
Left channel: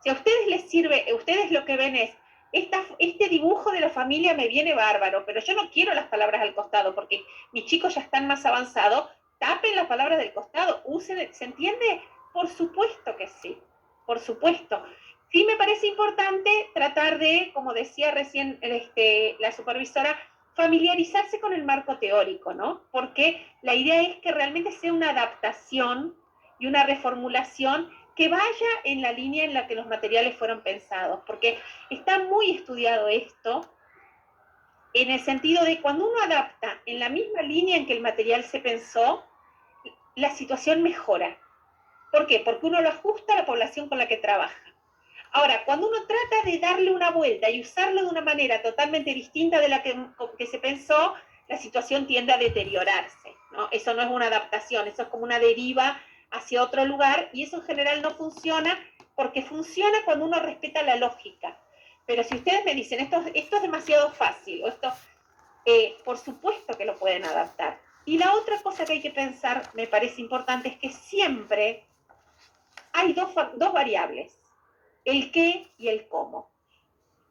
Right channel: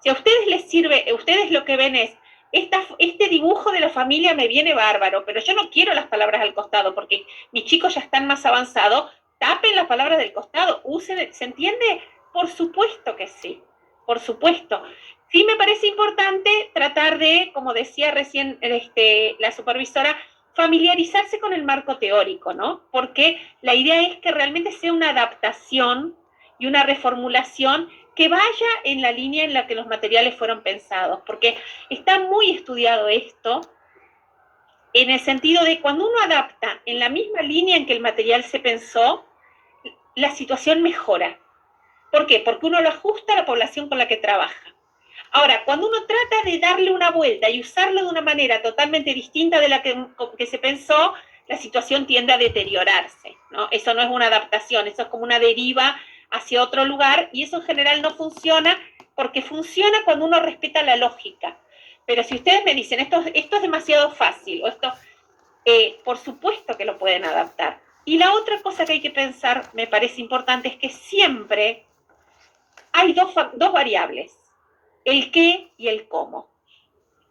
Si a ustedes les sirve, ustedes lo que ven es, este dibujo de la familia me viene bárbaro, pero yo no quiero las palabras al costado, porque mis chicos ya están más avanzados, tapen las palabras del costado, usen, ¿se entiende? Por supuesto que sí, por supuesto. Sí me parece importante tratar de, como decía recién la supervisora, familiarizarse con el marco teórico, ¿no? Porque la idea es que realmente sea una adaptación y una reformulación que vaya en la línea en la que los materiales fueron pensados, porque está muy estudiado esto, en el sentido de cuando uno adapta en la misma línea en que el material se pensó, la situación mejora. ¿Por qué? Porque uno lo ajusta a la población con la que trabaja. Ahora, cuando uno trata de darle una vuelta y usarlo de una manera totalmente distinta de la que se pensó, la situación tiende a deteriorarse, ¿no? Eso no es una adaptación, eso es como una deriva hacia otro lugar, y eso en general no funciona, porque funciona cuando uno respeta la lógica. Pero si ustedes me dicen, esto es demasiado fácil, o esto, por supuesto que lo pueden adaptar. Y la otra cosa que hay que pensar, me parece importante, es que siempre hay dos variables, el qué y el cómo.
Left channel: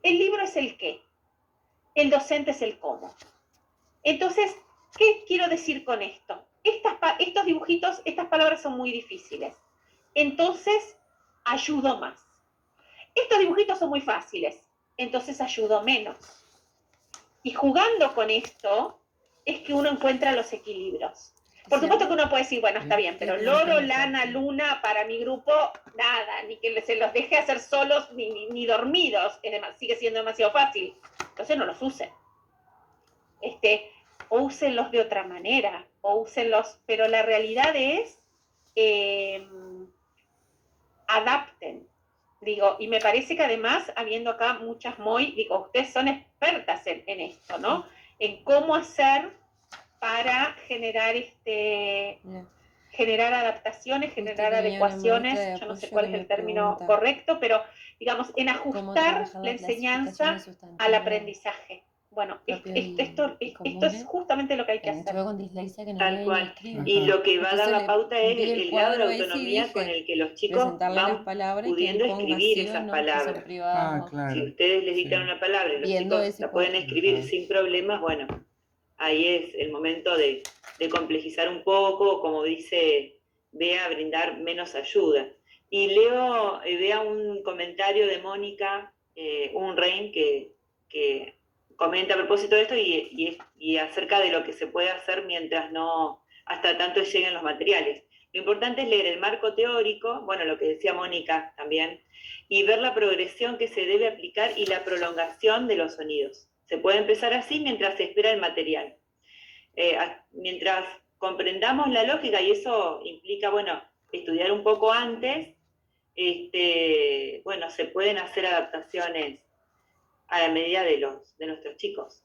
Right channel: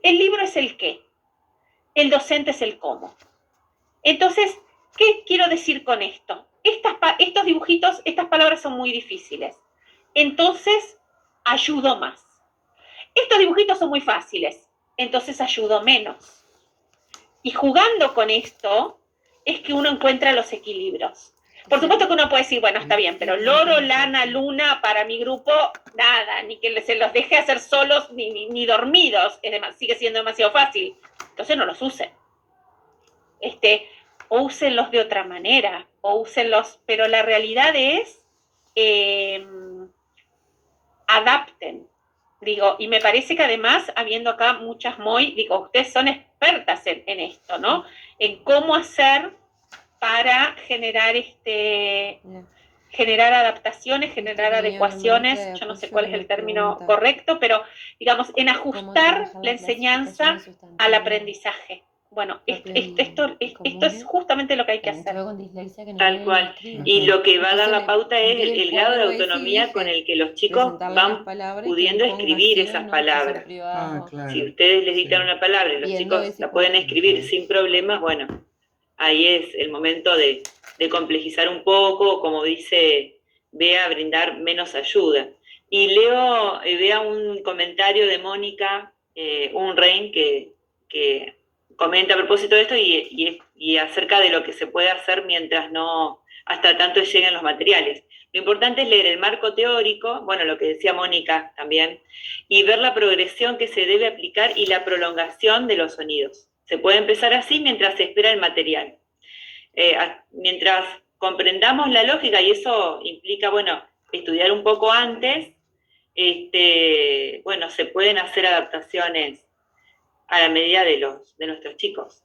El libro es el qué, el docente es el cómo. Entonces, ¿qué quiero decir con esto? Estos dibujitos, estas palabras son muy difíciles. Entonces, ayudo más. Estos dibujitos son muy fáciles. Entonces, ayudo menos. Y jugando con esto, es que uno encuentra los equilibrios. Por supuesto que uno puede decir, bueno, está bien, pero loro, lana, luna, para mi grupo, nada, ni que se los deje hacer solos, ni dormidos, sigue siendo demasiado fácil. Entonces no los usen. O úsenlos de otra manera, o úsenlos, pero la realidad es, adapten. Digo, y me parece que además, habiendo acá muchas MOI, digo, ustedes son expertas en esto, ¿no? En cómo hacer para generar generar adaptaciones, generar adecuaciones, yo no sé cuál es el término correcto, pero digamos, en ajustar la enseñanza al aprendizaje bueno, esto es justamente lo que hay que hacer. Con dislexia que no Tal cual. Y lo que va a dar la pauta es el grado de autonomía con el que los chicos van pudiendo escribir esas palabras. Si ustedes les dictan una palabra y los chicos la pueden escribir sin problemas, bueno, ahí es el momento de complejizar un poco, como dice Bea, brindar menos ayuda. Y vea un comentario de Mónica Unrein que comenta a propósito de esto y acerca de lo que se puede hacer mientras no, hasta tanto lleguen los materiales. Lo importante es leer el marco teórico, bueno, lo que decía Mónica también, y ver la progresión que se debe aplicar y la prolongación de los sonidos. Se puede empezar así mientras se espera el material. Mientras comprendamos la lógica, y eso implica, bueno, estudiar un poco antes, bueno, se pueden hacer adaptaciones a la medida de nuestros chicos.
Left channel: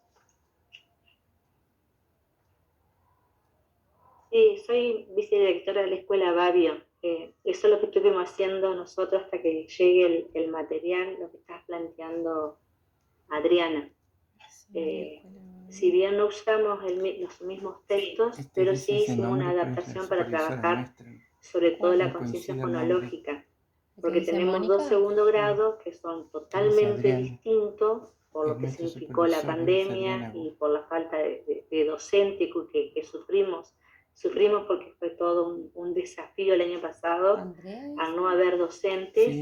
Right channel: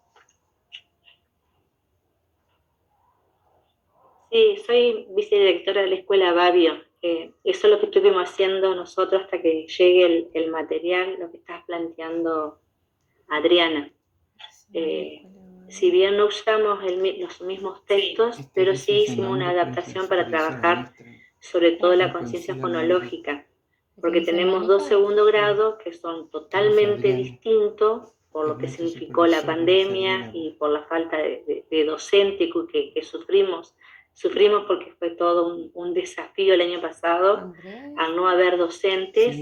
Sí, soy vicedirectora de la escuela Babio. Eso es lo que estuvimos haciendo nosotros hasta que llegue el material, lo que estás planteando Adriana. Si bien no usamos los mismos textos, pero sí hicimos una adaptación para trabajar sobre todo la conciencia fonológica, porque tenemos 2 segundo grados que son totalmente distintos por lo que significó la pandemia y por la falta de docente que sufrimos. Sufrimos porque fue todo un desafío el año pasado al no haber docentes.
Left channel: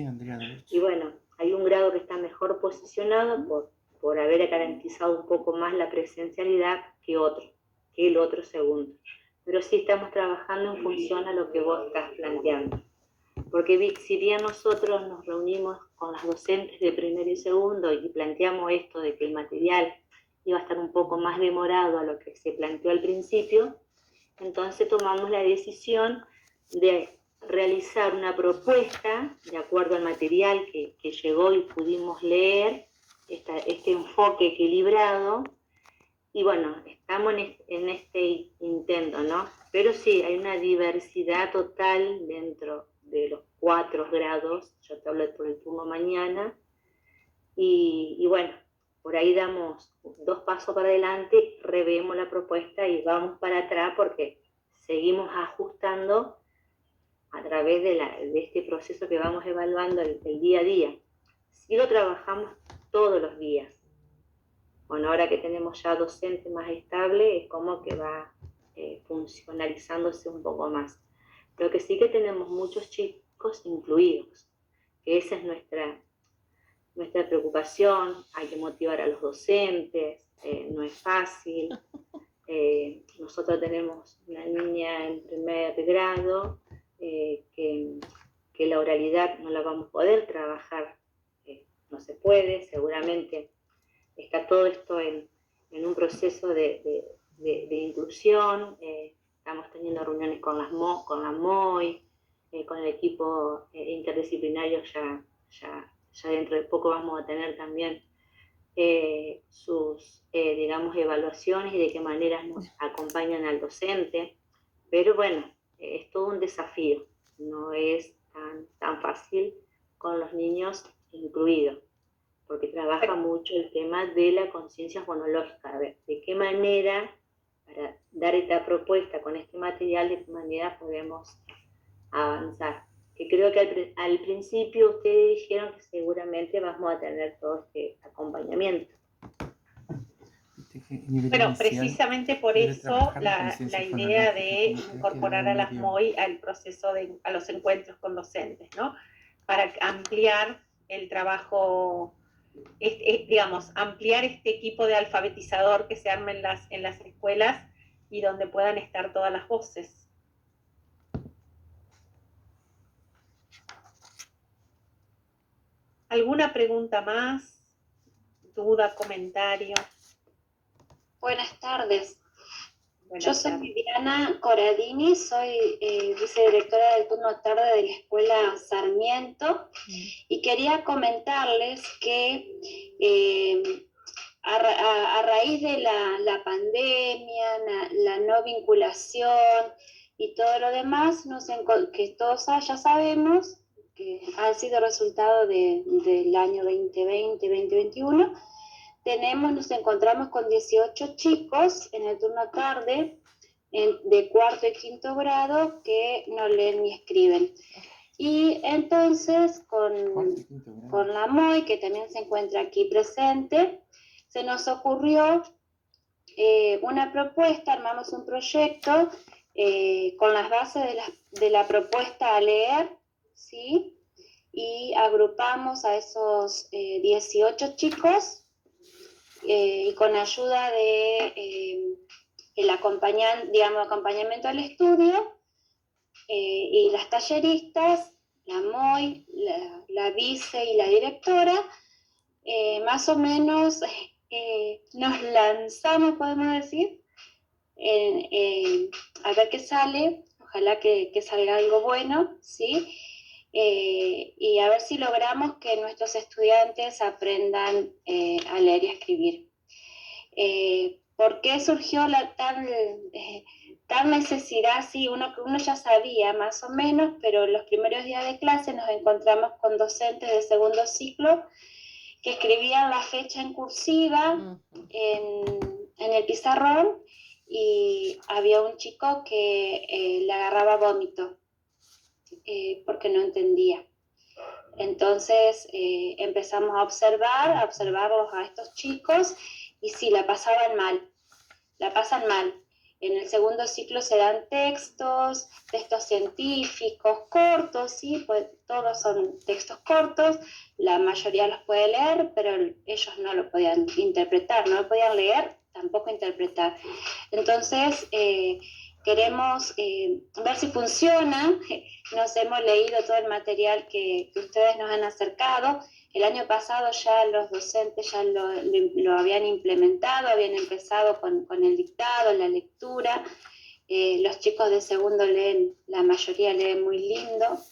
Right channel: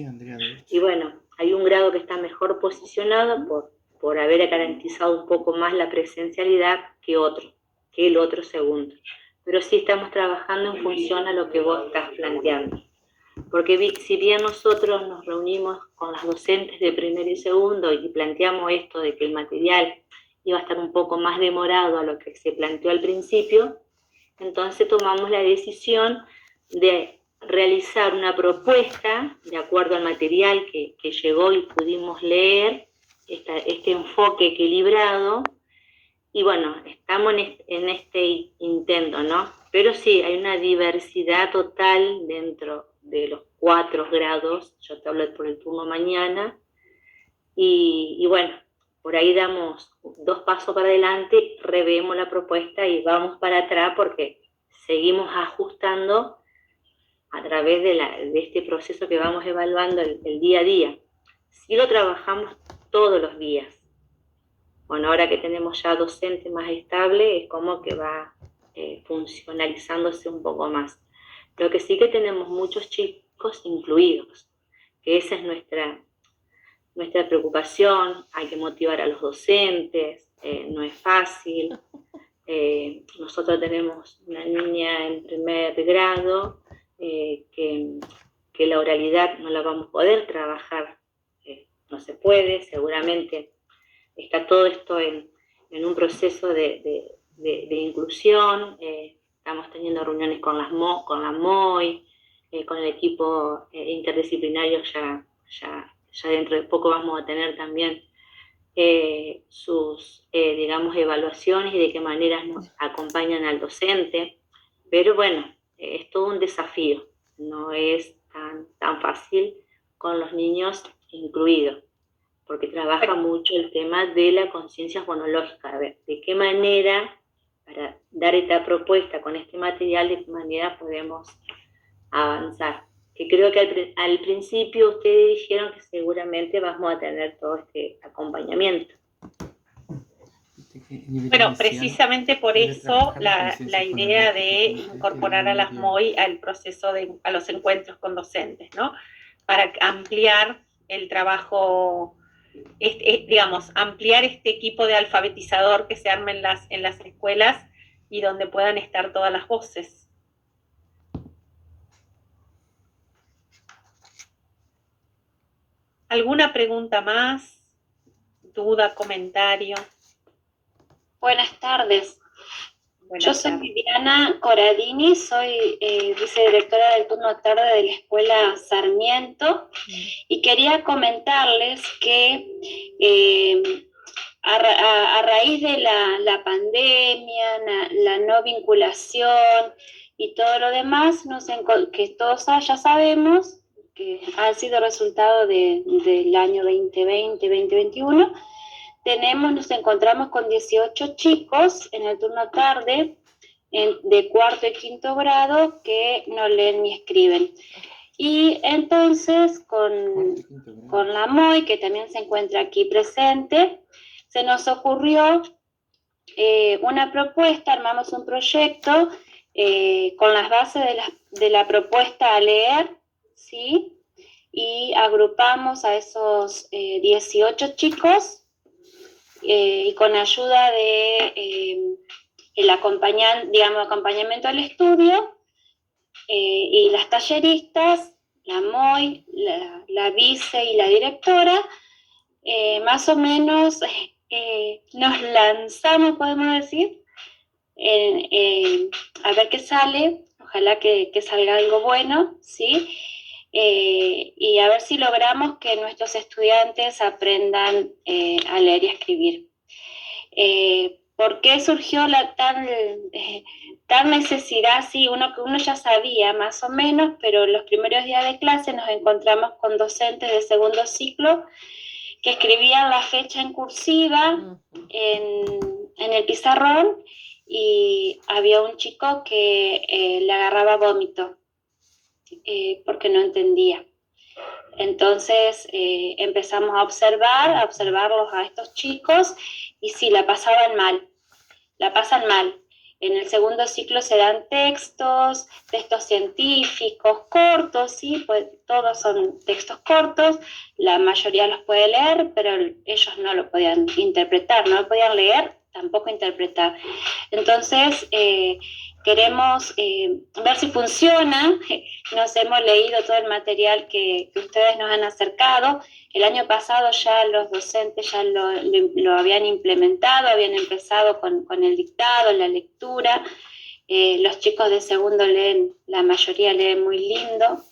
Y bueno, hay un grado que está mejor posicionado por haber garantizado un poco más la presencialidad que el otro segundo. Pero sí estamos trabajando en función a lo que vos estás planteando. Porque si bien nosotros nos reunimos con las docentes de primero y segundo y planteamos esto de que el material iba a estar un poco más demorado a lo que se planteó al principio, entonces tomamos la decisión de realizar una propuesta de acuerdo al material que llegó y pudimos leer, este enfoque equilibrado, y bueno, estamos en este intento, ¿no? Pero sí, hay una diversidad total dentro de los 4 grados, yo te hablo por el turno mañana, y bueno, por ahí damos 2 pasos para adelante, revemos la propuesta y vamos para atrás porque seguimos ajustando a través de este proceso que vamos evaluando el día a día. Sí lo trabajamos todos los días. Bueno, ahora que tenemos ya docente más estable, es como que va funcionalizándose un poco más. Lo que sí que tenemos muchos chicos incluidos, que esa es nuestra preocupación. Hay que motivar a los docentes, no es fácil. Nosotros tenemos una niña en primer grado que la oralidad no la vamos a poder trabajar, no se puede, seguramente está todo esto en un proceso de inclusión. Estamos teniendo reuniones con la MOI, con el equipo interdisciplinario, ya dentro de poco vamos a tener también sus, digamos, evaluaciones y de qué manera nos acompañan al docente. Pero bueno, es todo un desafío, no es tan fácil con los niños incluidos, porque trabaja mucho el tema de la conciencia fonológica, a ver, de qué manera, para dar esta propuesta con este material, de qué manera podemos avanzar. Que creo que al principio ustedes dijeron que seguramente vamos a tener todo este acompañamiento. Bueno, precisamente por eso la idea de incorporar a las MOI al proceso a los encuentros con docentes, ¿no? Para ampliar el trabajo, digamos, ampliar este equipo de alfabetizador que se arma en las escuelas y donde puedan estar todas las voces. ¿Alguna pregunta más? ¿Duda, comentario? Buenas tardes. Yo soy Viviana Coradini, soy vicedirectora del turno tarde de la escuela Sarmiento y quería comentarles que a raíz de la pandemia, la no vinculación y todo lo demás, que todos ya sabemos que ha sido resultado del año 2020-2021, nos encontramos con 18 chicos en el turno tarde, de cuarto y quinto grado, que no leen ni escriben. Y entonces con la MOI, que también se encuentra aquí presente, se nos ocurrió una propuesta, armamos un proyecto con las bases de la propuesta a leer, ¿sí? Y agrupamos a esos 18 chicos y con ayuda de el acompañamiento al estudio y las talleristas, la MOI, la vice y la directora, más o menos nos lanzamos, podemos decir, a ver qué sale, ojalá que salga algo bueno, ¿sí? Y a ver si logramos que nuestros estudiantes aprendan a leer y a escribir. ¿Por qué surgió la tal necesidad? Sí, uno ya sabía más o menos, pero los primeros días de clase nos encontramos con docentes de segundo ciclo que escribían la fecha en cursiva en el pizarrón, y había un chico que le agarraba vómito porque no entendía. Entonces empezamos a observarlos a estos chicos, y sí, la pasan mal. En el segundo ciclo se dan textos científicos cortos, ¿sí? Pues todos son textos cortos, la mayoría los puede leer, pero ellos no lo podían interpretar, no lo podían leer, tampoco interpretar. Entonces, queremos ver si funciona. Nos hemos leído todo el material que ustedes nos han acercado. El año pasado ya los docentes ya lo habían implementado, habían empezado con el dictado, la lectura. Los chicos de segundo leen, la mayoría leen muy lindo.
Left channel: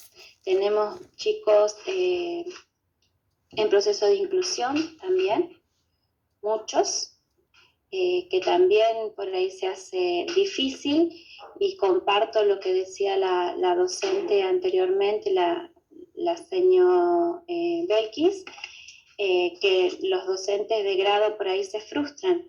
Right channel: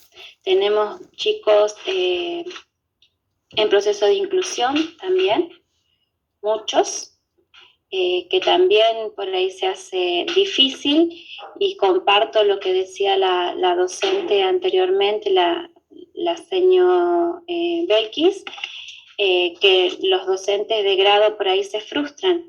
Tenemos chicos en proceso de inclusión también, muchos. Que también por ahí se hace difícil, y comparto lo que decía la docente anteriormente, la señora Belkis, que los docentes de grado por ahí se frustran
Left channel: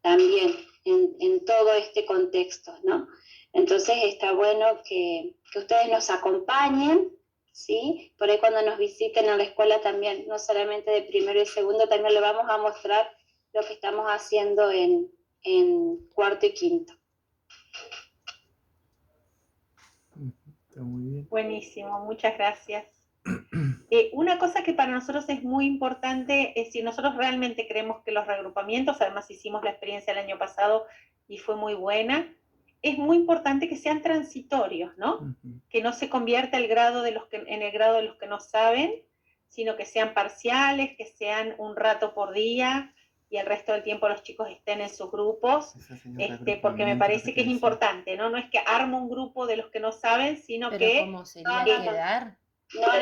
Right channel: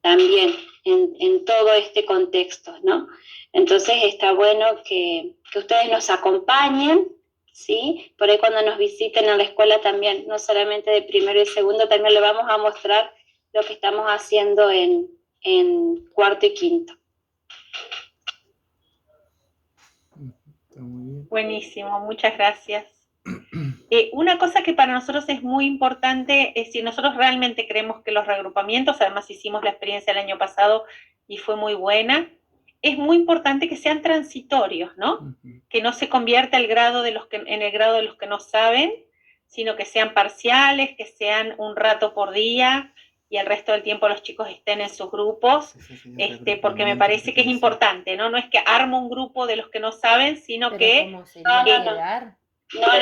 también en todo este contexto, ¿no? Entonces está bueno que ustedes nos acompañen, ¿sí? Por ahí cuando nos visiten en la escuela también, no solamente de primero y segundo, también le vamos a mostrar lo que estamos haciendo en cuarto y quinto. Buenísimo, muchas gracias. Una cosa que para nosotros es muy importante es si nosotros realmente creemos que los reagrupamientos, además hicimos la experiencia el año pasado y fue muy buena, es muy importante que sean transitorios, ¿no? Que no se convierta en el grado de los que no saben, sino que sean parciales, que sean un rato por día, y el resto del tiempo los chicos estén en sus grupos, porque me parece que es importante, ¿no? No es que armo un grupo de los que no saben, sino pero que... ¿cómo sería quedar? No.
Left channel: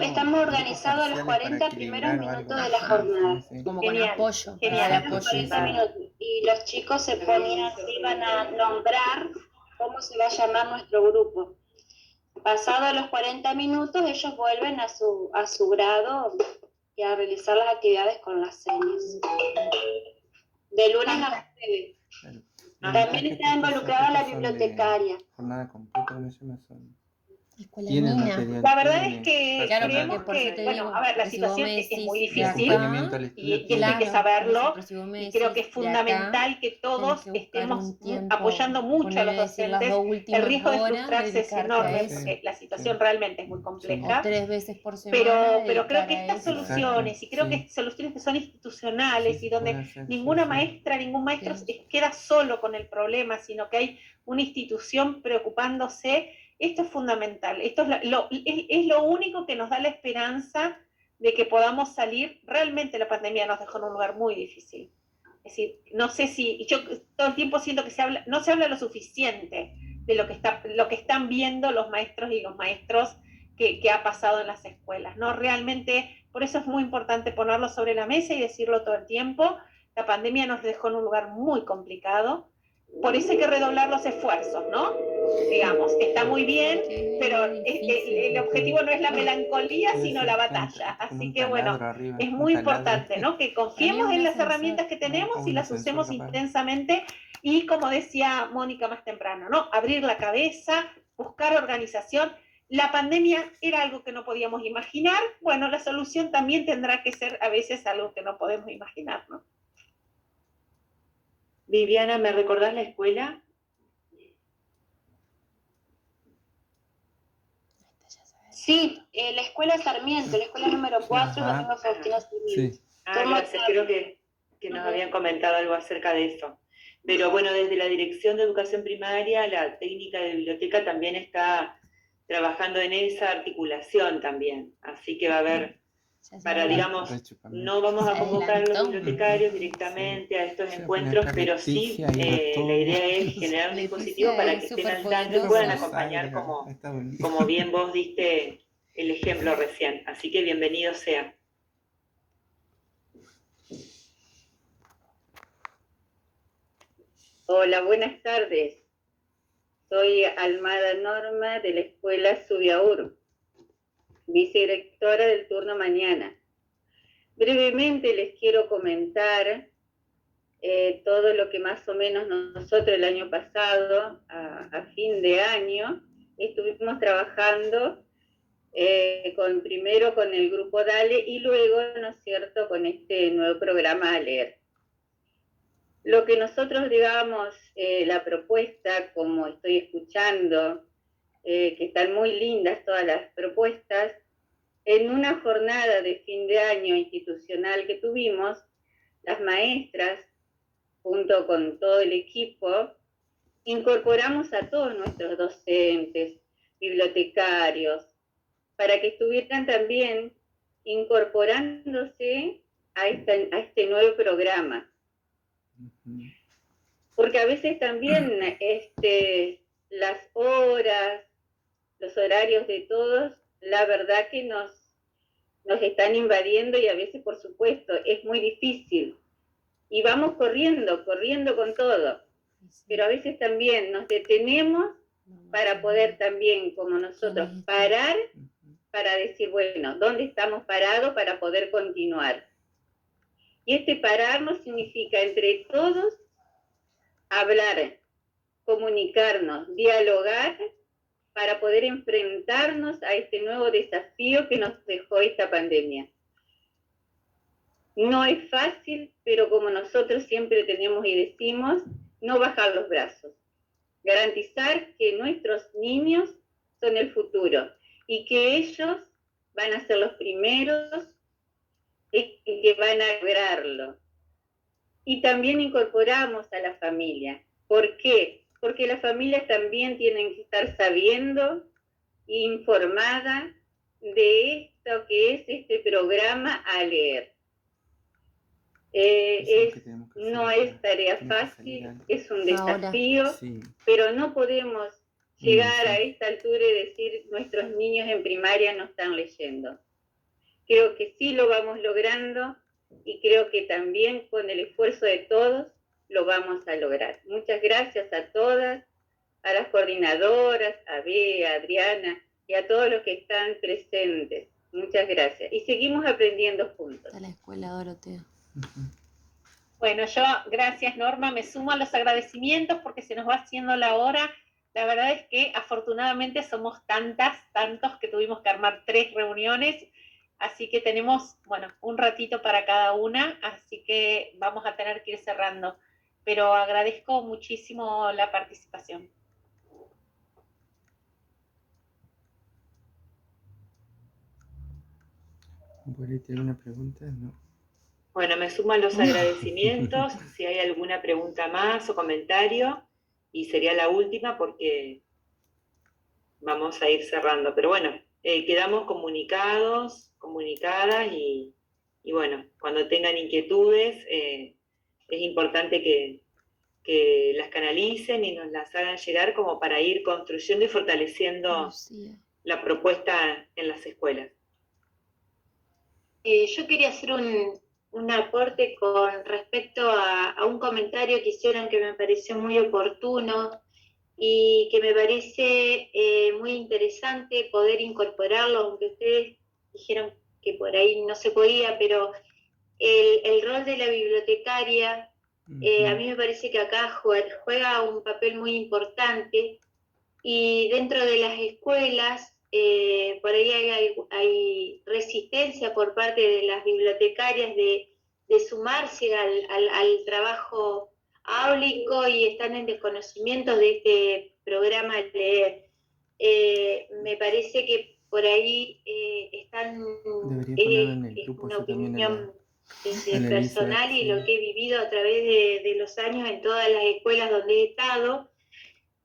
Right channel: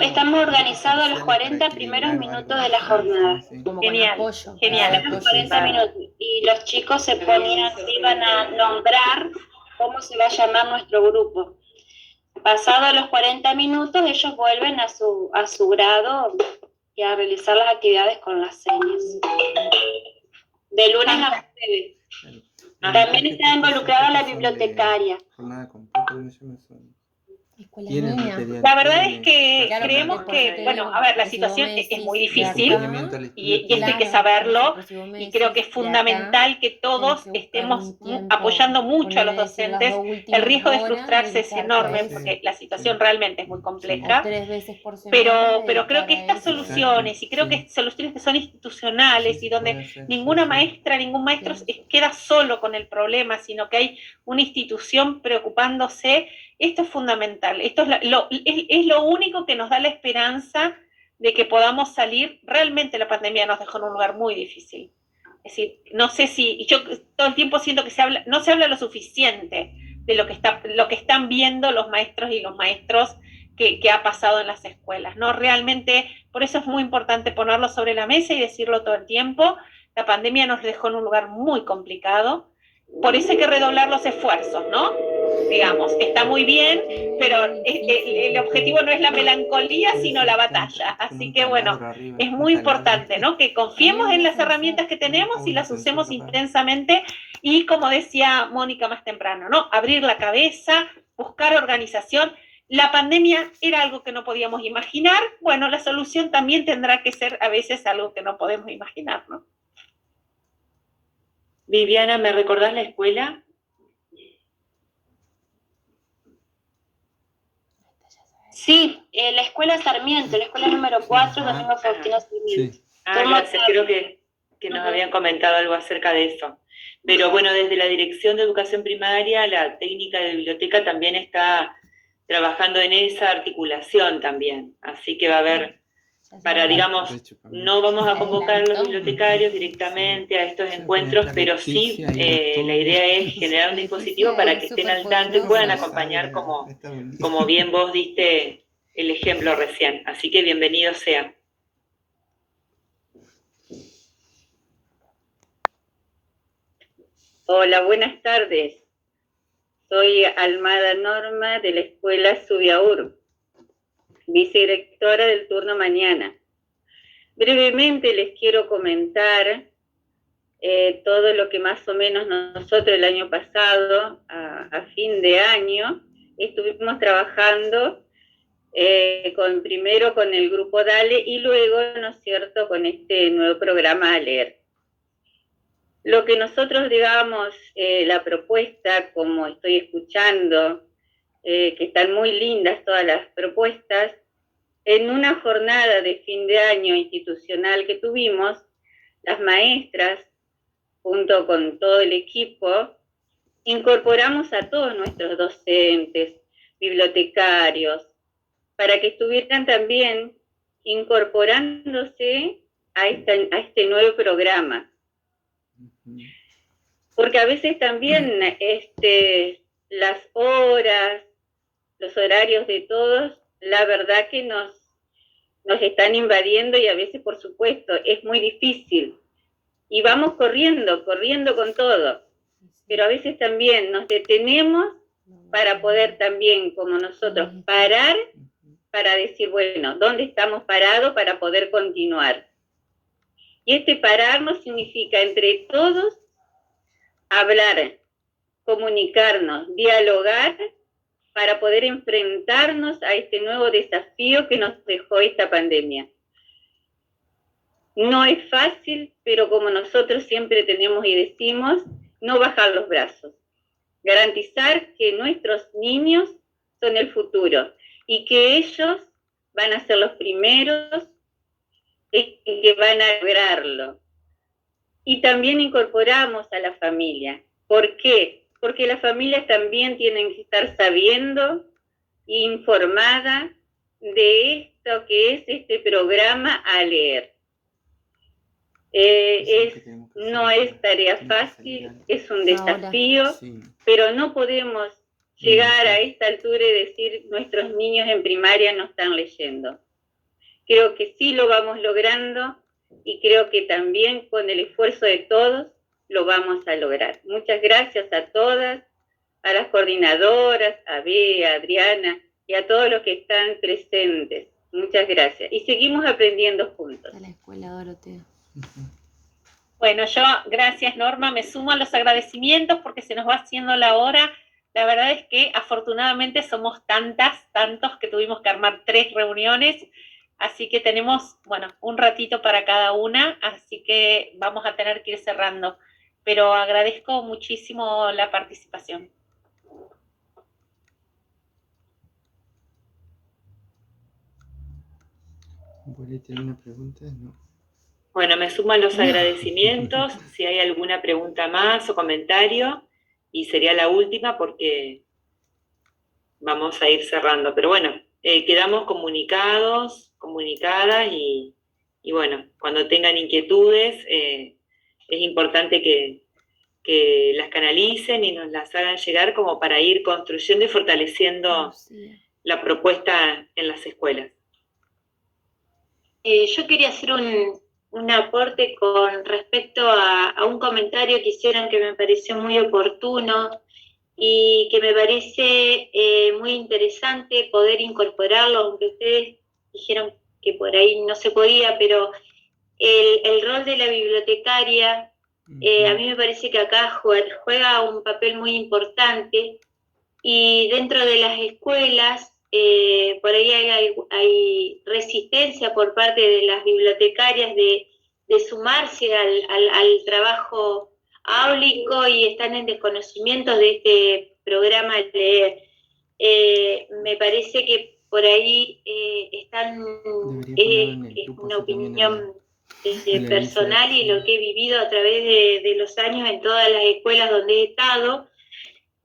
Estamos organizados los 40 primeros minutos de la jornada. Como con apoyo. Genial, los 40 minutos. Y los chicos se iban a nombrar cómo se va a llamar nuestro grupo. Pasados los 40 minutos, ellos vuelven a su grado y a realizar las actividades con las señas. De lunes a jueves. También está involucrada la bibliotecaria. La verdad es que creemos que, bueno, a ver, la situación es muy difícil y esto hay que saberlo, y creo que es fundamental que todos estemos apoyando mucho a los docentes. El riesgo de frustrarse es enorme porque la situación realmente es muy compleja, pero creo que estas soluciones, y creo que soluciones que son institucionales y donde ninguna maestra, ningún maestro queda solo con el problema, sino que hay una institución preocupándose. Esto es fundamental, esto es lo único que nos da la esperanza de que podamos salir. Realmente la pandemia nos dejó en un lugar muy difícil. Es decir, no sé si, yo todo el tiempo siento que no se habla lo suficiente de lo que están viendo los maestros y los maestros que ha pasado en las escuelas, ¿no? Realmente, por eso es muy importante ponerlo sobre la mesa y decirlo todo el tiempo. La pandemia nos dejó en un lugar muy complicado, por eso hay que redoblar los esfuerzos, ¿no? digamos, está muy bien, pero el objetivo no es la melancolía, sino la batalla. Así que bueno, es muy importante, ¿no? Que confiemos en las herramientas que tenemos y las usemos intensamente y, como decía Mónica más temprano, ¿no? Abrir la cabeza, buscar organización. La pandemia era algo que no podíamos imaginar. Bueno, la solución también tendrá que ser a veces algo que no podemos imaginar, ¿no? Viviana, ¿me recordás la escuela? Sí, la escuela Sarmiento, la escuela número 4, la tengo Faustino Sarmiento. Gracias, creo que nos habían comentado algo acerca de eso. Pero bueno, desde la Dirección de Educación Primaria, la técnica de biblioteca también está trabajando en esa articulación también. Así que va a haber, digamos, no vamos a convocar a los bibliotecarios directamente a estos encuentros, pero sí la idea es generar un dispositivo para que estén al tanto y puedan acompañar como bien vos diste el ejemplo recién. Así que bienvenido sea. Hola, buenas tardes. Soy Almada Norma de la Escuela Subiaur, vicedirectora del turno mañana. Brevemente les quiero comentar todo lo que más o menos nosotros el año pasado, a fin de año, estuvimos trabajando primero con el grupo DALE y luego, ¿no es cierto?, con este nuevo programa ALER. Lo que nosotros, digamos, la propuesta, como estoy escuchando, que están muy lindas todas las propuestas, en una jornada de fin de año institucional que tuvimos, las maestras, junto con todo el equipo, incorporamos a todos nuestros docentes, bibliotecarios, para que estuvieran también incorporándose a este nuevo programa. Porque a veces también las horas, los horarios de todos, la verdad que nos están invadiendo y a veces, por supuesto, es muy difícil. Y vamos corriendo con todo. Pero a veces también nos detenemos para poder también, como nosotros, parar para decir, bueno, ¿dónde estamos parados para poder continuar? Y este pararnos significa entre todos hablar, comunicarnos, dialogar para poder enfrentarnos a este nuevo desafío que nos dejó esta pandemia. No es fácil, pero como nosotros siempre tenemos y decimos, no bajar los brazos. Garantizar que nuestros niños son el futuro y que ellos van a ser los primeros que van a lograrlo. Y también incorporamos a la familia. ¿Por qué? Porque las familias también tienen que estar sabiendo e informadas de esto que es este programa ALER. No es tarea fácil, es un desafío, pero no podemos llegar a esta altura y decir nuestros niños en primaria no están leyendo. Creo que sí lo vamos logrando y creo que también con el esfuerzo de todos lo vamos a lograr. Muchas gracias a todas, a las coordinadoras, a Bea, a Adriana y a todos los que están presentes. Muchas gracias. Y seguimos aprendiendo juntos. A la escuela Dorotea. Bueno, yo, gracias Norma, me sumo a los agradecimientos porque se nos va haciendo la hora. La verdad es que afortunadamente somos tantos que tuvimos que armar 3 reuniones. Así que tenemos, bueno, un ratito para cada una, así que vamos a tener que ir cerrando. Pero agradezco muchísimo la participación. ¿Tiene una pregunta? No. Bueno, me suman los agradecimientos, si hay alguna pregunta más o comentario, y sería la última porque vamos a ir cerrando. Pero bueno, quedamos comunicadas y bueno, cuando tengan inquietudes, es importante que las canalicen y nos las hagan llegar como para ir construyendo y fortaleciendo la propuesta en las escuelas. Yo quería hacer un aporte con respecto a un comentario que hicieron que me pareció muy oportuno, y que me parece muy interesante poder incorporarlo, aunque ustedes dijeron que por ahí no se podía, pero el rol de la bibliotecaria, a mí me parece que acá juega un papel muy importante, y dentro de las escuelas, por ahí hay resistencia por parte de las bibliotecarias de sumarse al trabajo áulico, y están en desconocimiento de este programa Leer. Me parece que por ahí están, es una opinión personal y lo que he vivido a través de los años en todas las escuelas donde he estado.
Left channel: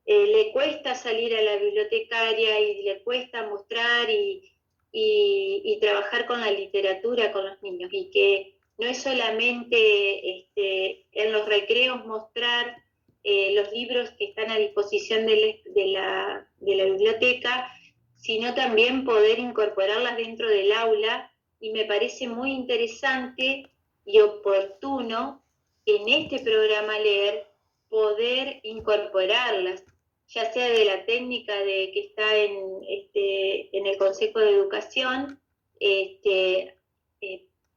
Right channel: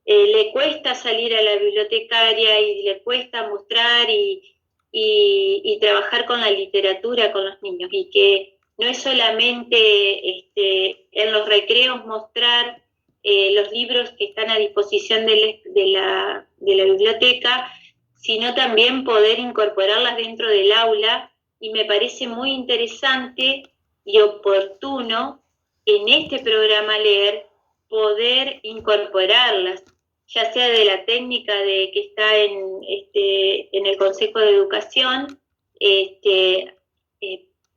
Le cuesta salir a la bibliotecaria y le cuesta mostrar y trabajar con la literatura con los niños, y que no es solamente en los recreos mostrar los libros que están a disposición de la biblioteca, sino también poder incorporarlas dentro del aula, y me parece muy interesante y oportuno en este programa Leer poder incorporarlas, ya sea de la técnica que está en el Consejo de Educación,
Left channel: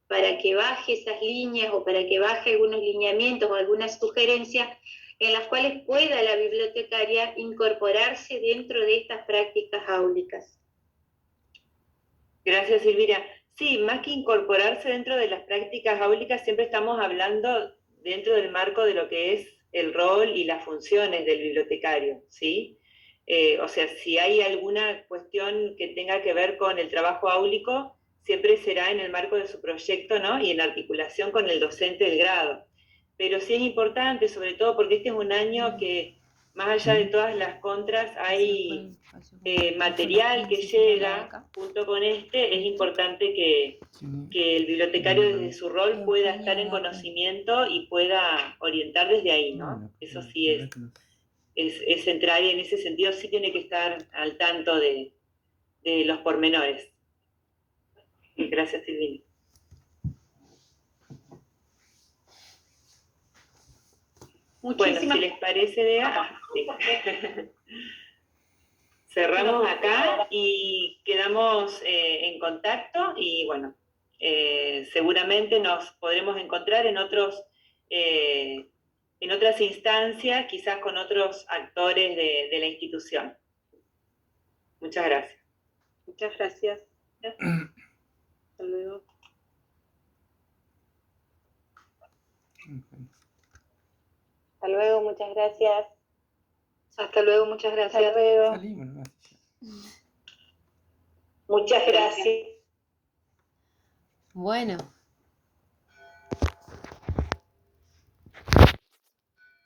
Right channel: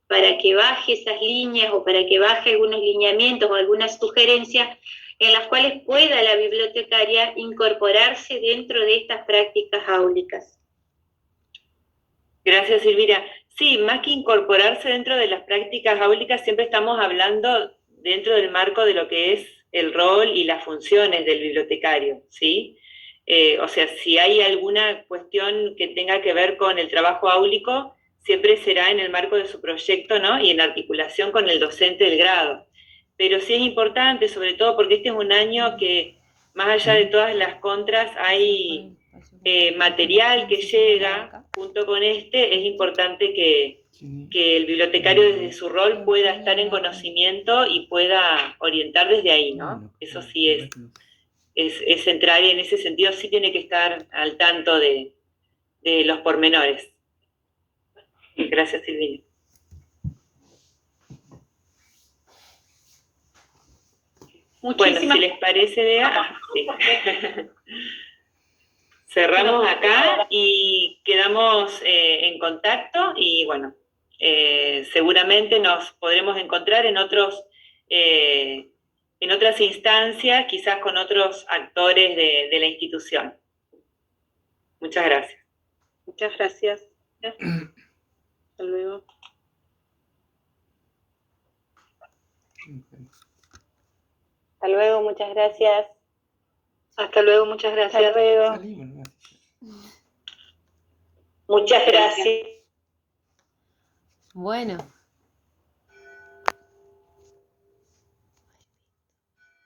para que baje esas líneas o para que baje algunos lineamientos o algunas sugerencias en las cuales pueda la bibliotecaria incorporarse dentro de estas prácticas áulicas. Gracias, Silvina. Sí, más que incorporarse dentro de las prácticas áulicas, siempre estamos hablando dentro del marco de lo que es el rol y las funciones del bibliotecario, ¿sí? O sea, si hay alguna cuestión que tenga que ver con el trabajo áulico, siempre será en el marco de su proyecto, ¿no? Y en articulación con el docente del grado. Pero sí es importante, sobre todo porque este es un año que, más allá de todas las contras, hay material que llega junto con este. Es importante que el bibliotecario desde su rol pueda estar en conocimiento y pueda orientar desde ahí, ¿no? Eso sí es central, y en ese sentido sí tiene que estar al tanto de los pormenores. Gracias, Silvina. Bueno, si les parece, Bea, sí. Cerramos acá y quedamos en contacto, y bueno, seguramente nos podremos encontrar en otras instancias, quizás con otros actores de la institución. Muchas gracias. Muchas gracias. Hasta luego. Hasta luego, muchas gracias. Hasta luego, muchas gracias. Hasta luego. Muchas gracias. Bueno.